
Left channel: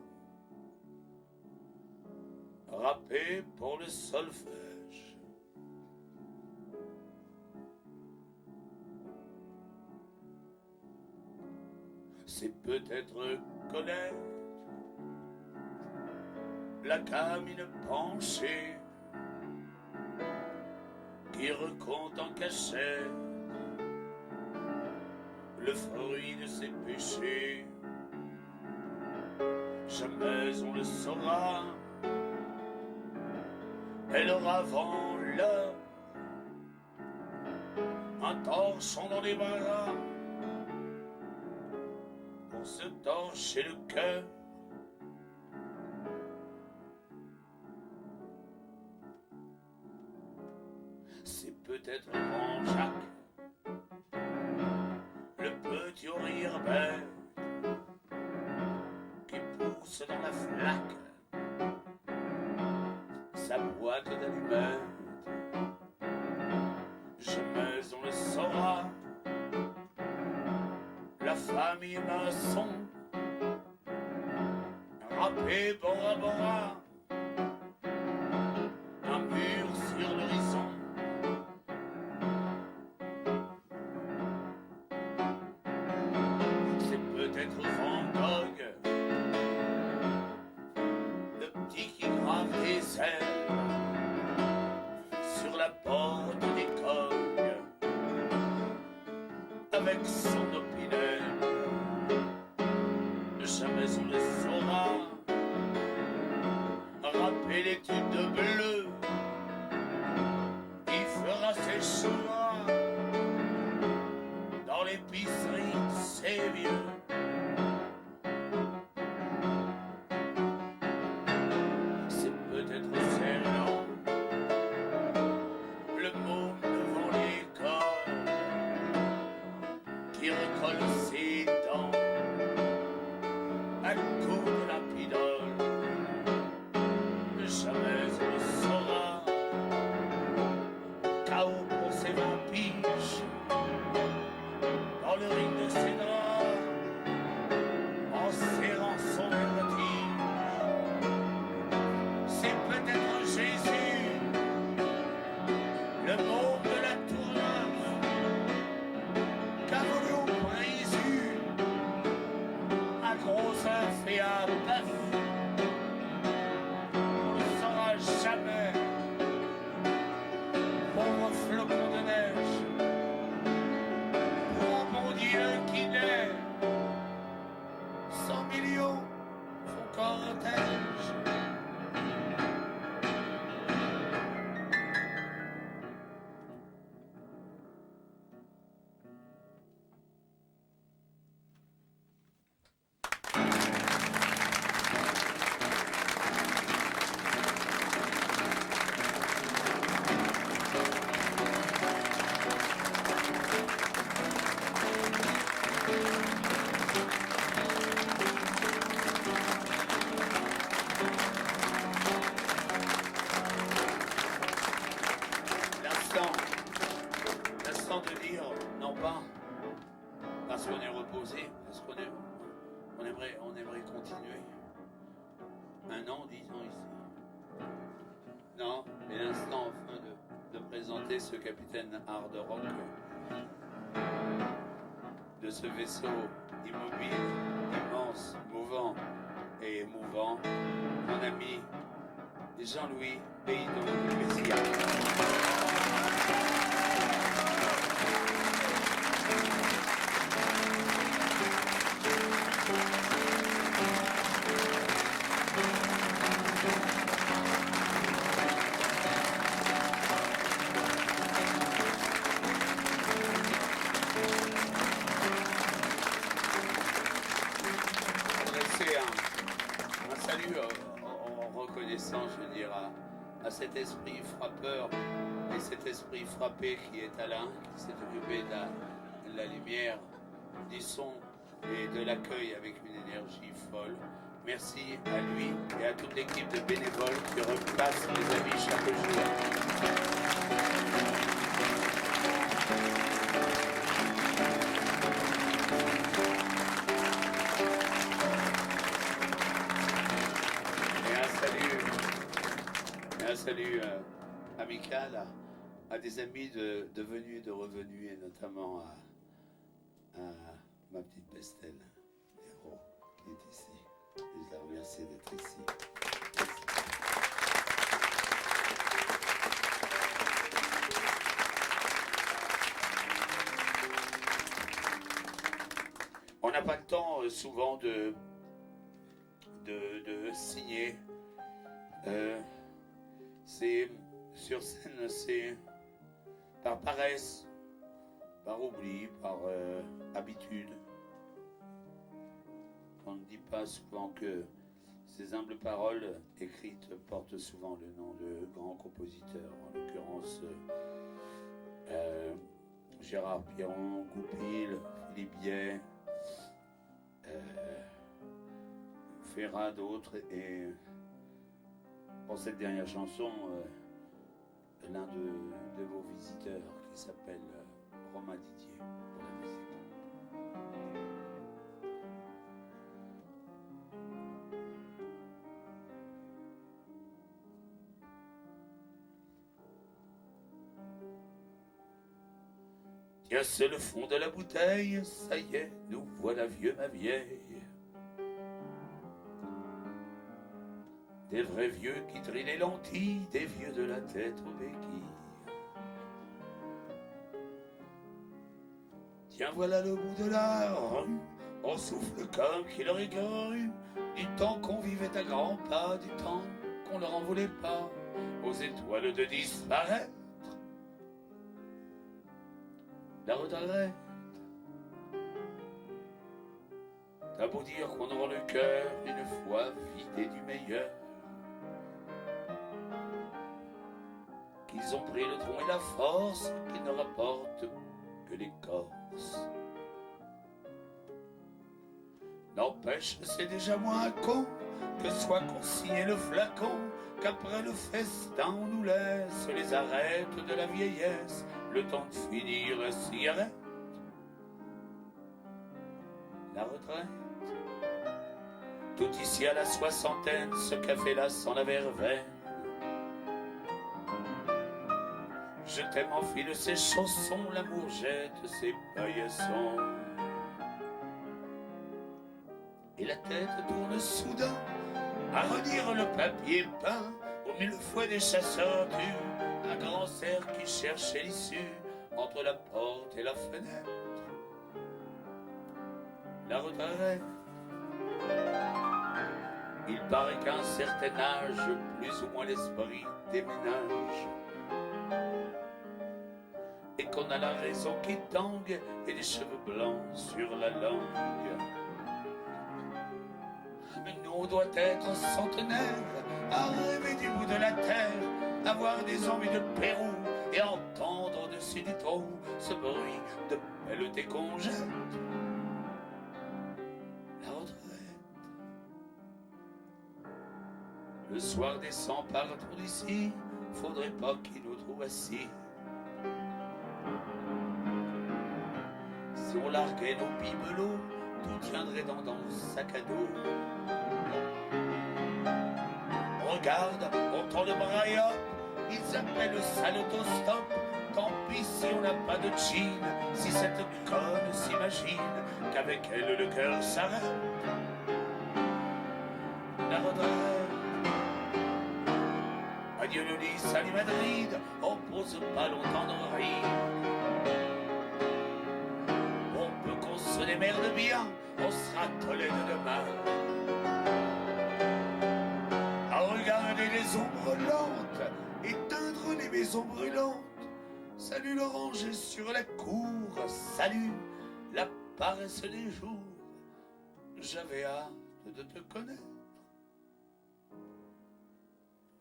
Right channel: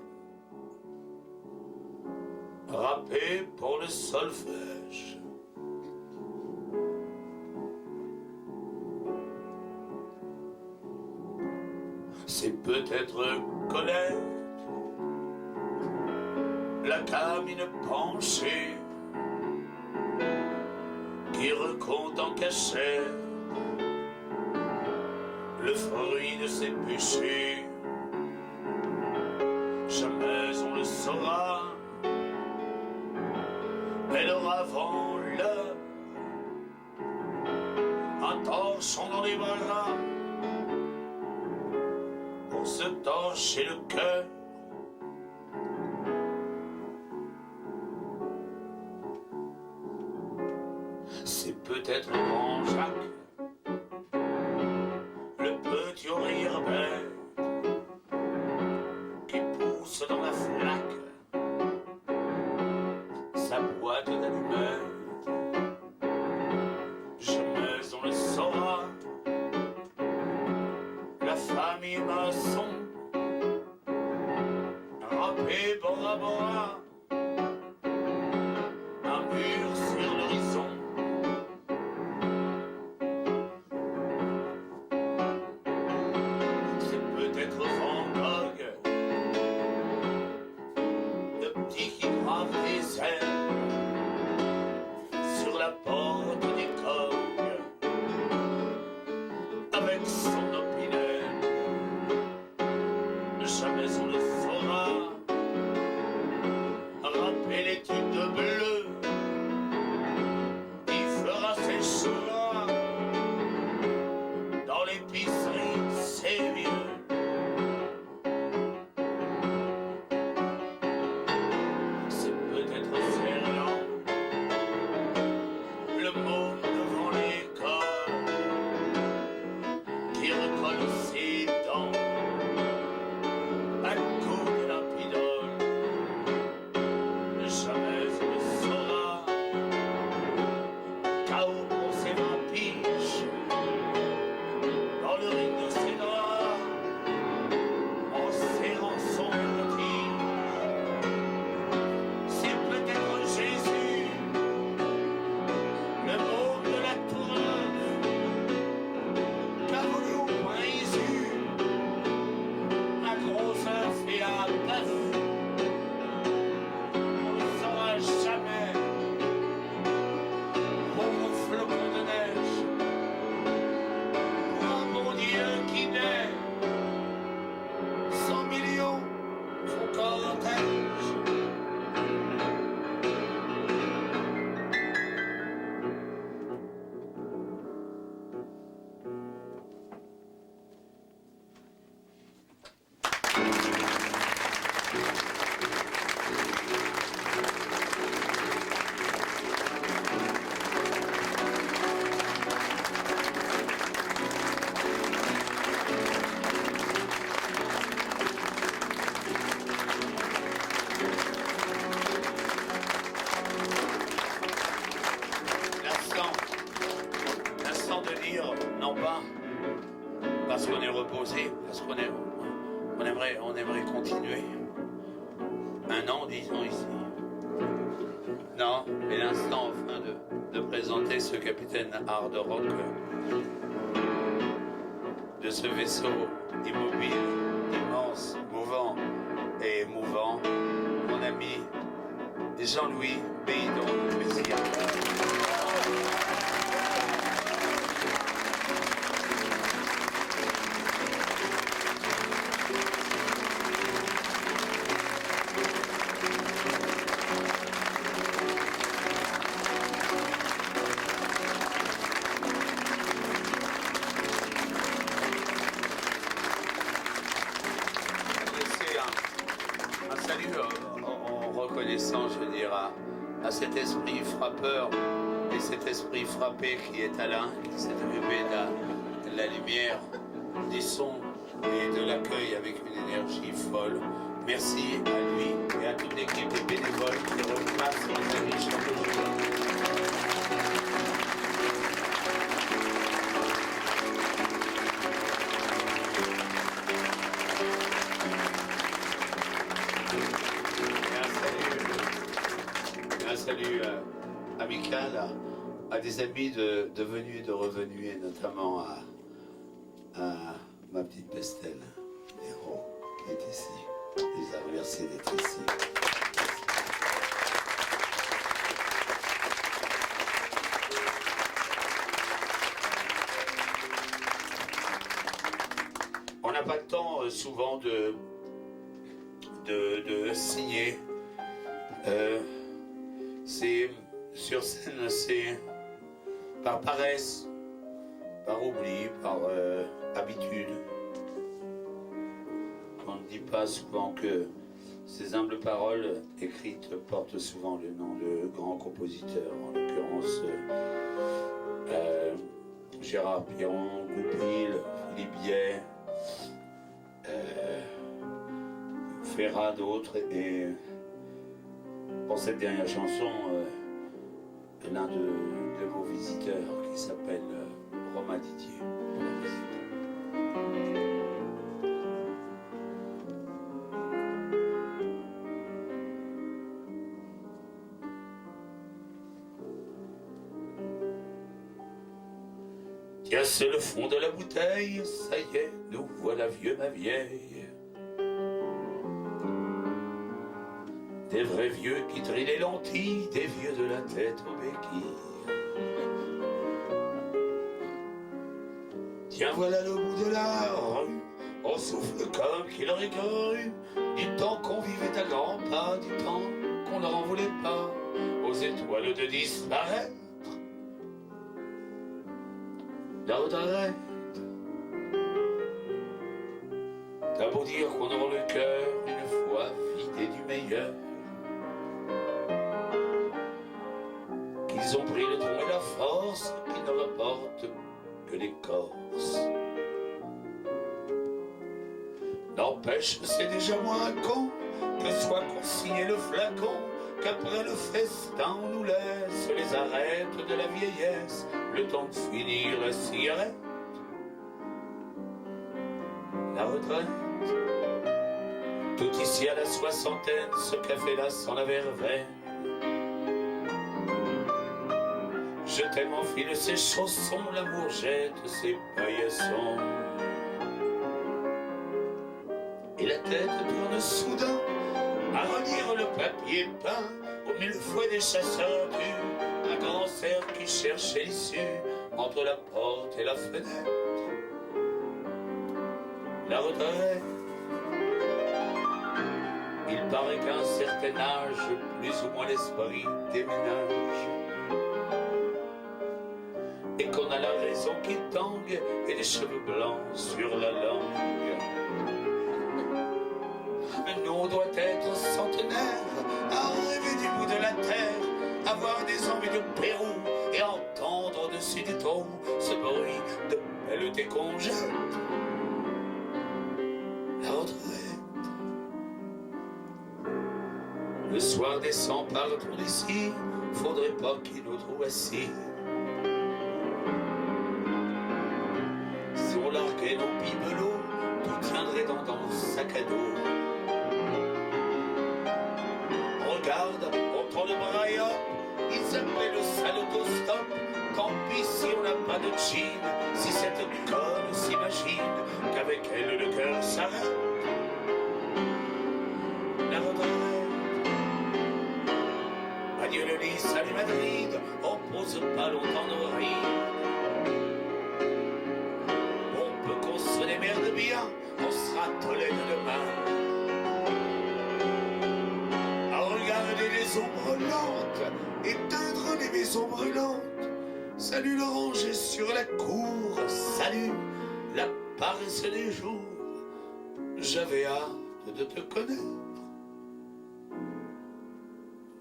râpé pour le solfège. C'est peut-être Colette, la camine penchée, qui recompte en cachette le fruit de ses péchés. Jamais on le saura, elle aura avant l'heure un torchon dans les bras pour se torcher le cœur. C'est peut-être grand Jacques, le petit au rire bête, qui pousse dans la flaque sa boîte d'allumettes. Jamais on le saura, la famille maçon, râpé Bora Bora, un mur sur l'horizon. C'est peut-être Van Gogh, le petit qui grave des ailes sur la porte des cognes avec son opinel. Jamais on le saura, râper l'étude bleue, il fera ses choix dans l'épicerie, c'est vieux. C'est peut-être Fernand, le môme devant l'école, qui recolle ses dents à coups de lapidole. Jamais on le saura, chaos pour ses 20 piges, dans le ring de ses draps, en serrant son vertige. C'est peut-être Jésus, le môme de la tourmente, qu'a voulu Jésus, un gros œuf et un bœuf. On ne saura jamais, pauvre flocon de neige, pour un bon Dieu qui naît, 100 millions font cortège. L'instant de dire, non pas parce qu'on est reposé, parce qu'on aimerait continuer. Un an, disons ici. Non, mais l'instant enfin de présenter ce capitaine hard rock de ce vaisseau immobile, immense, mouvant et émouvant, mon ami Jean-Louis Béidon. Merci. Je veux dire, à cet esprit frappeur et cet esprit frappé qui est Alain, qui s'est occupé de la lumière, du son et de l'accueil avec une énergie folle. Merci à lui et à toute l'équipe de bénévoles qui repassent les amis chaque jour. Salut amical à des amis de venus et de revenus, et notamment à ma petite Pestel, Héros, qui est ici. Je les remercie d'être ici. On n'a pas le temps souvent de signer. C'est sur scène, c'est par paresse, par oubli, par habitude. On ne dit pas souvent que ces humbles paroles écrites portent souvent le nom de grands compositeurs, en l'occurrence Gérard Piron, Goupil, Philippe Biet, Ferrat, d'autres, et pour cette dernière chanson, l'un de vos visiteurs qui s'appelle Romain Didier. Pour la visite. Tiens, c'est le fond de la bouteille, ça y est, nous voilà vieux ma vieille. Des vrais vieux qui trient les lentilles, des vieux de la tête aux béquilles. Tiens, voilà le bout de la rue, on souffle comme qu'il aurait cru, du temps qu'on vivait à grands pas, du temps qu'on leur en voulait pas, aux étoiles de disparaître. La retraite, t'as beau dire qu'on aura le cœur une fois vidé du meilleur. Ils ont pris le tronc et la force qui ne rapportent que l'écorce. N'empêche, c'est déjà moins con que soit consigné le flacon, qu'après le festin on nous laisse les arêtes de la vieillesse, le temps de finir la cigarette. La retraite, tout ici à la soixantaine, ce café-là sans la verveine. Je t'aime enfile ses chaussons, l'amour jette ses paillassons. Et la tête tourne soudain à relire le papier peint au mille fouets des chasseurs du, un grand cerf qui cherchait l'issue entre la porte et la fenêtre. La retraite, il paraît qu'à un certain âge, plus ou moins l'esprit déménage. Et qu'on a la raison qui tangue et des cheveux blancs sur la langue. Mais nous on doit être centenaires, à rêver du bout de la terre, avoir des hommes de Pérou et entendre au-dessus des trous ce bruit de pelleté qu'on jette. La retraite. Le soir descend par autour d'ici, faudrait pas qu'il nous trouve assis. Si on larguait nos bibelots, tout tiendrait dans le sac à dos. Regarde, on tourne le braille, ils appellent le sale autostop, tant pis si on n'a pas de jean, si cette conne s'imagine qu'avec elle le cœur s'arrête. La retraite. Adieu le Nice, salut Madrid, on pose pas longtemps nos rides. On peut qu'on se démerde bien, on sera Tolède demain. À regarder les ombres lentes, éteindre les maisons brûlantes. Salut l'oranger sur la cour, salut la paresse des jours. J'avais hâte de te connaître.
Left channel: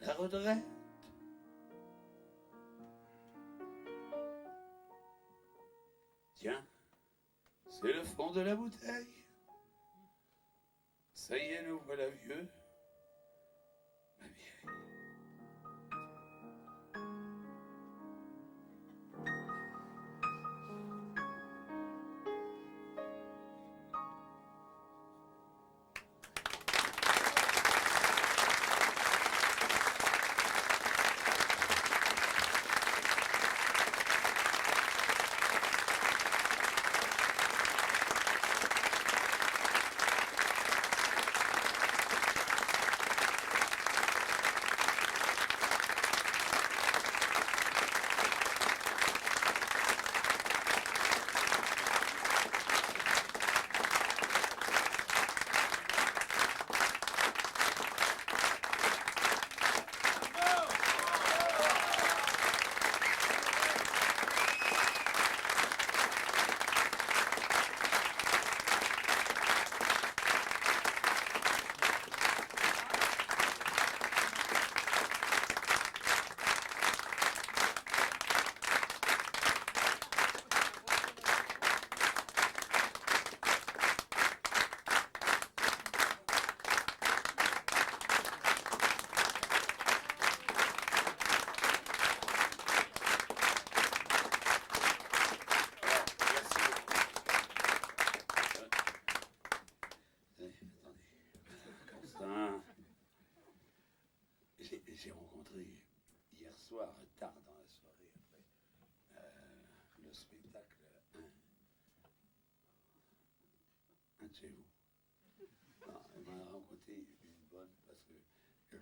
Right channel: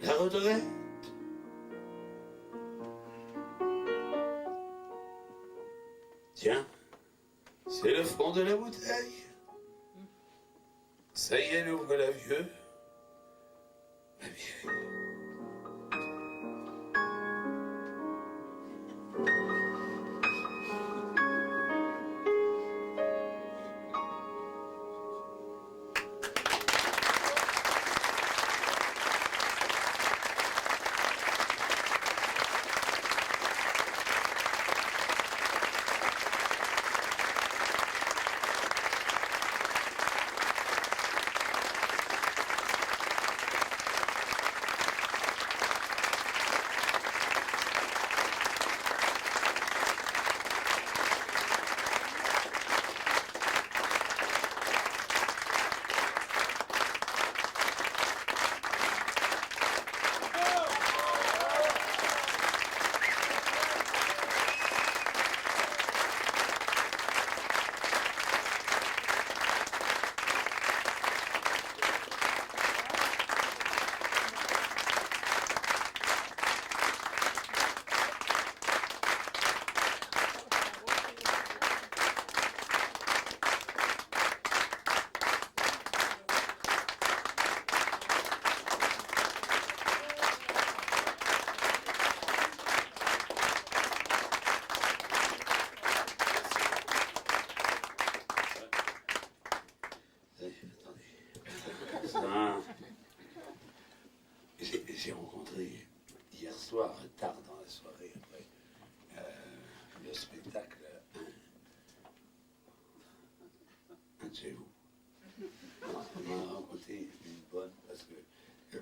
La retraite. Tiens, c'est le fond de la bouteille. Ça y est, elle ouvre la vieille. La vieille. J'ai rencontré hier soir, tard dans la soirée, après le spectacle, un de chez vous. On m'a raconté une bonne, parce que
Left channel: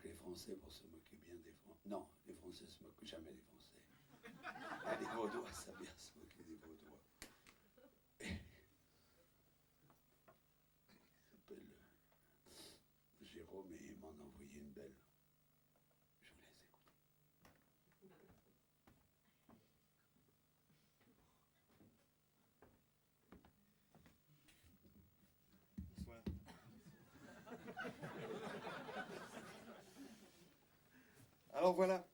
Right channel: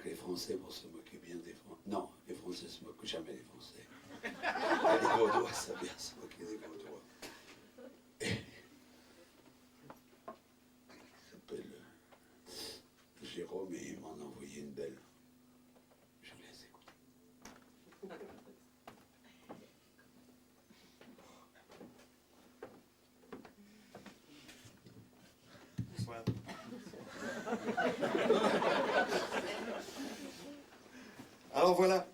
les Français vont se moquer bien des Français. Non, les Français se moquent jamais des Français. Les Vaudois savent bien se moquer des Vaudois. Et il s'appelle Jérôme et il m'en a envoyé une belle. Je vous laisse écouter. Bonsoir. Alors voilà,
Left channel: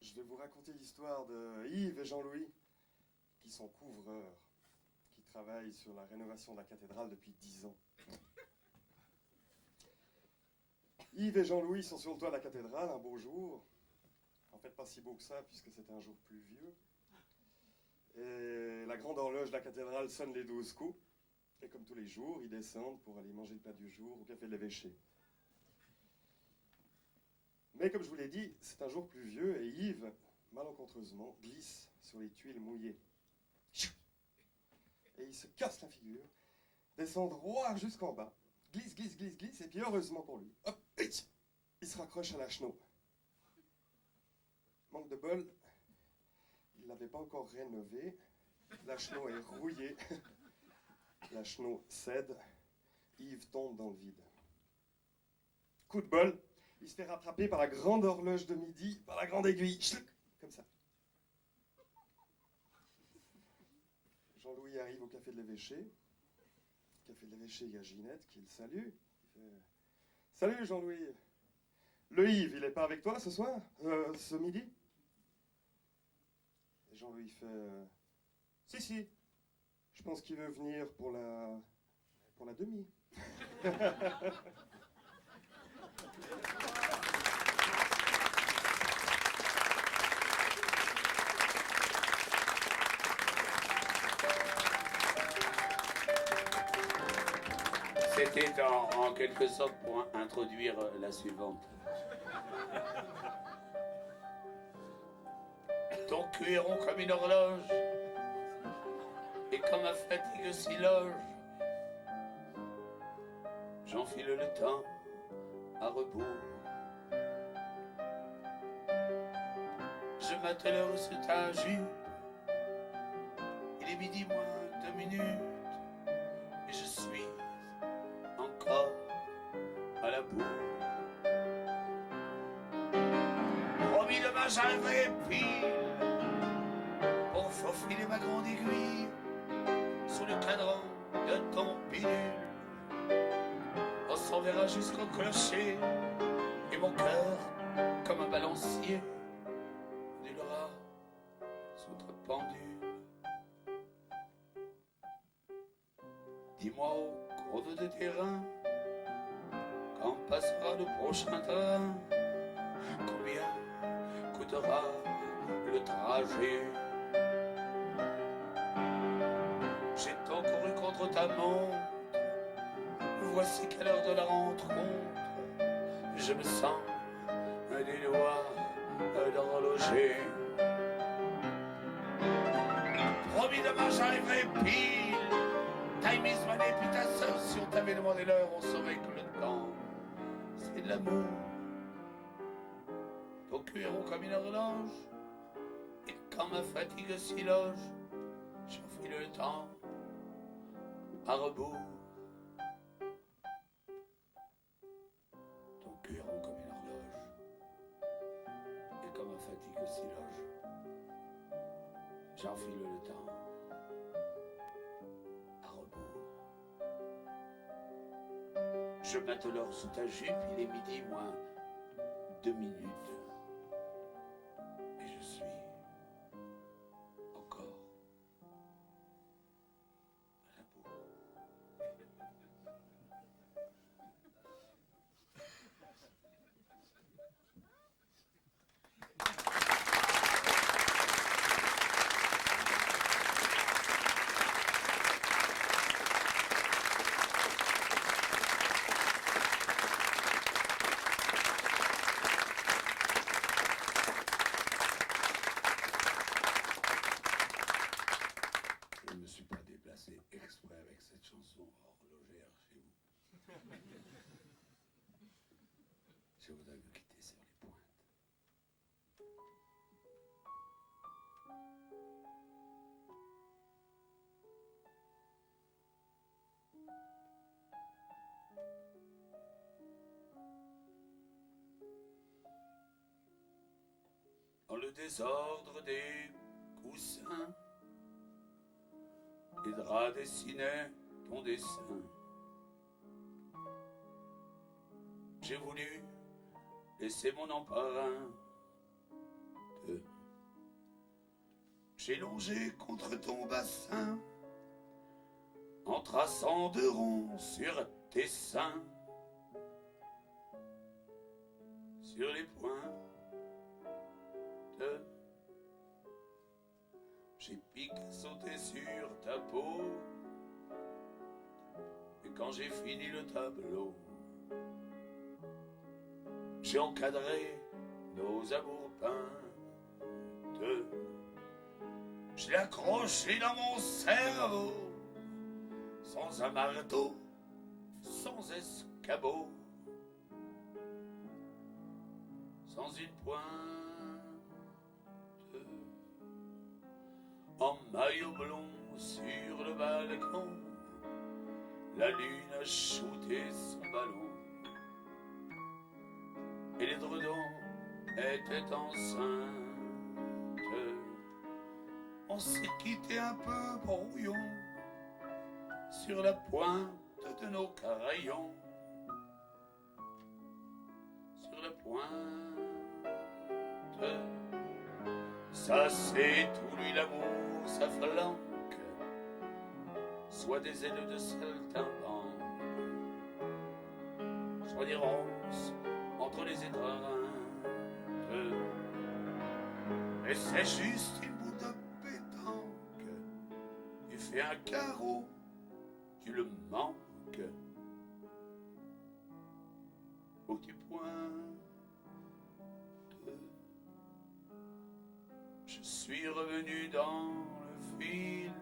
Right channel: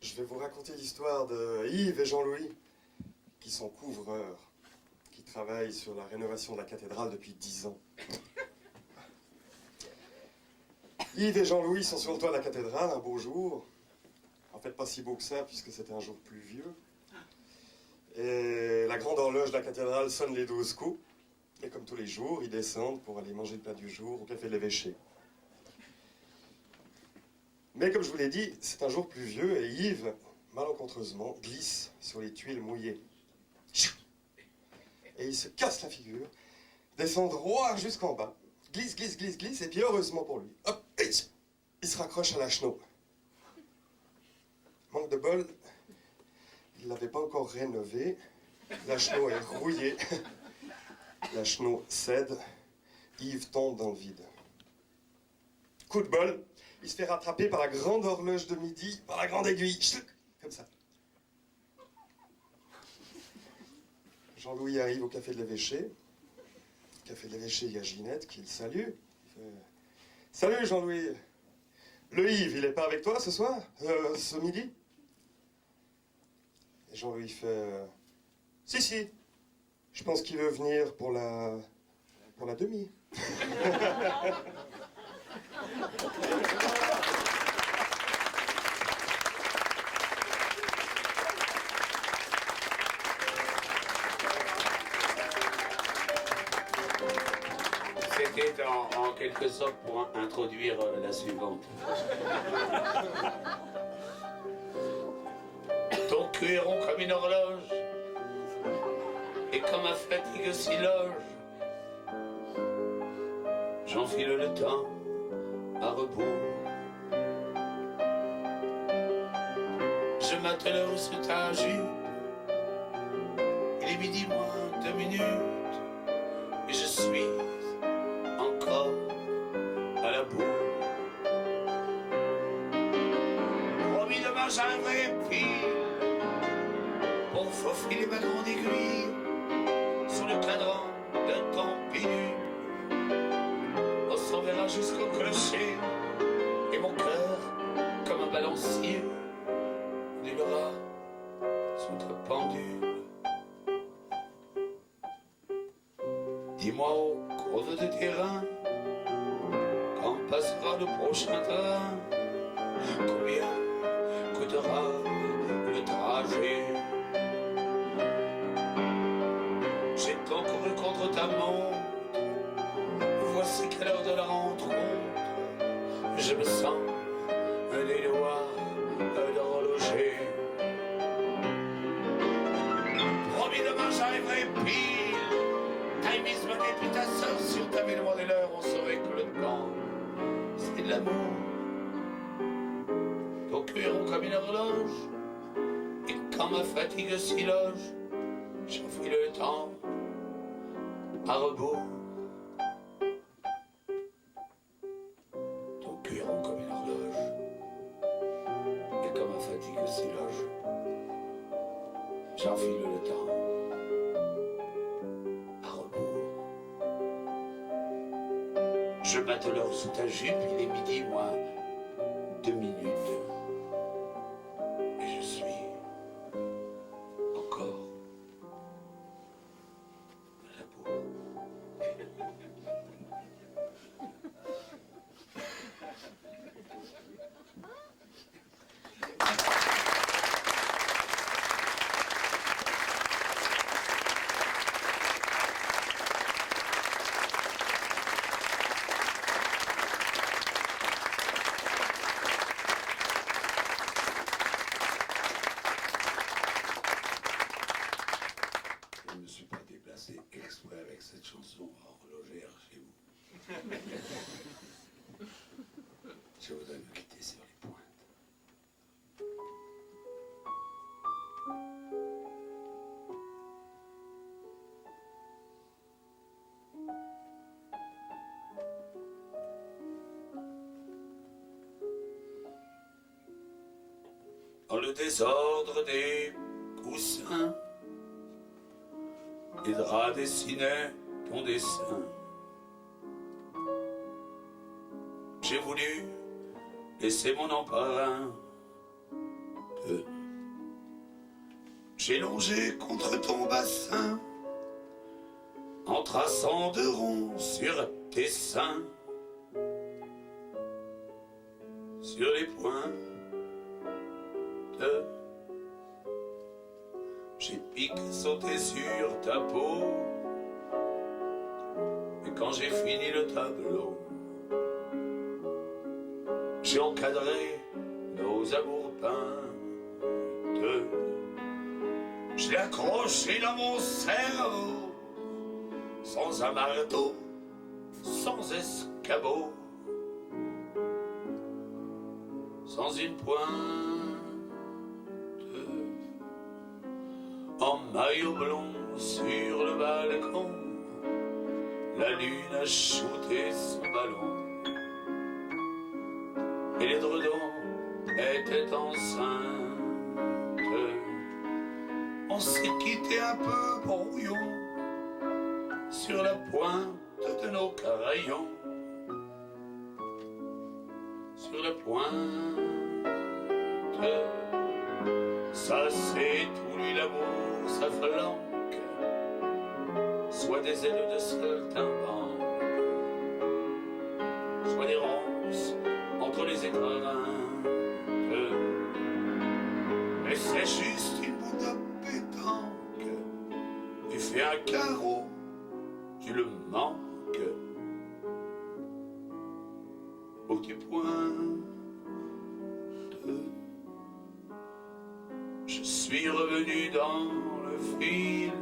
je vais vous raconter l'histoire de Yves et Jean-Louis, qui sont couvreurs, qui travaillent sur la rénovation de la cathédrale depuis 10 ans. Yves et Jean-Louis sont sur le toit de la cathédrale un beau jour. En fait, pas si beau que ça, puisque c'était un jour pluvieux. Et la grande horloge de la cathédrale sonne les 12 coups. Et comme tous les jours, ils descendent pour aller manger le plat du jour au café de l'évêché. Mais comme je vous l'ai dit, c'est un jour pluvieux et Yves, malencontreusement, glisse sur les tuiles mouillées. Et il se casse la figure, descend droit jusqu'en bas, glisse, glisse, glisse, glisse, et puis heureusement pour lui, hop, il se raccroche à la chenot. Manque de bol, il ne l'avait pas encore rénové, la chenot est rouillée, la chenot cède, Yves tombe dans le vide. Coup de bol, il se fait rattraper par la grande horloge de midi, par la grande aiguille, comme ça. Jean-Louis arrive au café de l'évêché. Café de l'évêché, il y a Ginette qui le salue. Il fait, salut Jean-Louis. Le Yves, il n'est pas avec toi ce soir, ce midi? Et Jean-Louis fait, si, si, je pense qu'il veut venir pour la demi. C'était en quelque sorte pour introduire la suivante. cuir rond comme une horloge, et quand ma fatigue s'y loge, j'enfile le temps à rebours. Je m'attelle sous ta jupe, il est midi moins 2 minutes, et je suis encore à la bourre. Promis demain j'arriverai pile pour faufiler ma grande aiguille sous le cadran d'un campinule. On s'enverra jusqu'au clocher et mon cœur comme un balancier ondulera sous ta pendule. Dis-moi au cours de terrain quand passera le prochain train, combien coûtera le trajet? J'ai tant couru contre ta montre, voici qu'à l'heure de la rencontre, je me sens des lois d'horloger. Promis demain j'arriverai pile, time is money, puis ta sœur sur ta ville, mon l'heure, on saurait que le temps, c'est de l'amour. Ton cœur comme une horloge, et quand ma fatigue s'y loge, j'enfile le temps à rebours. Ton cœur comme une horloge, et quand ma fatigue s'y loge, j'enfile le temps à rebours. Je m'attelle sous ta jupe, il est midi moins 2 minutes. Et je suis encore à la bourre. Je ne me suis pas déplacé exprès avec cette chanson horlogère chez vous. Je voudrais me quitter sur les pointes. Dans le désordre des coussins, les draps dessinaient ton dessin. J'ai voulu laisser mon emprunt. J'ai longé contre ton bassin en traçant de ronds sur tes seins. Sur les pointes, j'ai piqué sauté sur ta peau. Et quand j'ai fini le tableau, j'ai encadré nos amours peintes. Je l'ai accroché dans mon cerveau, sans un marteau, sans escabeau, sans une pointe. En maillot blond sur le balcon, la lune a shooté son ballon, et l'édredon était enceinte. On s'est quitté un peu brouillon sur la pointe de nos caraillons, sur la pointe. Ça c'est tout lui l'amour, sa flanque, soit des ailes de saltimbanque, soit des ronces entre les écrins. Mais c'est juste une bout de pétanque, tu fais un carreau, tu le manques, au petit point. Je suis suis revenu dans le film,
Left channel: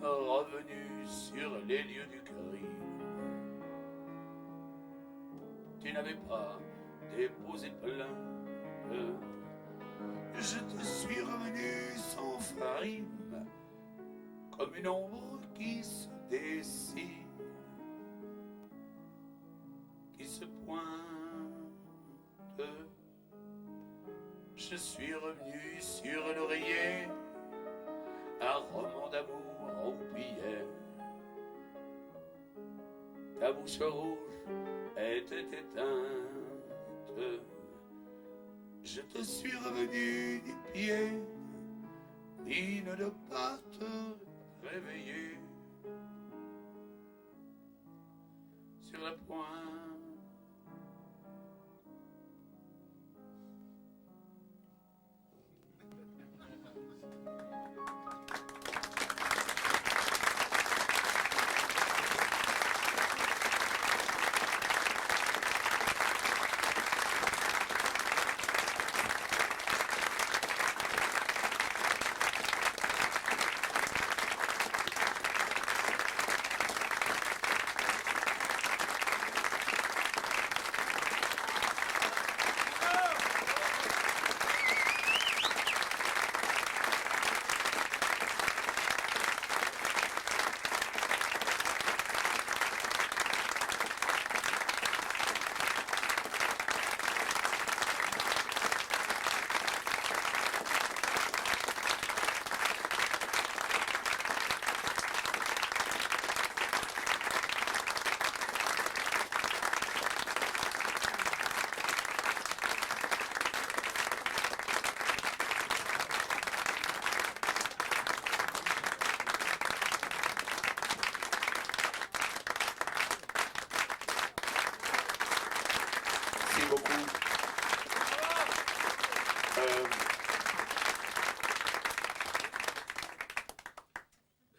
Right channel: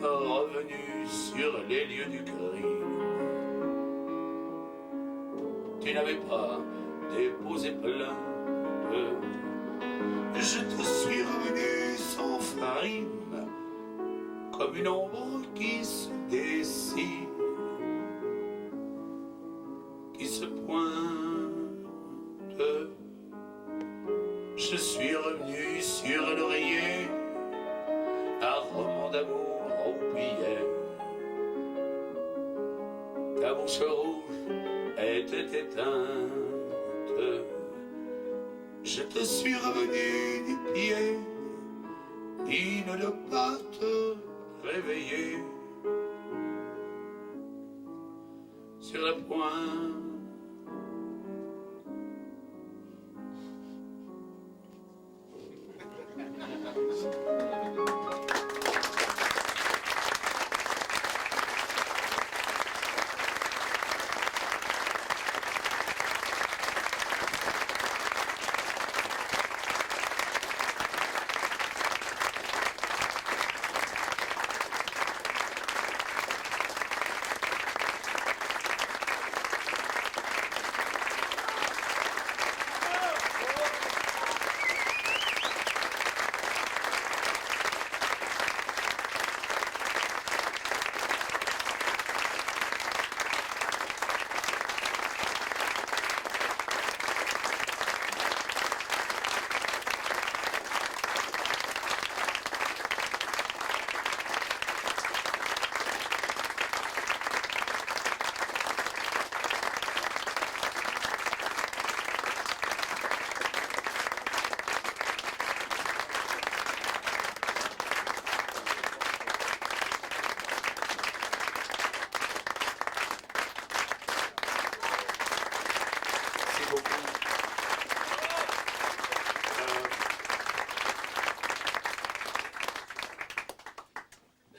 revenu sur les lieux du crime. Tu n'avais pas déposé plainte. Je te suis revenu sans farine, comme une ombre qui se dessine, qui se pointe. Je suis revenu sur l'oreiller, un roman d'amour oublié. Ta bouche rouge était éteinte. Je te suis revenu du pied, il ne doit pas te réveiller. Sur le point.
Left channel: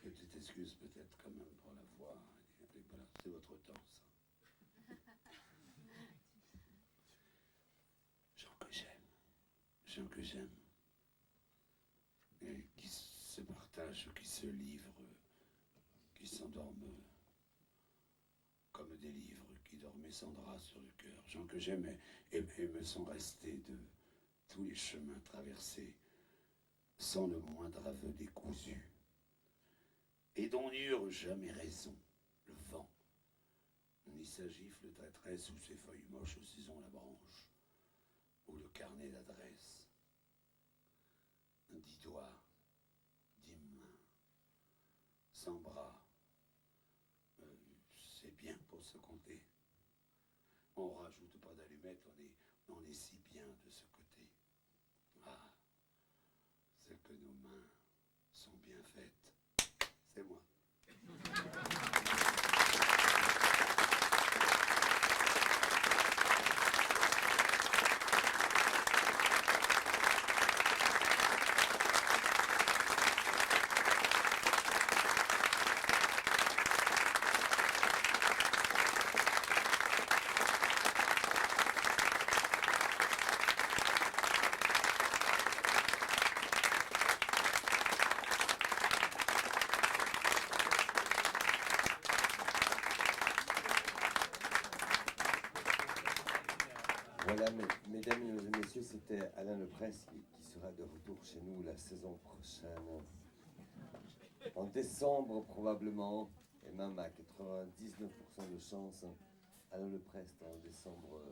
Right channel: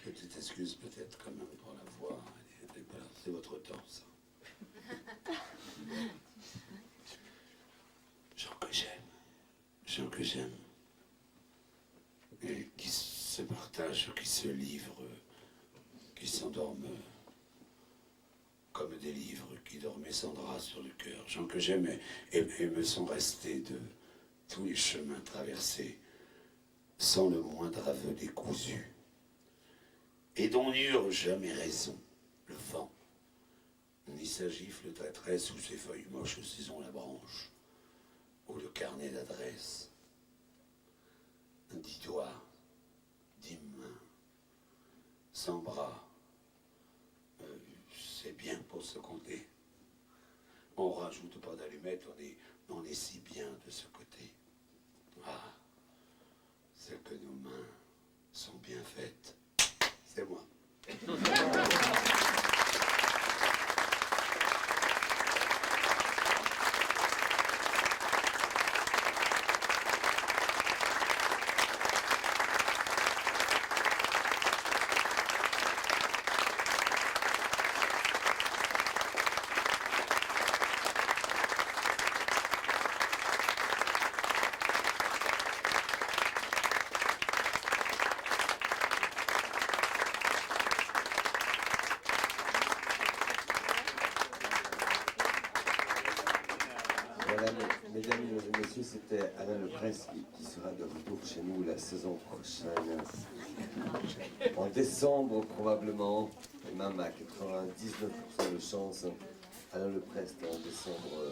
Petite excuse peut-être quand même pour la voix. C'est votre temps, ça. Gens que j'aime, et qui se partagent, qui se livrent, qui s'endorment comme des livres, qui dormaient sans drap sur le cœur. Gens que j'aime et me sont restés de tous les chemins traversés, sans le moindre aveu décousu, et dont n'eurent jamais raison le vent, ni sa gifle traîtresse ou ses feuilles moches saison la branche, ou le carnet d'adresse. 10 doigts, 10 mains, sans bras, c'est bien pour se compter. On rajoute pas d'allumettes, on est si bien de ce côté. Ah, c'est que nos mains sont bien faites. C'est moi. Voilà, mesdames et messieurs, c'était Alain Leprest qui sera de retour chez nous la saison prochaine. En décembre probablement, et même à 99% de chance, Alain Leprest en décembre